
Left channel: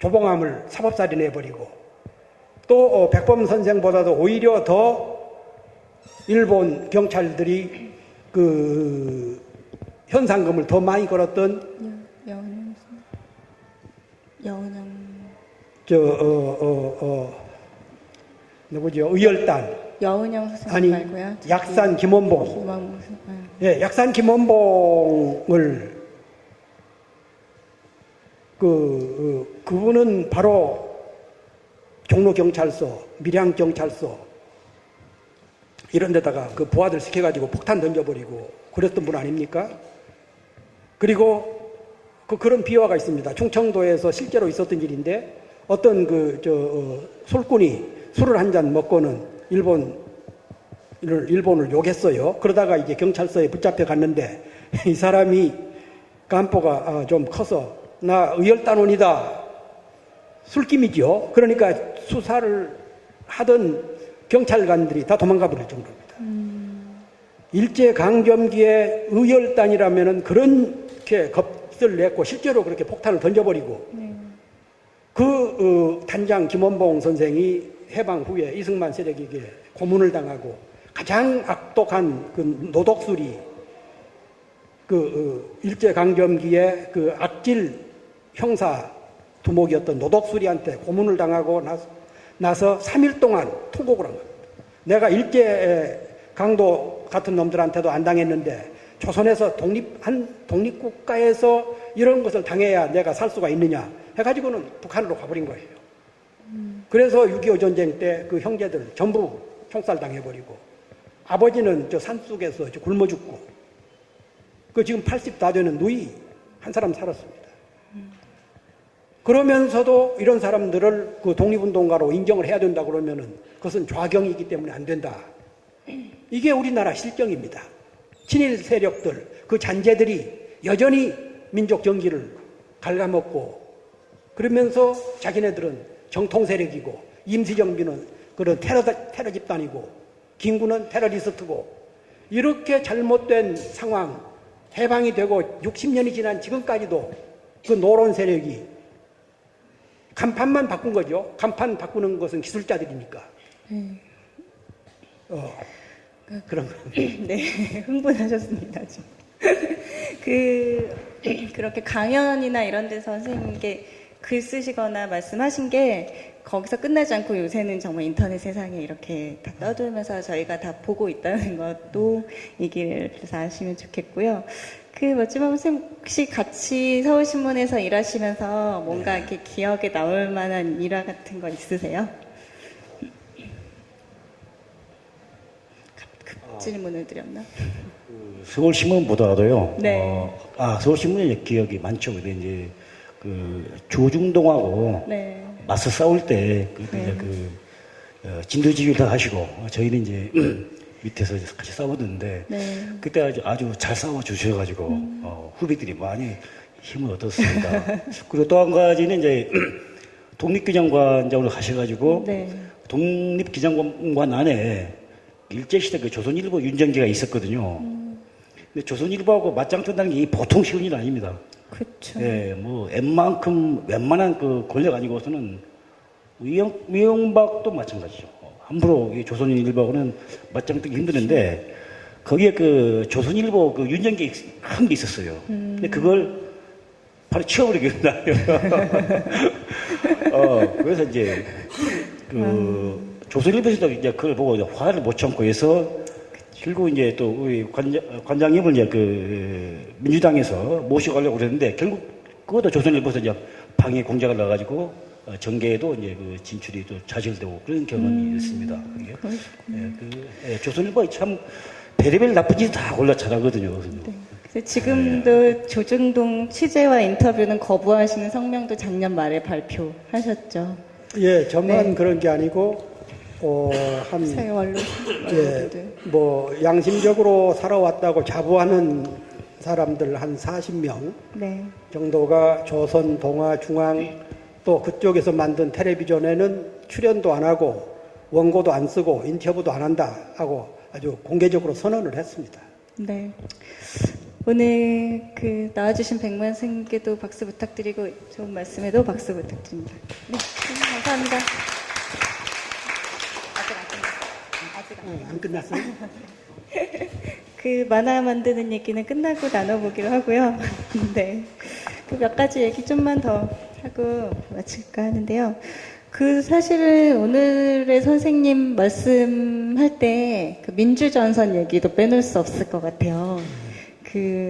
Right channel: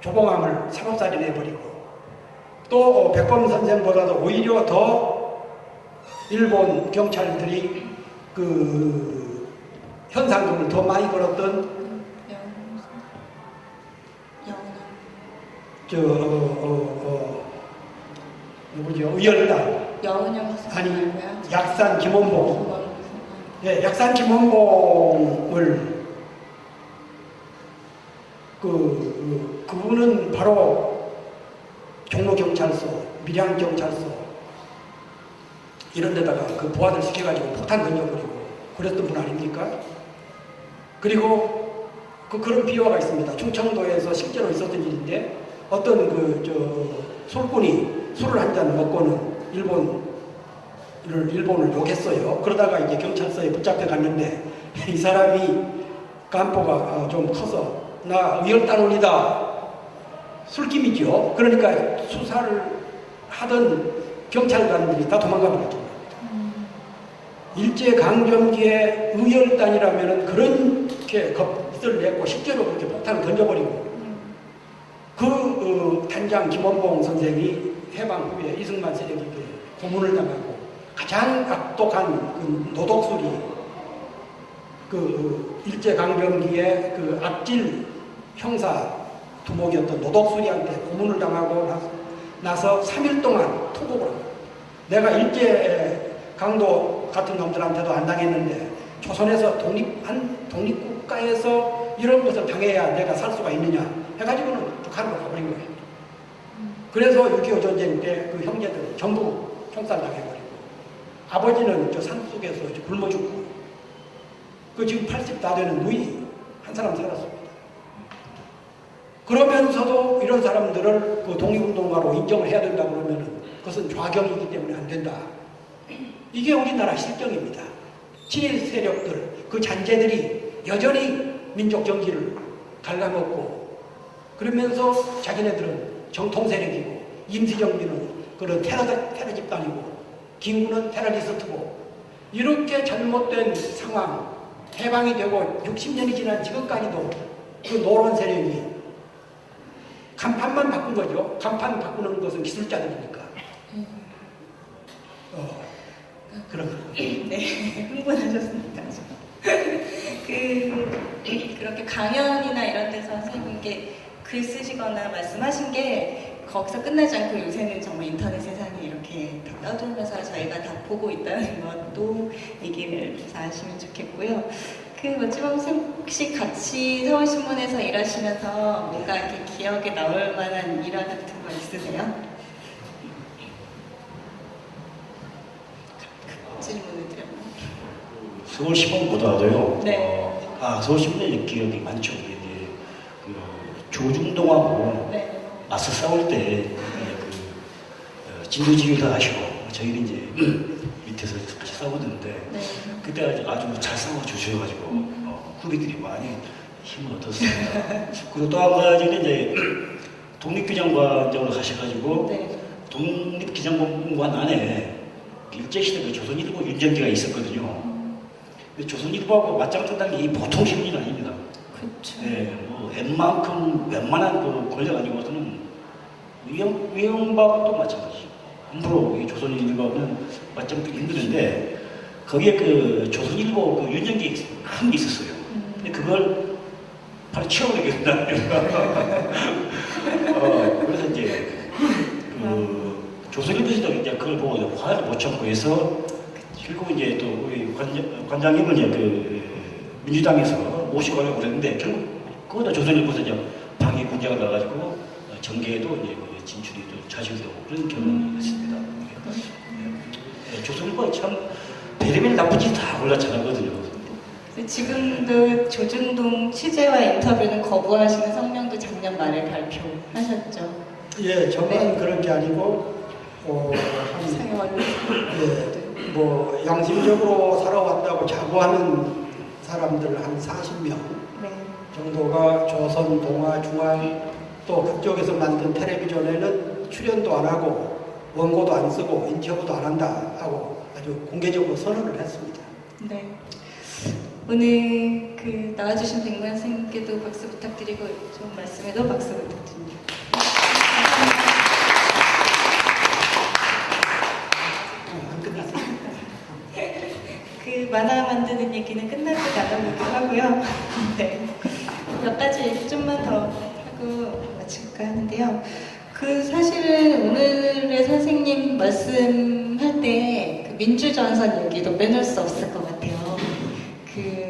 조봉암을 사법살인해버리고 또 백범 선생보다도 오히려 더 일본 경찰들이 현상금을 더 많이 걸었던 누구죠? 의열단 여은영 아니 선생님 말고요. 약산 김원봉 김원봉. 예, 약산 김원봉을 그분은 바로 종로경찰서, 밀양경찰서 이런 데다가 그 부하들 시켜가지고 폭탄 던져버리고 그랬던 분 아닙니까? 그리고 그런 비화가 있습니다. 충청도에서 실제로 있었던 일인데 어떤 술꾼이 술을 한 잔 먹고는 일본을 욕했어요. 그러다가 이제 경찰서에 붙잡혀 갔는데 이 사람이 간포가 좀 커서 나 의열단원이다. 술김이죠. 그러니까 수사를 하던 경찰관들이 다 도망가 버렸죠. 일제강점기에 의열단이라면은 그렇게 겁을 냈고 실제로 그렇게 폭탄을 던져버리고 단장 김원봉 선생이 해방 후에 이승만 세력에게 고문을 당하고 가장 악독한 노독술이 일제강점기에 악질 형사 두목이었던 노덕수리한테 고문을 당하고 나서 3일 동안 통곡을 합니다. 내가 일제 강도 같은 놈들한테도 안 당했는데 조선에서 독립국가에서 이런 것을 당해야 내가 살 수가 있느냐 해가지고는 북한으로 가버린 거예요. 그래서 6.25 전쟁 때 그 형제들 전부 총살당해버리고 아버지는 저 산속에서 굶어 죽고 그 지금 80 다 되는 누이 한 사람 살았습니다. 그러면서도 이런 사람들을 그 독립운동가로 인정을 해야 된다 그러면은 그것은 좌경이기 때문에 안 된다. 이게 우리나라 실정입니다. 친일 세력들, 그 잔재들이 여전히 민족 정신을 갉아먹고 그러면서 자기네들은 정통 세력이고 임시정비는 그런 테러 집단이고 김구는 테러리스트고 이렇게 잘못된 상황 해방이 되고 60년이 지난 지금까지도 그 노론 세력이 간판만 바꾼 거죠. 간판 바꾸는 것은 기술자들이니까. 그런 거. 네, 흥분하셨습니다. 그렇게 강연이나 이런 데서 선생님께 글 쓰시거나 말씀하신 게 거기서 끝나지 않고 요새는 정말 인터넷 세상에 이렇게 다 떠들면서 저희가 다 보고 있다는 것도 얘기를 해서 아시면 좋겠고요. 마지막 선생님 혹시 같이 서울신문에서 일하시면서 뭔가 이렇게 기억에 나올 만한 일화 같은 거 있으세요? 질문을 드렸나? 서울신문보다도요. 네. 서울신문의 기억이 많죠. 근데 이제 그 조중동하고 네. 맞서 싸울 때 진두지휘를 다 하시고 저희는 이제 밑에서 같이 싸우던데 네. 그때 아주 잘 싸워 주셔가지고 후배들이 많이 힘을 얻었습니다. 그리고 또 한 가지는 이제 독립기념관장으로 가셔가지고 네. 독립기념관 안에 일제시대 그 조선일보 윤정기가 있었거든요. 근데 조선일보하고 맞짱 뜬다는 게 보통 쉬운 일 아닙니다. 그렇죠. 예, 뭐 웬만한 그 권력 아니고서는 위영박도 마찬가지죠. 함부로 이 조선일보는 맞짱 뜨기 힘드는데 거기에 그 조선일보 그 윤정기 한 게 있었어요. 근데 그걸 바로 치워버리게 된다고요. 그래서 이제 그 조선일보에서도 이제 그걸 보고 화를 못 참고 해서 결국 이제 또 우리 관장님을 이제 그 민주당에서 모시고 가려고 그랬는데 결국 그것도 조선일보에서 이제 방해 공작을 나가지고 정계에도 이제 그 진출이 또 자질되고 그런 경험이 있습니다. 조선일보 참 별의별 나쁜 짓 다 올라 잘하거든요. 지금도 조중동 취재와 인터뷰는 거부하시는 성명도 작년 말에 발표하셨죠. 예, 저만 네. 그런 게 아니고 세월. 뭐 양심적으로 살아왔다고 자부하는 사람들 한 40명 네. 정도가 조선, 동아, 중앙 또 그쪽에서 만든 텔레비전에는 출연도 안 하고 원고도 안 쓰고 인터뷰도 안 한다 하고 아주 공개적으로 선언을 했습니다. 네. 오늘 나와주신 백만 선생님께도 박수 부탁드리고 좋은 말씀에도 박수 부탁드립니다. 감사합니다. 안 끝났어요? 만화 만드는 얘기는 끝나고 나눠보기로 하고요. 네. 몇 가지 얘기 좀만 더 하고 마칠까 하는데요. 사실은 오늘의 선생님 말씀할 때 민주전선 얘기도 빼놓을 수 없을 것 같아요.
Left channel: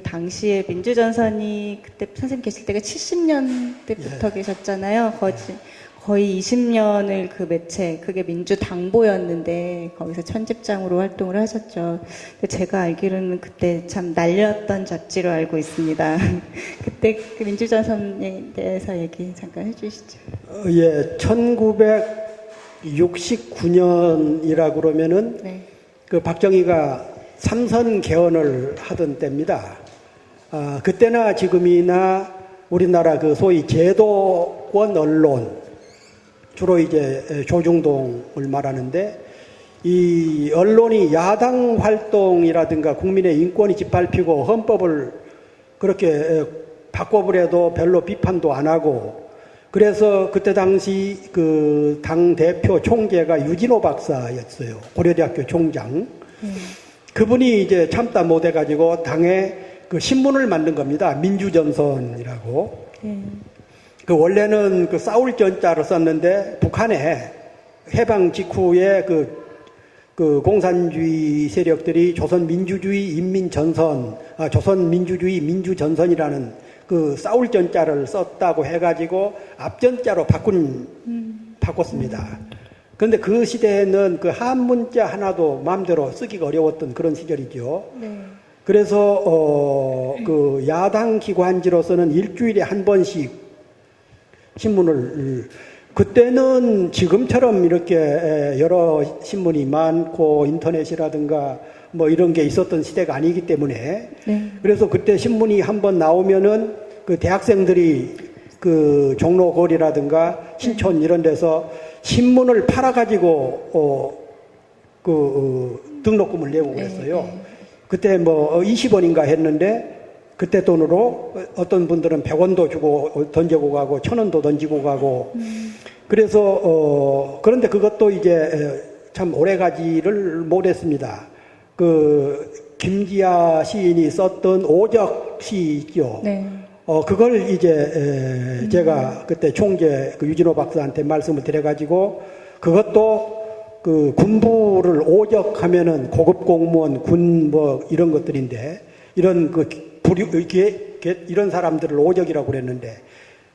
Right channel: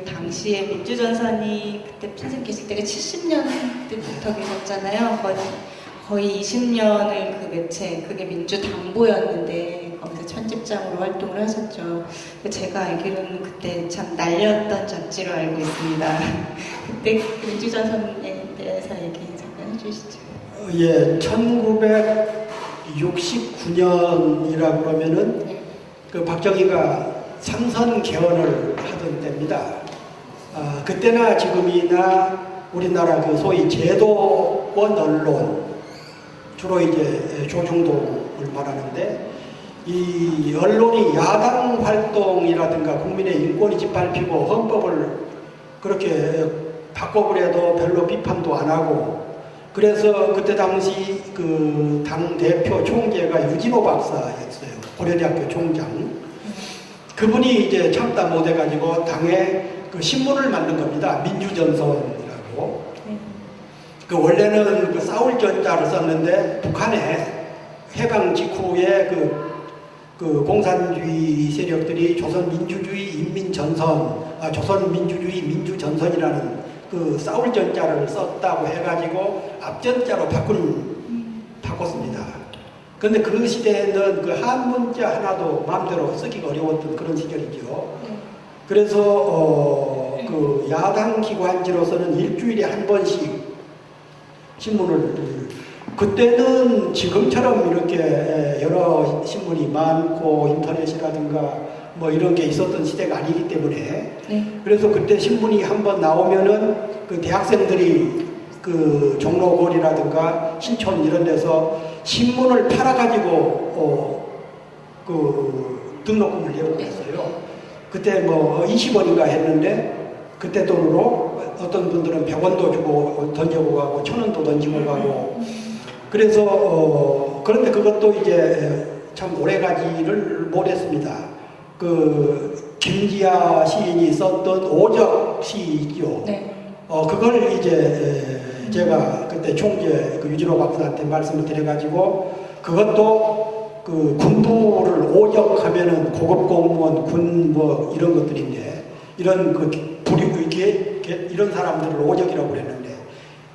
당시에 민주전선이 그때 선생님 계실 때가 70년대부터 계셨잖아요. 거의 20년을 그 매체, 그게 민주당보였는데 거기서 편집장으로 활동을 하셨죠. 제가 알기로는 그때 참 날렸던 잡지로 알고 있습니다. 그때 민주전선에 대해서 얘기 잠깐 해주시죠. 예, 1969년이라 그러면은 네. 그 박정희가 삼선 개헌을 하던 때입니다. 그때나 지금이나 우리나라 그 소위 제도권 언론, 주로 이제 조중동을 말하는데 이 언론이 야당 활동이라든가 국민의 인권이 짓밟히고 헌법을 그렇게 바꿔보려도 별로 비판도 안 하고 그래서 그때 당시 그 당 대표 총재가 유진호 박사였어요. 고려대학교 총장. 그분이 이제 참다 못해가지고 당에 그 신문을 만든 겁니다. 민주전선이라고. 그 원래는 그 싸울 전자로 썼는데 북한에 해방 직후에 그 공산주의 세력들이 조선민주주의 인민전선, 조선민주주의 민주전선이라는 그 싸울 전자를 썼다고 해가지고 앞전자로 바꿨습니다. 그런데 그 시대에는 그 한문자 하나도 마음대로 쓰기가 어려웠던 그런 시절이죠. 네. 그래서 그 야당 기관지로서는 일주일에 한 번씩 신문을, 그때는 지금처럼 이렇게 여러 신문이 많고 인터넷이라든가 뭐 이런 게 있었던 시대가 아니기 때문에, 네. 그래서 그때 신문이 한번 나오면은 그 대학생들이 그 종로거리라든가 신촌 이런 데서 신문을 팔아가지고 그 등록금을 내고 그랬어요. 그때 뭐 20원인가 했는데 그때 돈으로 어떤 분들은 100원도 주고 던지고 가고 1000원도 던지고 가고, 그래서 그런데 그것도 이제 참 오래가지를 못했습니다. 그 김지아 시인이 썼던 오적시 있죠. 네. 그걸 이제 제가 그때 총재 그 유진호 박사한테 말씀을 드려가지고, 그것도 그 군부를 오적하면은 고급 공무원, 군 뭐 이런 것들인데, 이런 그 이런 사람들을 오적이라고 그랬는데,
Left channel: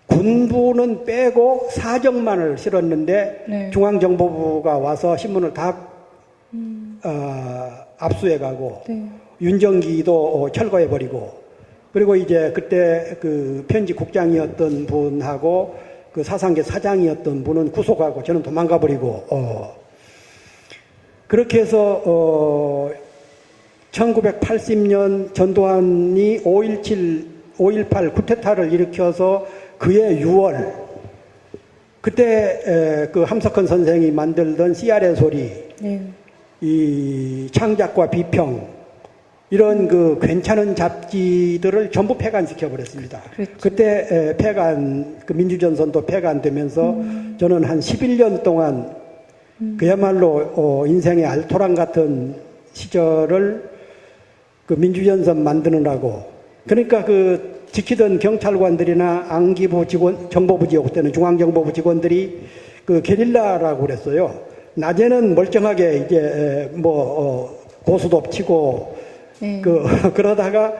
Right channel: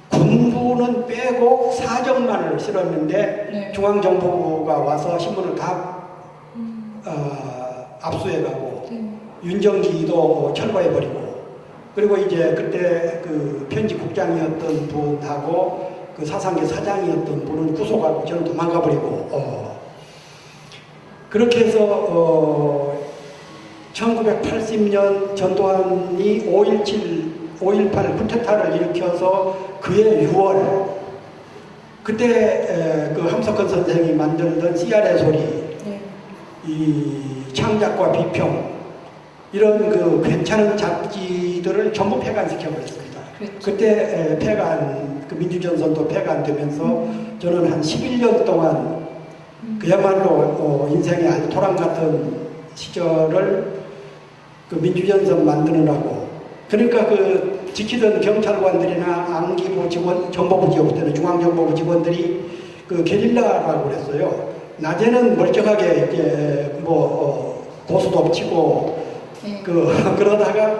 군부는 빼고 사적만을 실었는데, 네. 중앙정보부가 와서 신문을 다 압수해가고, 네. 윤정기도 철거해버리고, 그리고 이제 그때 그 편집국장이었던 분하고 그 사상계 사장이었던 분은 구속하고 저는 도망가버리고, 그렇게 해서 1980년 전두환이 5.18 쿠데타를 일으켜서 그해 6월, 그때 그 함석헌 선생이 만들던 CR의 소리, 네. 이 창작과 비평, 이런 그 괜찮은 잡지들을 전부 폐간시켜 버렸습니다. 그렇죠. 그때 그 민주전선도 폐간되면서 저는 한 11년 동안 그야말로 인생의 알토란 같은 시절을 그 민주전선 만드느라고, 그러니까 그 지키던 경찰관들이나 안기부 직원, 정보부 지역 때는 중앙정보부 직원들이 그 게릴라라고 그랬어요. 낮에는 멀쩡하게 이제 고수도 엎치고 네. 그러다가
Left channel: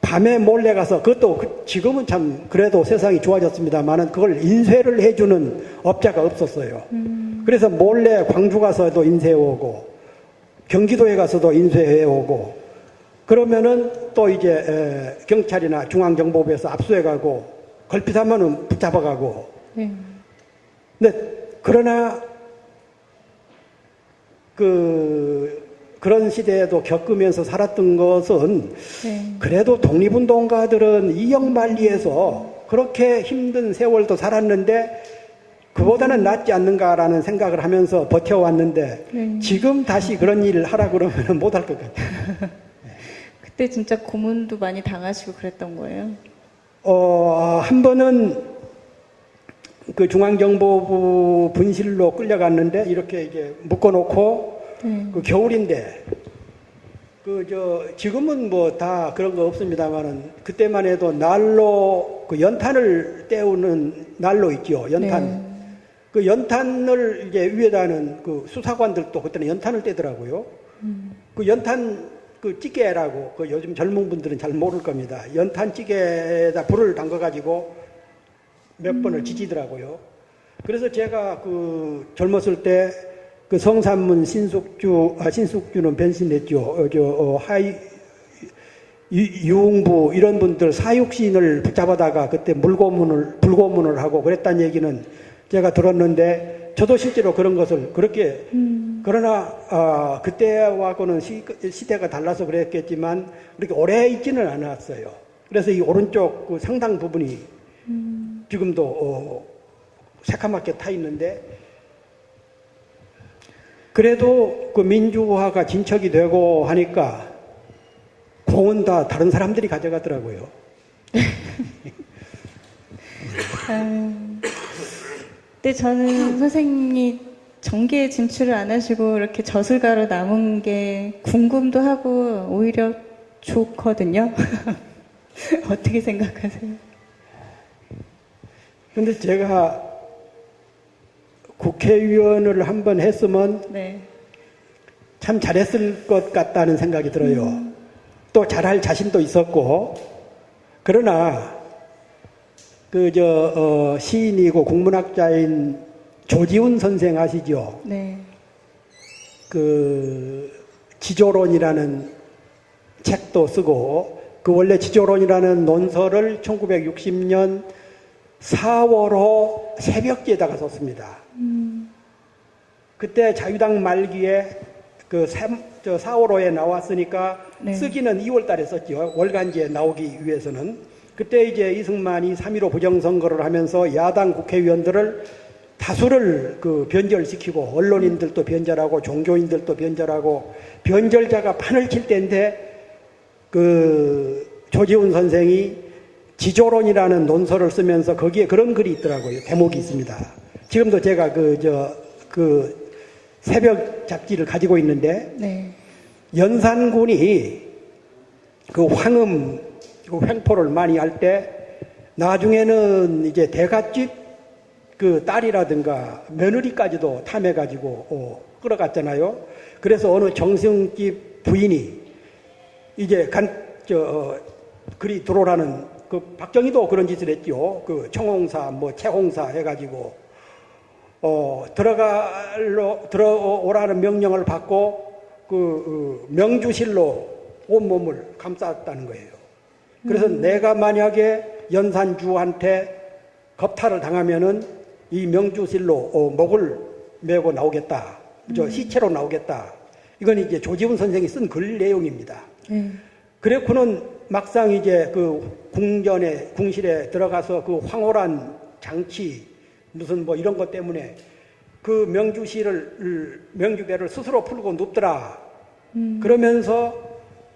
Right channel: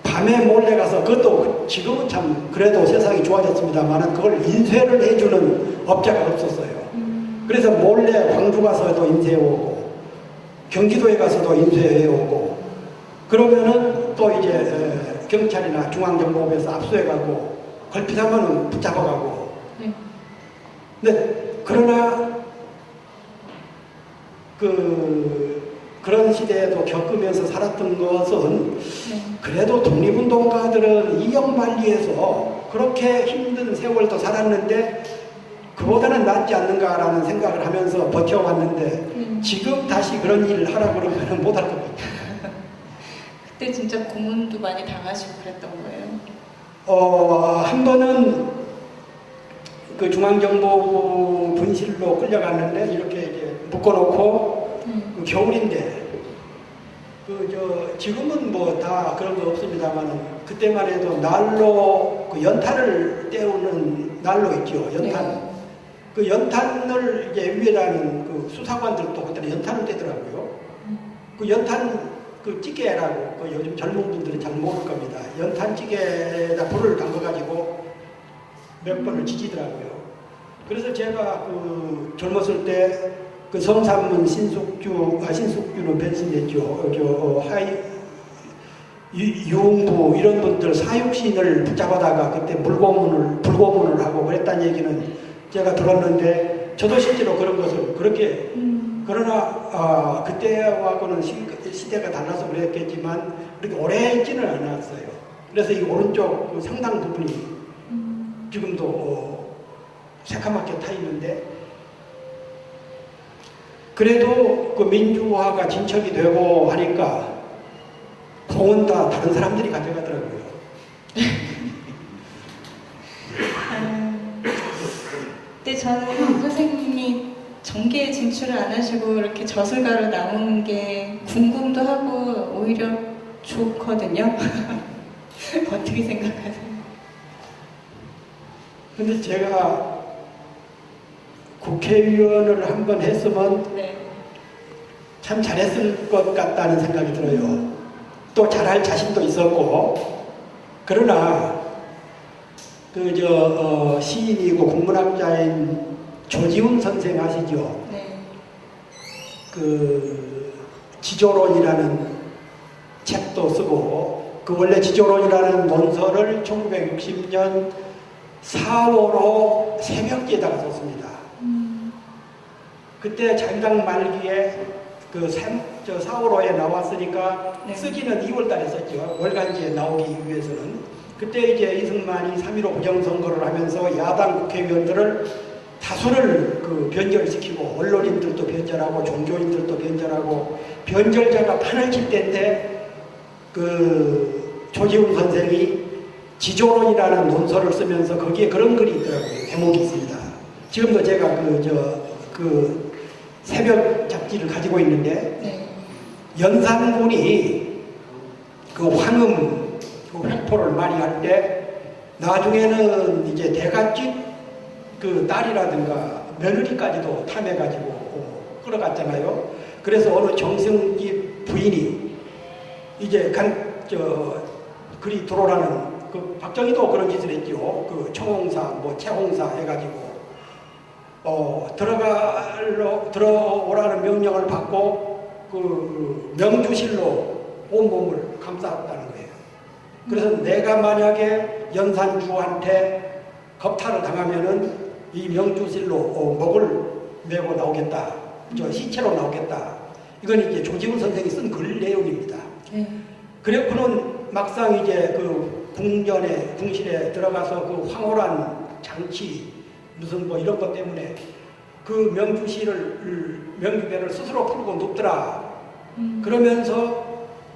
밤에 몰래 가서, 그것도 지금은 참 그래도 세상이 좋아졌습니다만은 그걸 인쇄를 해주는 업자가 없었어요. 그래서 몰래 광주 가서도 인쇄해오고 경기도에 가서도 인쇄해오고, 그러면은 또 이제 경찰이나 중앙정보부에서 압수해가고 걸핏하면은 붙잡아가고. 네. 근데 그러나 그런 시대에도 겪으면서 살았던 것은, 네. 그래도 독립운동가들은 이영만리에서 그렇게 힘든 세월도 살았는데 그보다는 낫지 않는가라는 생각을 하면서 버텨왔는데, 지금 다시 그런 일을 하라고 그러면 못할 것 같아요. 그때 진짜 고문도 많이 당하시고 그랬던 거예요? 한 번은 그 중앙정보부 분실로 끌려갔는데, 이렇게 이제 묶어놓고, 그 겨울인데, 지금은 뭐 다 그런 거 없습니다만은, 그때만 해도 난로, 그 연탄을 때우는 난로 있죠, 연탄. 네. 그 연탄을 이제 위에다는 그 수사관들도 그때는 연탄을 떼더라고요. 그 연탄 그 찌개라고, 그 요즘 젊은 분들은 잘 모를 겁니다. 연탄 찌개에다 불을 담가가지고 몇 번을 지지더라고요. 그래서 제가 그 젊었을 때 그 성산문 신숙주는 변신했죠. 유흥부 이런 분들 사육신을 붙잡아다가 그때 불고문을 하고 그랬다는 얘기는 제가 들었는데, 저도 실제로 그런 것을 그렇게, 그러나 그때하고는 시대가 달라서 그랬겠지만 그렇게 오래 있지는 않았어요. 그래서 이 오른쪽 그 상당 부분이 지금도 새카맣게 타 있는데, 그래도 그 민주화가 진척이 되고 하니까 공은 다 다른 사람들이 가져가더라고요. 근데 저는 선생님이 정계에 진출을 안 하시고 이렇게 저술가로 남은 게 궁금도 하고 오히려 좋거든요. 어떻게 생각하세요? 근데 제가 국회의원을 한 번 했으면 네. 참 잘했을 것 같다는 생각이 들어요. 또 잘할 자신도 있었고, 그러나 시인이고 국문학자인 조지훈 선생 아시죠? 네. 그 지조론이라는 책도 쓰고, 그 원래 지조론이라는 논설을 1960년 4월호 새벽기에다가 썼습니다. 그때 자유당 말기에 그 4월호에 나왔으니까 네. 쓰기는 2월달에 썼죠. 월간지에 나오기 위해서는. 그때 이제 이승만이 3.15 부정선거를 하면서 야당 국회의원들을 다수를 그 변절시키고, 언론인들도 변절하고 종교인들도 변절하고, 변절자가 판을 칠 때인데 그 조지훈 선생이 지조론이라는 논설을 쓰면서 거기에 그런 글이 있더라고요. 대목이 있습니다. 지금도 제가 그 새벽 잡지를 가지고 있는데, 네. 연산군이 그 황음, 그 횡포를 많이 할 때 나중에는 이제 대갓집 그 딸이라든가 며느리까지도 탐해가지고 끌어갔잖아요. 그래서 어느 정승집 부인이 이제 그리 들어오라는, 그 박정희도 그런 짓을 했죠. 그 총홍사, 뭐 채홍사 해가지고 들어오라는 명령을 받고 그 명주실로 온몸을 감쌌다는 거예요. 그래서 내가 만약에 연산주한테 겁탈을 당하면은 이 명주실로 목을 메고 나오겠다. 저 시체로 나오겠다. 이건 이제 조지훈 선생이 쓴 글 내용입니다. 네. 그랬고는 막상 이제 그 궁실에 들어가서 그 황홀한 장치, 무슨 뭐 이런 것 때문에 그 명주배를 스스로 풀고 눕더라. 그러면서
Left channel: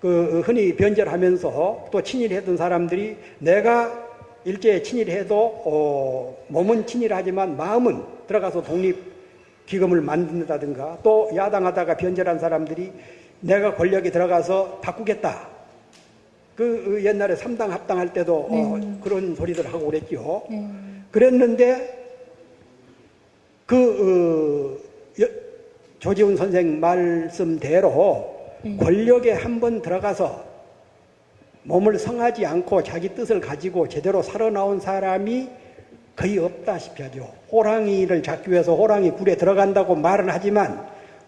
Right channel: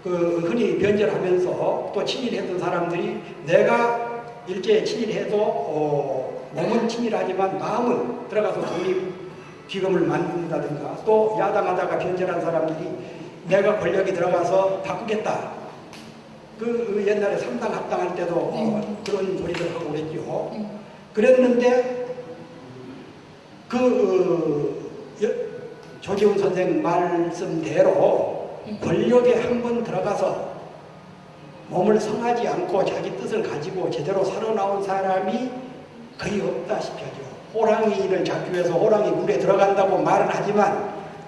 그 흔히 변절하면서 또 친일했던 사람들이 내가 일제에 친일해도 몸은 친일하지만 마음은 들어가서 독립기금을 만든다든가, 또 야당하다가 변절한 사람들이 내가 권력에 들어가서 바꾸겠다. 그 옛날에 3당 합당할 때도 네. 그런 소리들 하고 그랬죠. 네. 그랬는데 조지훈 선생 말씀대로 권력에 한번 들어가서 몸을 성하지 않고 자기 뜻을 가지고 제대로 살아나온 사람이 거의 없다시피 하죠. 호랑이를 잡기 위해서 호랑이 굴에 들어간다고 말은 하지만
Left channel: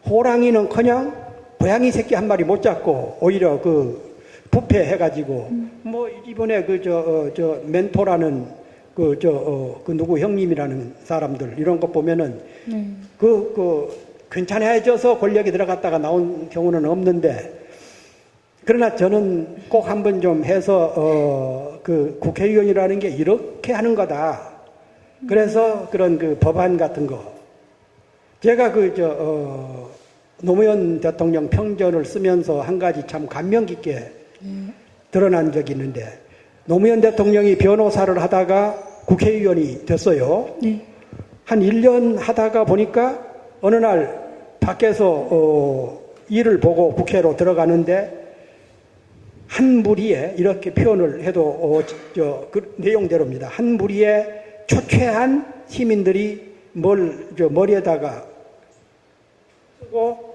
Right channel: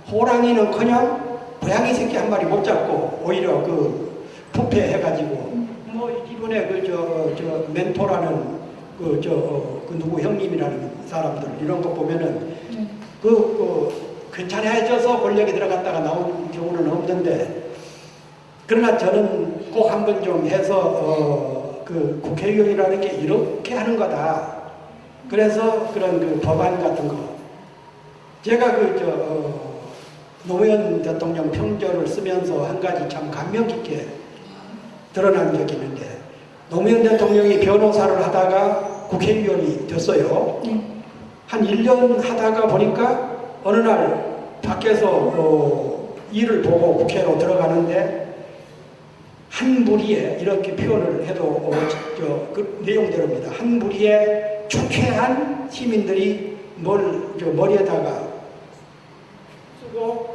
호랑이는커녕 고양이 새끼 한 마리 못 잡고 오히려 그 부패해가지고 뭐 이번에 저 멘토라는 그 누구 형님이라는 사람들 이런 거 보면은 괜찮아져서 권력에 들어갔다가 나온 경우는 없는데, 그러나 저는 꼭 한번 좀 해서 그 국회의원이라는 게 이렇게 하는 거다. 그래서 그런 그 법안 같은 거, 제가 노무현 대통령 평전을 쓰면서 한 가지 참 감명 깊게 드러난 적이 있는데, 노무현 대통령이 변호사를 하다가 국회의원이 됐어요. 한 1년 하다가 보니까 어느 날 밖에서 일을 보고 국회로 들어가는데 한 무리에, 이렇게 표현을 해도 그 내용대로입니다. 한 무리에 초췌한 시민들이 머리에다가 쓰고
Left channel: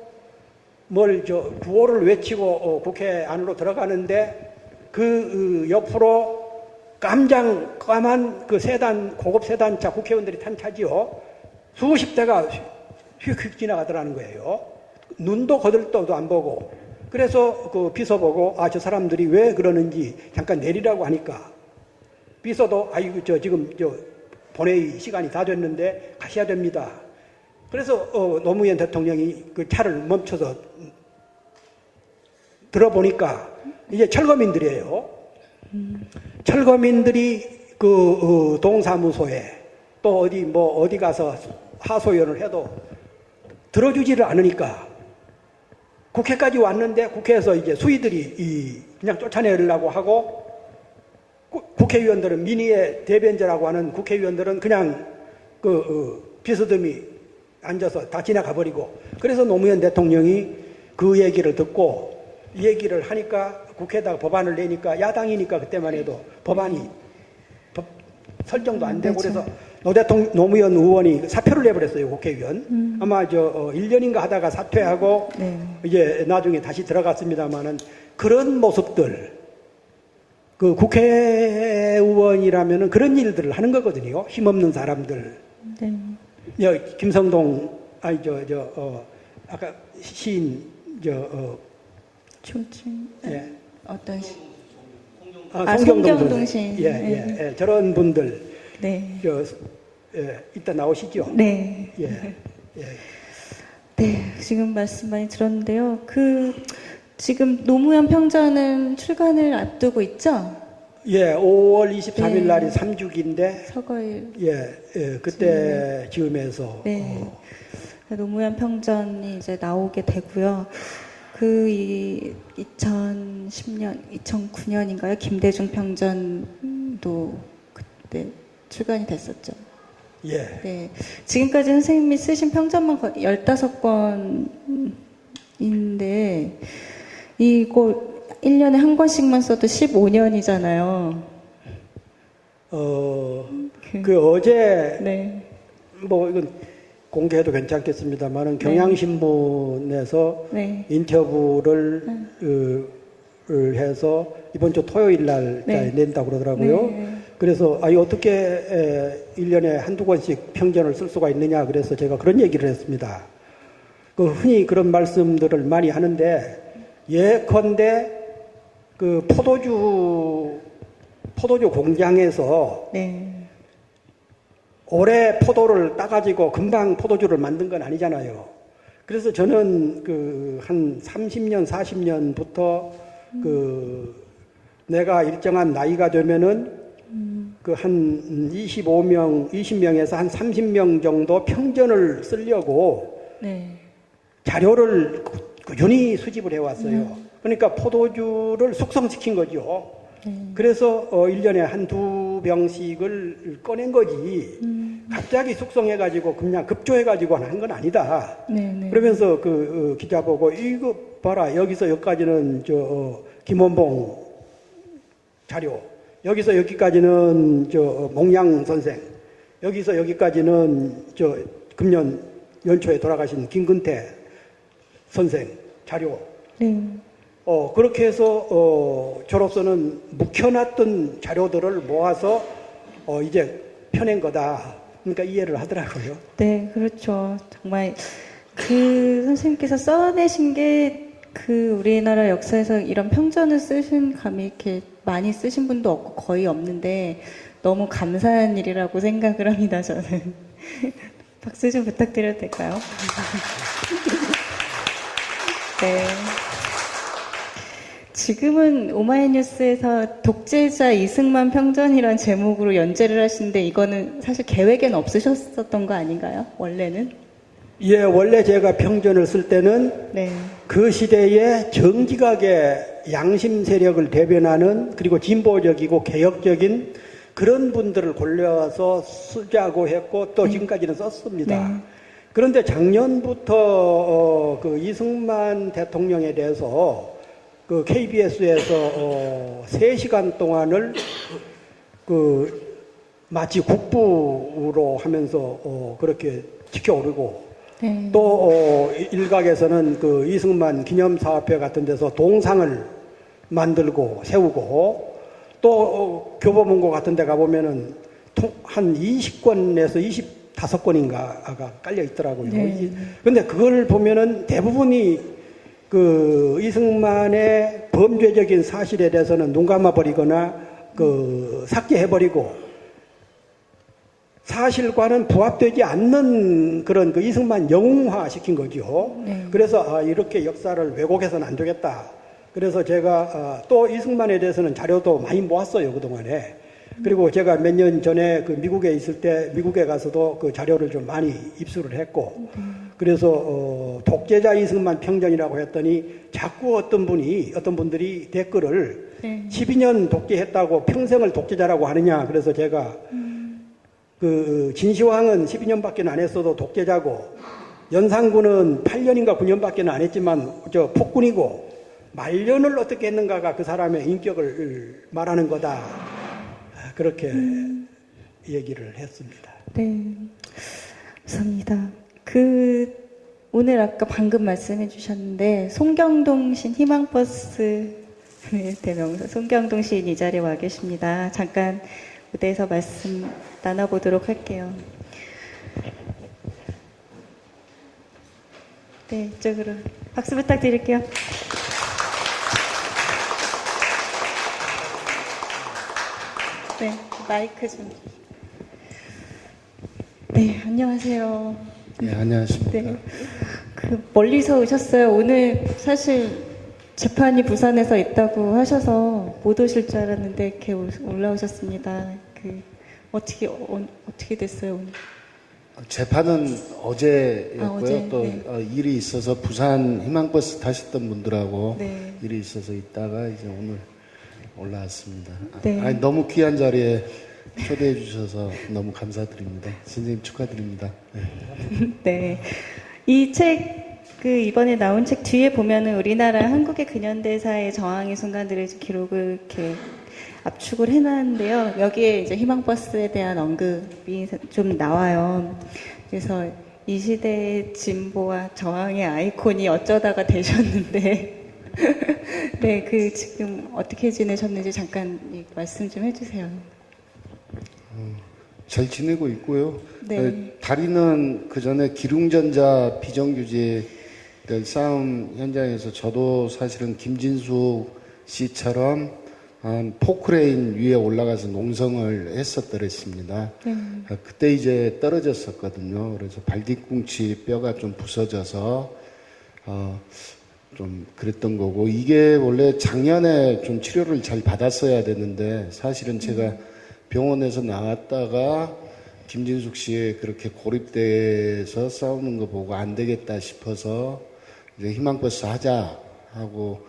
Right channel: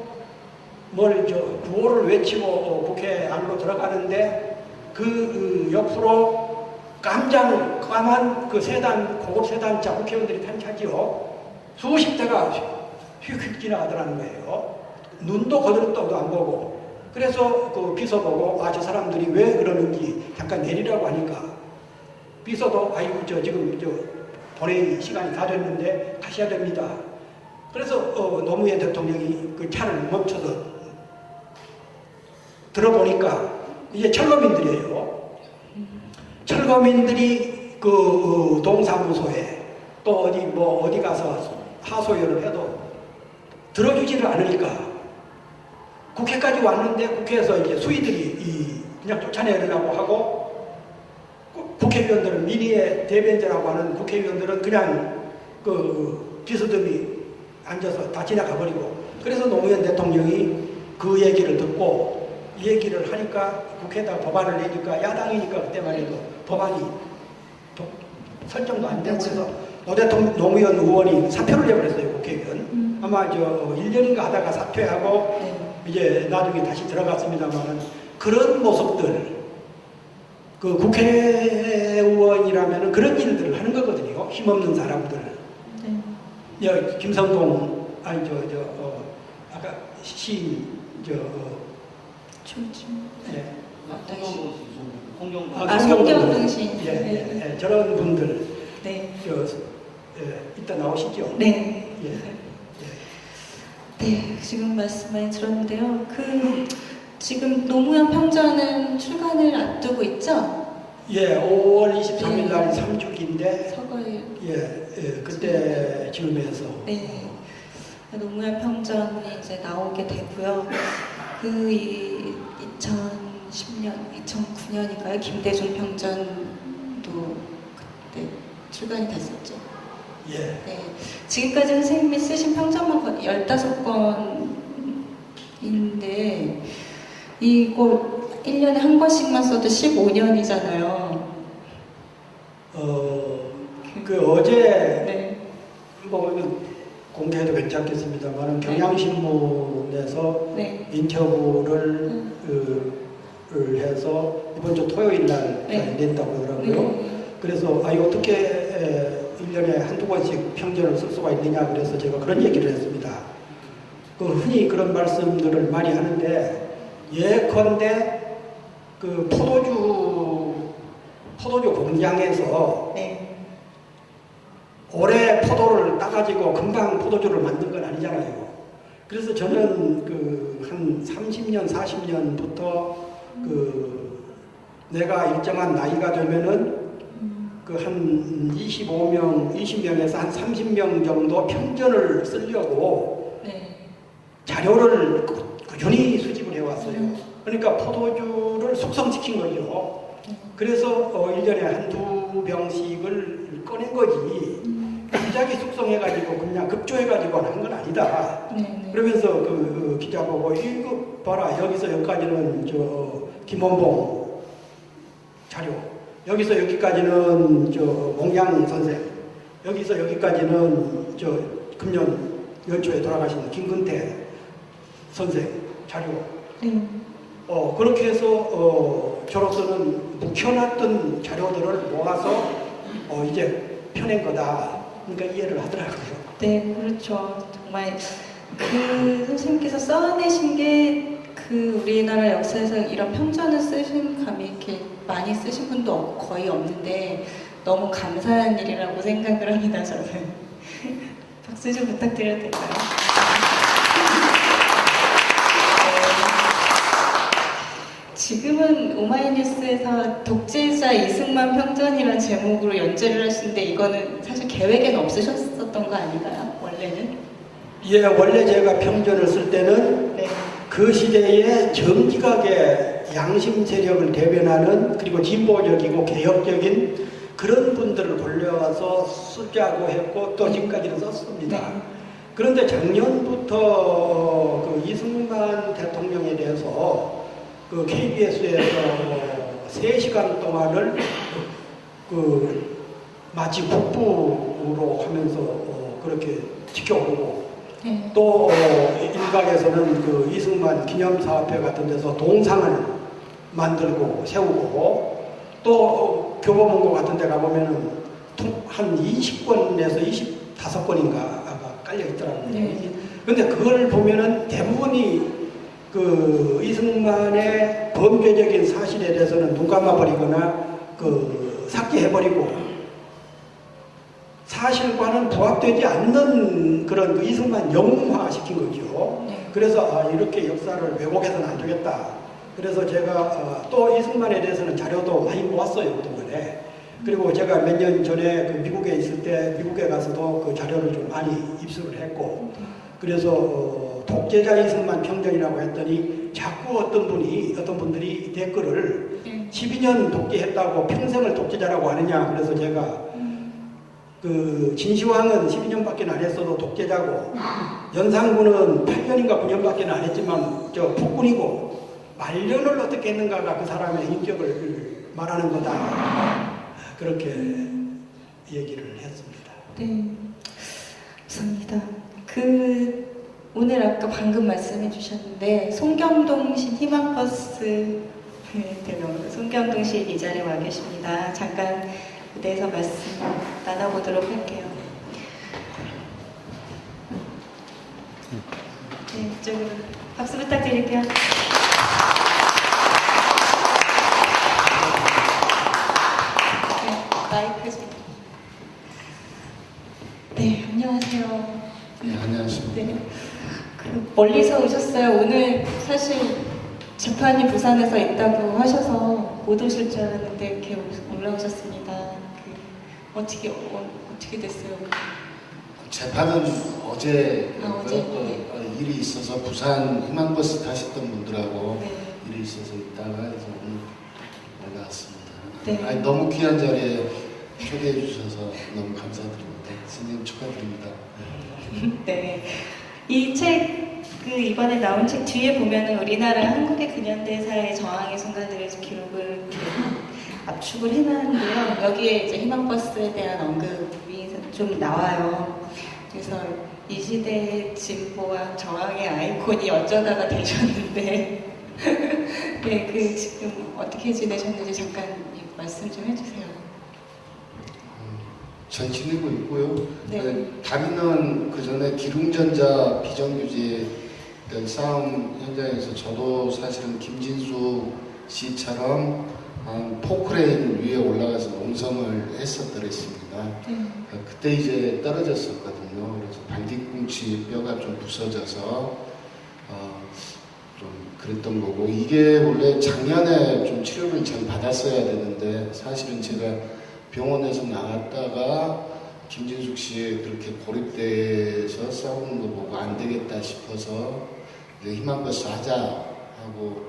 구호를 외치고 국회 안으로 들어가는데 그 옆으로 까만 그 고급 세단차 국회의원들이 탄 차지요. 수십 대가 휙휙 지나가더라는 거예요. 눈도 거들떠도 안 보고. 그래서 그 비서 보고 저 사람들이 왜 그러는지 잠깐 내리라고 하니까 비서도 아이고 지금 본회의 시간이 다 됐는데 가셔야 됩니다. 그래서 노무현 대통령이 그 차를 멈춰서 들어보니까 이게 철거민들이에요. 철거민들이 그 동사무소에 또 어디 가서 하소연을 해도 들어주지를 않으니까 국회까지 왔는데 국회에서 이제 수의들이 그냥 쫓아내려고 하고, 국회의원들은 민의의 대변자라고 하는 국회의원들은 그냥 그 비서듬이 앉아서 다 지나가 버리고, 그래서 노무현 대통령이 그 얘기를 듣고 이 얘기를 하니까 국회에다 법안을 내니까 야당이니까 그때만 해도 법안이 설정도 안 되고 그래서 노무현 의원이 사퇴를 해버렸어요, 국회의원. 아마 1년인가 하다가 사퇴하고 네. 이제 나중에 다시 들어갔습니다만은 그런 모습들, 그 국회의원이라면은 그런 일들을 하는 거거든요. 힘없는 사람들. 네. 김성동, 아까 시인, 춤 예. 어떤 시? 송경동 송경동 시. 예. 저런 분들, 네. 이따 나오시죠? 네. 예. 네, 지금 말씀 많이 들었는데요. 지금 노무현 평전은 출간을 앞두고 있죠? 예, 5월 23일 네. 날이 3주기인데, 서거일. 그때 지으면서. 네. 노무현 평전이 이제 나오게 되고요. 2010년, 2009년인가요? 김대중 평전도 그때 출간이 됐었죠. 예. 네. 지금까지 선생님이 쓰신 평전만 15권인데, 이거 1년에 한 권씩만 써도 15년이잖아요. 어제, 네. 이건 공개해도 괜찮겠습니다만, 경향신문에서 네. 인터뷰를 해서 이번 주 토요일 날 네. 낸다고 그러더라고요. 네. 그래서 어떻게 1년에 한두 권씩 평전을 쓸 수가 있느냐, 그래서 제가 그런 얘기를 했습니다. 흔히 그런 말씀들을 많이 하는데, 예컨대 포도주 공장에서 네. 올해 포도를 따가지고 금방 포도주를 만든 건 아니잖아요. 그래서 저는 한 30년, 40년부터 내가 일정한 나이가 되면은 한 20명에서 한 30명 정도 평전을 쓰려고 네. 자료를 꾸준히 수집을 해왔어요. 그러니까 포도주를 숙성시킨 거죠. 그래서 1년에 한두 병씩을 꺼낸 거지. 갑자기 숙성해가지고 그냥 급조해가지고 하는 건 아니다. 네. 그러면서 기자 보고 이거 봐라, 여기서 여기까지는 김원봉 자료, 여기서 여기까지는 몽양 선생, 여기서 여기까지는 금년 연초에 돌아가신 김근태 선생 자료. 네. 그렇게 해서 저로서는 묵혀놨던 자료들을 모아서 이제 펴낸 거다. 그러니까 이해를 하더라고요. 네, 그렇죠. 정말 선생님께서 써내신 게 우리나라 역사에서 이런 평전을 쓰신 감이 이렇게 많이 쓰신 분도 거의 없는데 너무 감사한 일이라고 생각을 합니다, 저는. 박수 좀 부탁드려도 될까요? 네. 지금은 오마이뉴스에서 독재자 이승만 평전이란 제목으로 연재를 하시는데 이거는 사실 계획엔 없으셨었던 거 아닌가요? 원래는? 예, 원래 제가 평전을 쓸 때는 네. 그 시대의 정기각의 양심 세력을 대변하는, 그리고 진보적이고 개혁적인 그런 분들을 불러와서 쓰자고 했고 또 지금까지는 썼습니다. 네. 그런데 작년부터 이승만 대통령에 대해서 KBS에서 3시간 동안을 마치 국부로 하면서 그렇게 지켜오르고, 네. 또 일각에서는 이승만 기념사업회 같은 데서 동상을 만들고 세우고, 또 교보문고 같은 데 가보면은 한 20권에서 25권인가 깔려 있더라고요. 네. 근데 그걸 보면은 대부분이 이승만의 범죄적인 사실에 대해서는 눈 감아버리거나 삭제해버리고, 사실과는 부합되지 않는 그런 이승만 영웅화 시킨 거죠. 네. 그래서 이렇게 역사를 왜곡해서는 안 되겠다. 그래서 제가 또 이승만에 대해서는 자료도 많이 모았어요, 그동안에. 그리고 제가 몇 년 전에 미국에 있을 때 미국에 가서도 그 자료를 좀 많이 입수를 했고, 그래서 독재자 이승만 평전이라고 했더니 자꾸 어떤 분들이 댓글을 네. 12년 독재했다고 평생을 독재자라고 하느냐. 그래서 제가 진시황은 12년밖에 안 했어도 독재자고, 연산군은 8년인가 9년밖에 안 했지만 폭군이고, 말년을 어떻게 했는가가 그 사람의 인격을 말하는 거다. 그렇게 얘기를 했습니다. 네, 감사합니다. 오늘 아까 방금 말씀해 주셨는데, 송경동신 희망버스 대명사 송경동신 이 자리에 와 계십니다. 잠깐 무대에서 말씀 나눠보도록 할게요. 네, 이쪽으로 박수 부탁드릴게요. 네, 마이크 좀. 네, 안녕하세요. 네, 안녕하십니까. 네, 멀리서 오셨어요. 오늘 사실 재판이 부산에서 있다고 하셔서 못 오실 줄 알았는데 이렇게 올라오셨습니다. 어떻게 됐어요? 재판은 어제였고요. 어제, 또 네. 일이 있어서 부산 희망버스 타셨던 분들하고 네. 일이 있어서 있다가 이제 오늘 올라왔습니다. 네. 아니, 너무 귀한 자리에 초대해 주셔서 너무 감사드립니다. 선생님 축하드립니다. 네. 이 책, 이번에 나온 책 뒤에 보면은 우리나라 한국의 근현대사의 저항의 순간들을 기록을 이렇게 압축을 해놨는데요. 여기에 이제 희망버스에 대한 언급이 좀 나와요. 그래서 이 시대의 진보와 저항의 아이콘이 어쩌다가 되셨는데, 네, 지금 어떻게 지내셨는지 잠깐 말씀 좀 해주세요. 잘 지내고 있고요. 네. 다리는 그 전에 기룽전자 비정규직 싸움 현장에서 저도 사실은 김진숙 씨처럼 포크레인 위에 올라가서 농성을 했었더랬습니다. 네. 그때 이제 떨어졌었거든요. 그래서 발뒤꿈치 뼈가 좀 부서져서 좀 그랬던 거고, 이게 원래 작년에 좀 치료를 잘 받았어야 되는데, 사실은 제가 병원에서 나왔다가 김진숙 씨 그렇게 고립돼서 싸우는 거 보고 안 되겠다 싶어서 이제 희망버스 하자 하고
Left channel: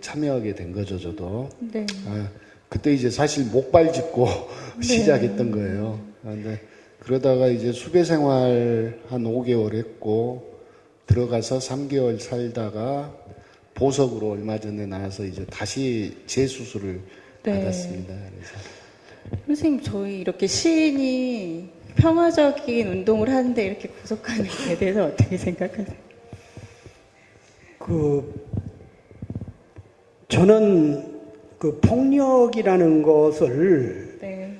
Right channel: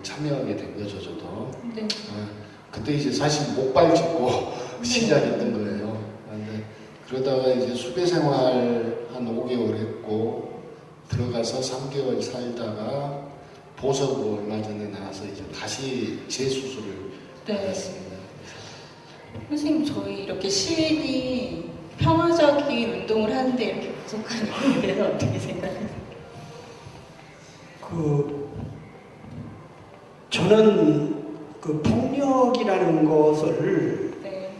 참여하게 된 거죠, 저도. 네. 그때 이제 사실 목발 짚고 시작했던 거예요. 근데 그러다가 이제 수배 생활 한 5개월 했고, 들어가서 3개월 살다가 보석으로 얼마 전에 나와서 이제 다시 재수술을 네. 받았습니다. 선생님, 저희 이렇게 시인이 평화적인 운동을 하는데 이렇게 구속하는 것에 대해서 어떻게 생각하세요? 저는 폭력이라는 것을 네.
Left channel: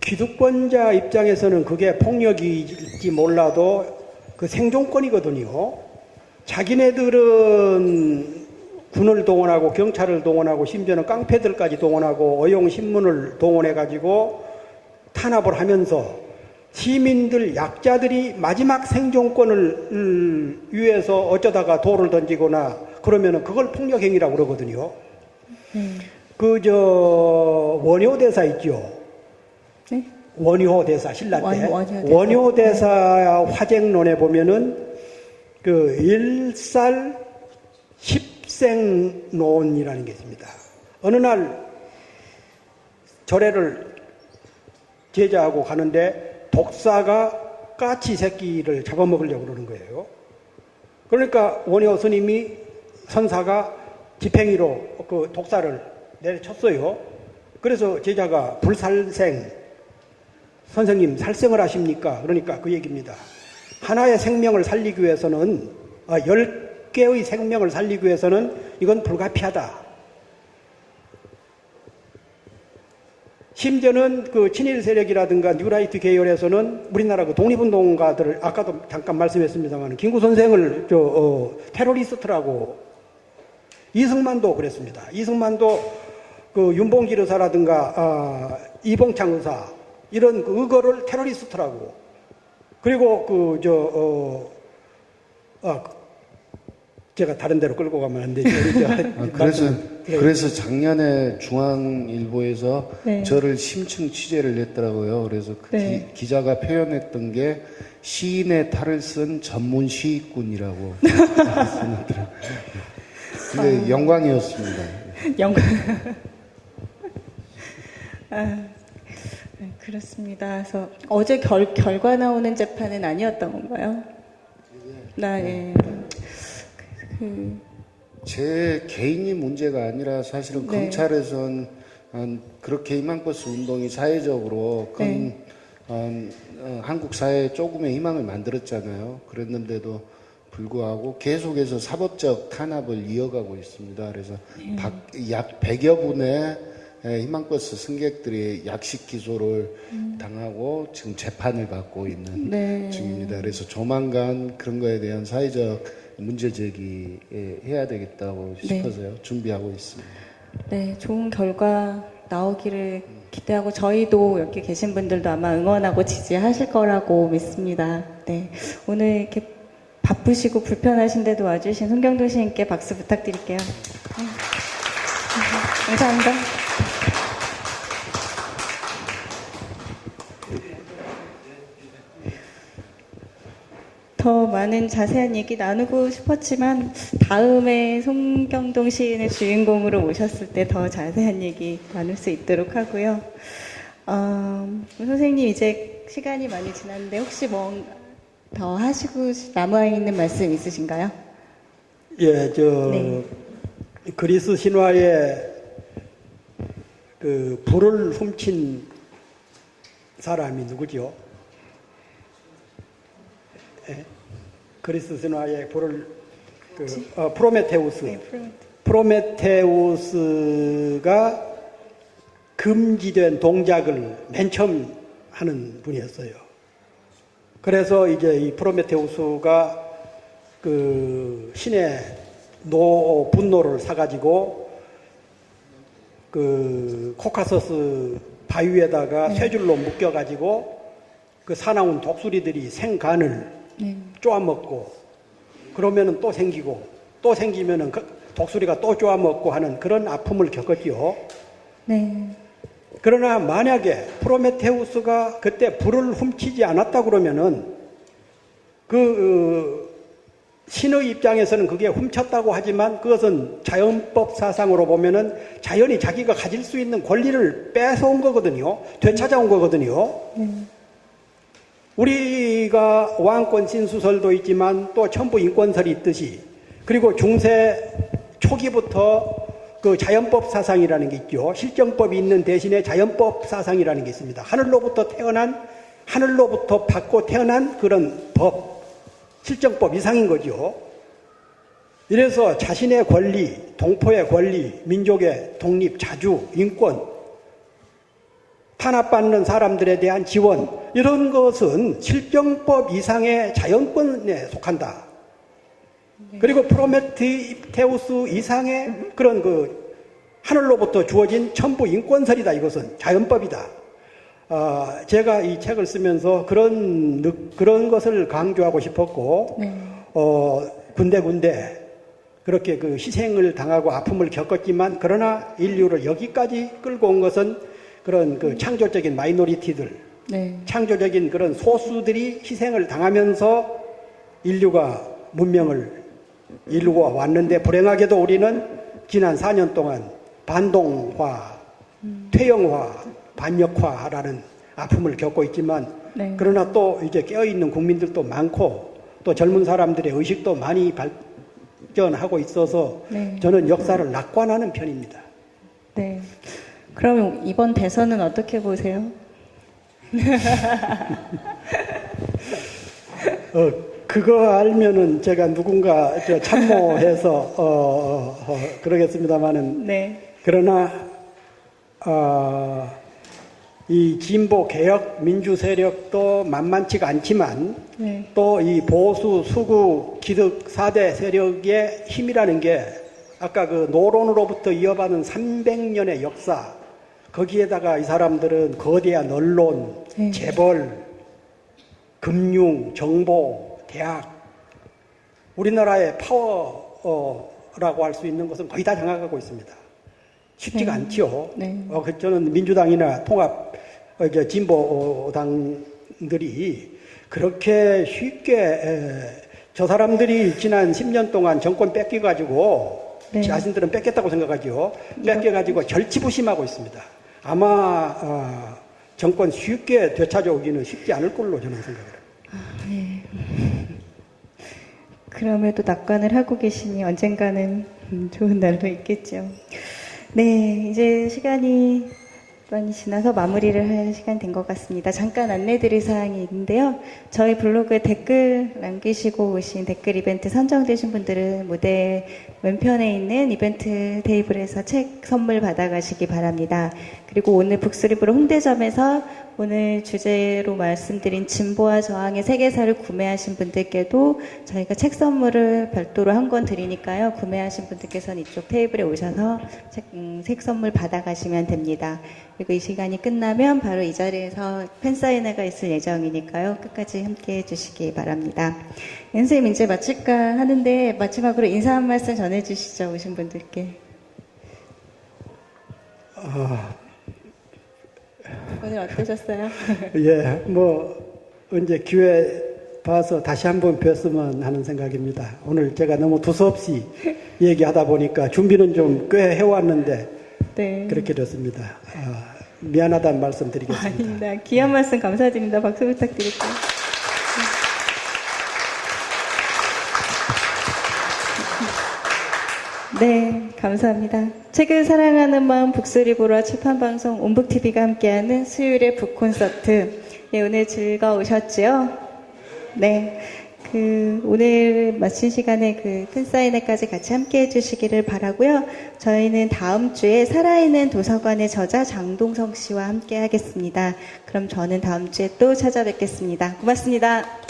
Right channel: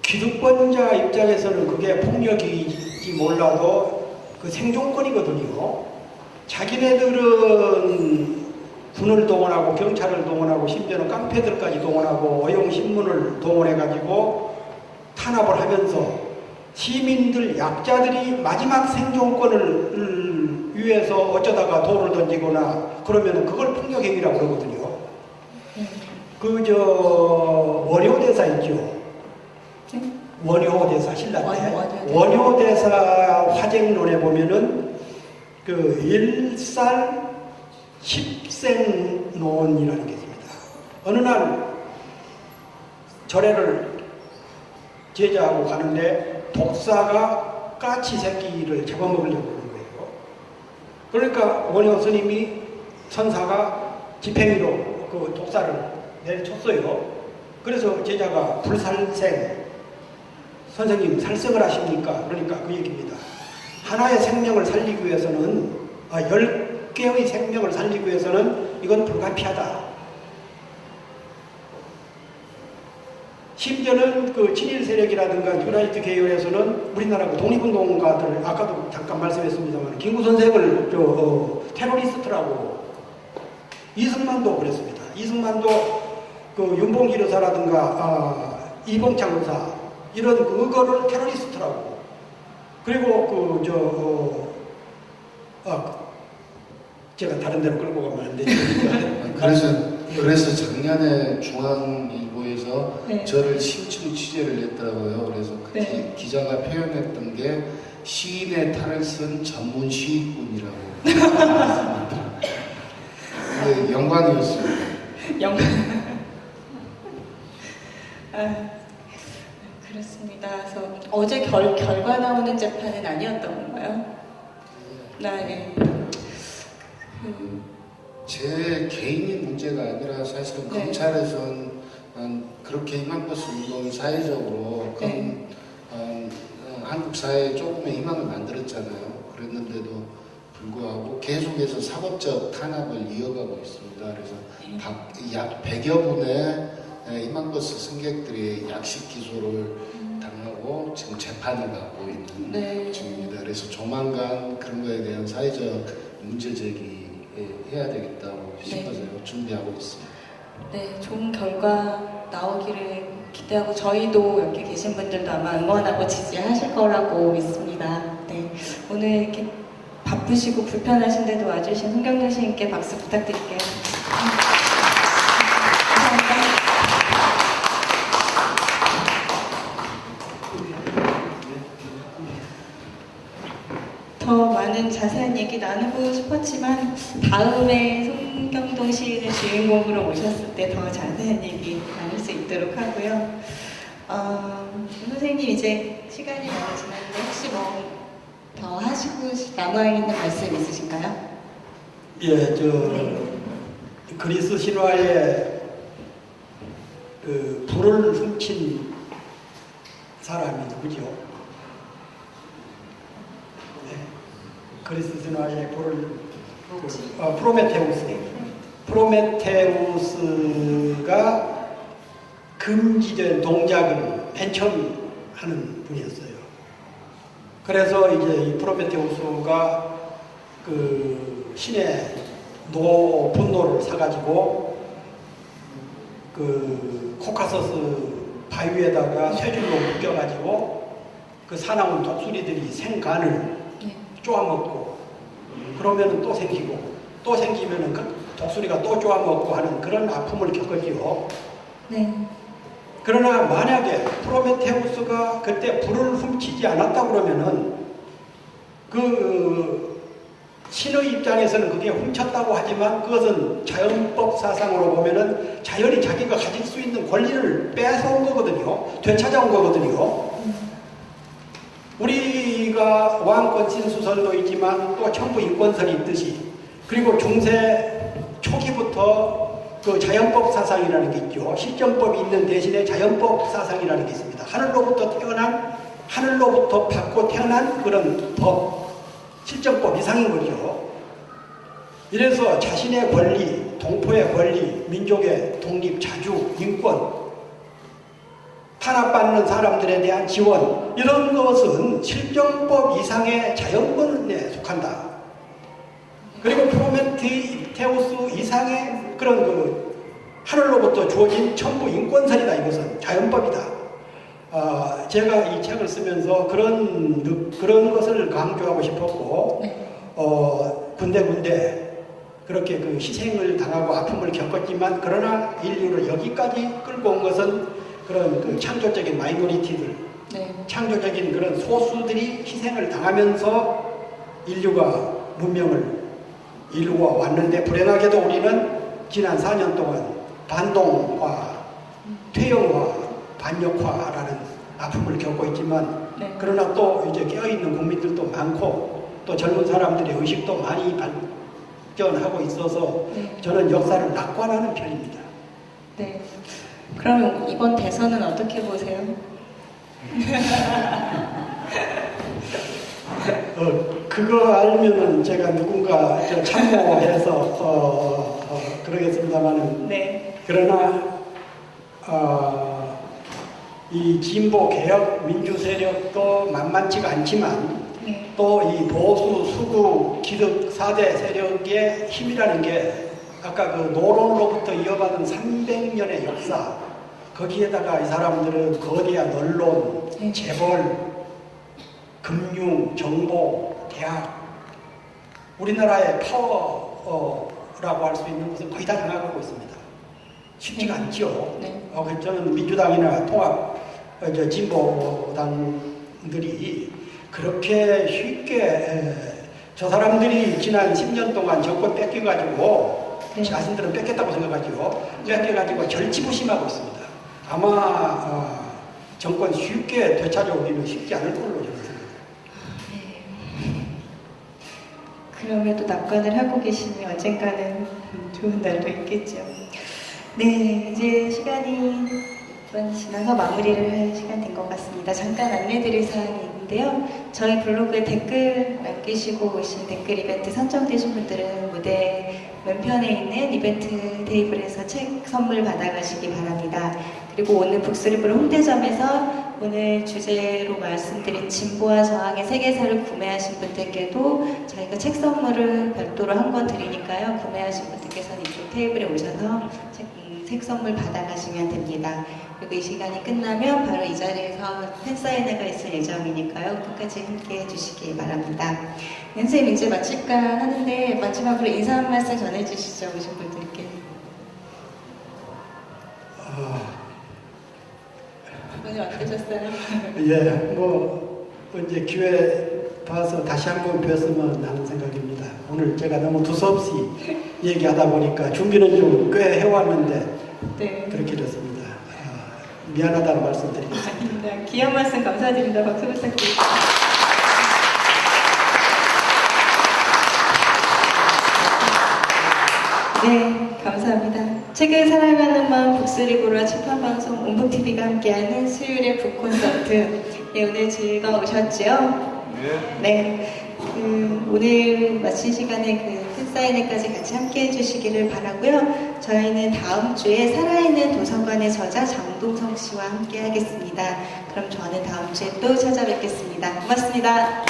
기득권자 입장에서는 그게 폭력이지 몰라도 생존권이거든요. 자기네들은 군을 동원하고 경찰을 동원하고 심지어는 깡패들까지 동원하고 어용신문을 동원해가지고 탄압을 하면서 시민들, 약자들이 마지막 생존권을 위해서 어쩌다가 돌을 던지거나 그러면은 그걸 폭력행위라고 그러거든요. 원효대사 있죠? 네? 원효대사, 신라 때. 원효대사. 원효대사 화쟁론에 보면은 일살 10생론이라는 게 있습니다. 어느 날 절에를 제자하고 가는데 독사가 까치 새끼를 잡아먹으려고 그러는 거예요. 그러니까 원효 스님이 선사가 지팽이로 그 독사를 내려쳤어요. 그래서 제자가 불살생, 선생님 살생을 하십니까? 그러니까 그 얘기입니다. 하나의 생명을 살리기 위해서는 10개의 생명을 살리기 위해서는 이건 불가피하다. 심지어는 친일 세력이라든가 뉴라이트 계열에서는 우리나라 독립운동가들, 아까도 잠깐 말씀했습니다만 김구 선생을 테러리스트라고, 이승만도 그랬습니다. 이승만도 윤봉길 의사라든가 이봉창 의사 이런 의거를 테러리스트라고. 그리고 제가 다른 데로 끌고 가면 안 되죠. 그래서 작년에 중앙일보에서 네. 저를 심층 취재를 했더라고요. 그래서 네. 기자가 표현했던 게 시인의 탈을 쓴 전문 시인꾼이라고 했습니다. 네, 영광이었습니다. 영광. 그렇습니다. 그래서 어제 결과 나오는 재판은 아니었던 건가요? 예. 제 개인이 문제가 아니라 사실은 네. 검찰에선 그렇게 희망버스 운동이 사회적으로 큰 네. 한국 사회에 조금의 희망을 만들었잖아요. 그랬는데도 불구하고 계속해서 사법적 탄압을 이어가고 있습니다. 그래서 약 100여 분의 희망버스 승객들이 약식 기소를 당하고 지금 재판을 받고 있는 네. 중입니다. 그래서 조만간 그런 거에 대한 사회적 문제 제기해야 되겠다고 네. 싶어서요. 준비하고 있습니다. 네, 좋은 결과 나오기를 기대하고 저희도 여기 계신 분들도 아마 응원하고 지지하실 거라고 믿습니다. 네, 오늘 이렇게 바쁘시고 불편하신데도 와주신 송경동 시인께 박수 부탁드릴게요. 감사합니다. 더 많은 자세한 얘기 나누고 싶었지만 다음에 송경동 시인을 주인공으로 모셨을 때 더 자세한 얘기 나눌 수 있도록 하고요. 선생님 이제 시간이 많이 지났는데 혹시 뭐 더 하시고 남아있는 말씀 있으신가요? 예, 네. 그리스 신화에 그 불을 훔친 사람이 누구죠? 예, 그리스 신화에 불을 프로메테우스. 프로메테우스가 금지된 동작을 맨 처음 하는 분이었어요. 그래서 이제 이 프로메테우스가 그 신의 분노를 사가지고 그 코카서스 바위에다가 쇠줄로 묶여가지고 그 사나운 독수리들이 생간을 네. 쪼아먹고 그러면은 또 생기고 또 생기면은 그 독수리가 또 쪼아먹고 하는 그런 아픔을 겪었지요. 네. 그러나 만약에 프로메테우스가 그때 불을 훔치지 않았다 그러면은 그 신의 입장에서는 그게 훔쳤다고 하지만 그것은 자연법 사상으로 보면은 자연이 자기가 가질 수 있는 권리를 뺏어온 거거든요. 되찾아온 거거든요. 우리가 왕권 신수설도 있지만 또 천부 인권설이 있듯이 그리고 중세 초기부터 그 자연법 사상이라는 게 있죠. 실정법이 있는 대신에 자연법 사상이라는 게 있습니다. 하늘로부터 받고 태어난 그런 법, 실정법 이상인 거죠. 이래서 자신의 권리, 동포의 권리, 민족의 독립, 자주, 인권, 탄압받는 사람들에 대한 지원, 이런 것은 실정법 이상의 자연권에 속한다. 그리고 프로메테우스 이상의 그런 그 하늘로부터 주어진 천부 인권설이다. 이것은 자연법이다. 제가 이 책을 쓰면서 그런 것을 강조하고 싶었고, 네. 군데군데 그렇게 그 희생을 당하고 아픔을 겪었지만, 그러나 인류를 여기까지 끌고 온 것은 그런 그 창조적인 마이너리티들, 네. 창조적인 그런 소수들이 희생을 당하면서 인류가 문명을 이루어 왔는데, 불행하게도 우리는 지난 4년 동안 반동화, 퇴영화, 반역화라는 아픔을 겪고 있지만, 네. 그러나 또 이제 깨어있는 국민들도 많고 또 젊은 사람들의 의식도 많이 발전하고 있어서 네. 저는 역사를 낙관하는 편입니다. 네. 그럼 이번 대선은 어떻게 보세요? 그거 알면은 제가 누군가 참모해서 그러겠습니다만은, 네. 그러나 이 진보 개혁 민주 세력도 만만치가 않지만 네. 또 이 보수 수구 기득 4대 세력의 힘이라는 게 아까 그 노론으로부터 이어받은 300년의 역사, 거기에다가 이 사람들은 거대한 언론, 네. 재벌, 금융, 정보, 대학, 우리나라의 파워라고 할 수 있는 것은 거의 다 장악하고 있습니다. 쉽지가 네. 않죠. 네. 저는 민주당이나 통합 진보당들이 그렇게 쉽게 저 사람들이 지난 10년 동안 정권 뺏겨가지고, 네. 자신들은 뺏겼다고 생각하죠. 뺏겨가지고 절치부심하고 있습니다. 아마 정권 쉽게 되찾아오기는 쉽지 않을 걸로 저는 생각해요. 네. 그럼에도 낙관을 하고 계시니 언젠가는 좋은 날도 있겠죠. 네, 이제 시간이 번 지나서 마무리를 할 시간 된 것 같습니다. 잠깐 안내드릴 사항이 있는데요. 저희 블로그에 댓글 남기시고 오신 댓글 이벤트 선정되신 분들은 무대 왼편에 있는 이벤트 테이블에서 책 선물 받아가시기 바랍니다. 그리고 오늘 북스리브로 홍대점에서 오늘 주제로 말씀드린 진보와 저항의 세계사를 구매하신 분들께도 저희가 책 선물을 별도로 한 권 드리니까요. 구매하신 분들께서는 이쪽 테이블에 오셔서 책 선물 받아가시면 됩니다. 그리고 이 시간이 끝나면 바로 이 자리에서 팬사인회가 있을 예정이니까요. 끝까지 함께 해주시기 바랍니다. 선생님 이제 마칠까 하는데 마지막으로 인사 한 말씀 전해주시죠. 오신 분들께. 오늘 어떠셨어요? 예, 뭐 언제 기회 봐서 다시 한번 뵀으면 하는 생각입니다. 오늘 제가 너무 두서없이 얘기하다 보니까 준비는 좀 꽤 해왔는데 네. 그렇게 됐습니다. 미안하다는 말씀 드리겠습니다. 아닙니다. 귀한 말씀 감사드립니다. 박수 부탁드립니다. 네, 감사합니다. 책을 사랑하는 마음 북스리브로와 출판방송 온북TV가 함께하는 수요일의 북콘서트. 네, 오늘 즐거우셨죠? 네. 오늘 마친 시간에 팬사인회까지 같이 함께 해주시기를 바라고요. 저희는 다음 주에 살아있는 도서관의 저자 장동성 씨와 함께 하겠습니다. 그럼 저는 다음 주에 또 찾아뵙겠습니다. 고맙습니다.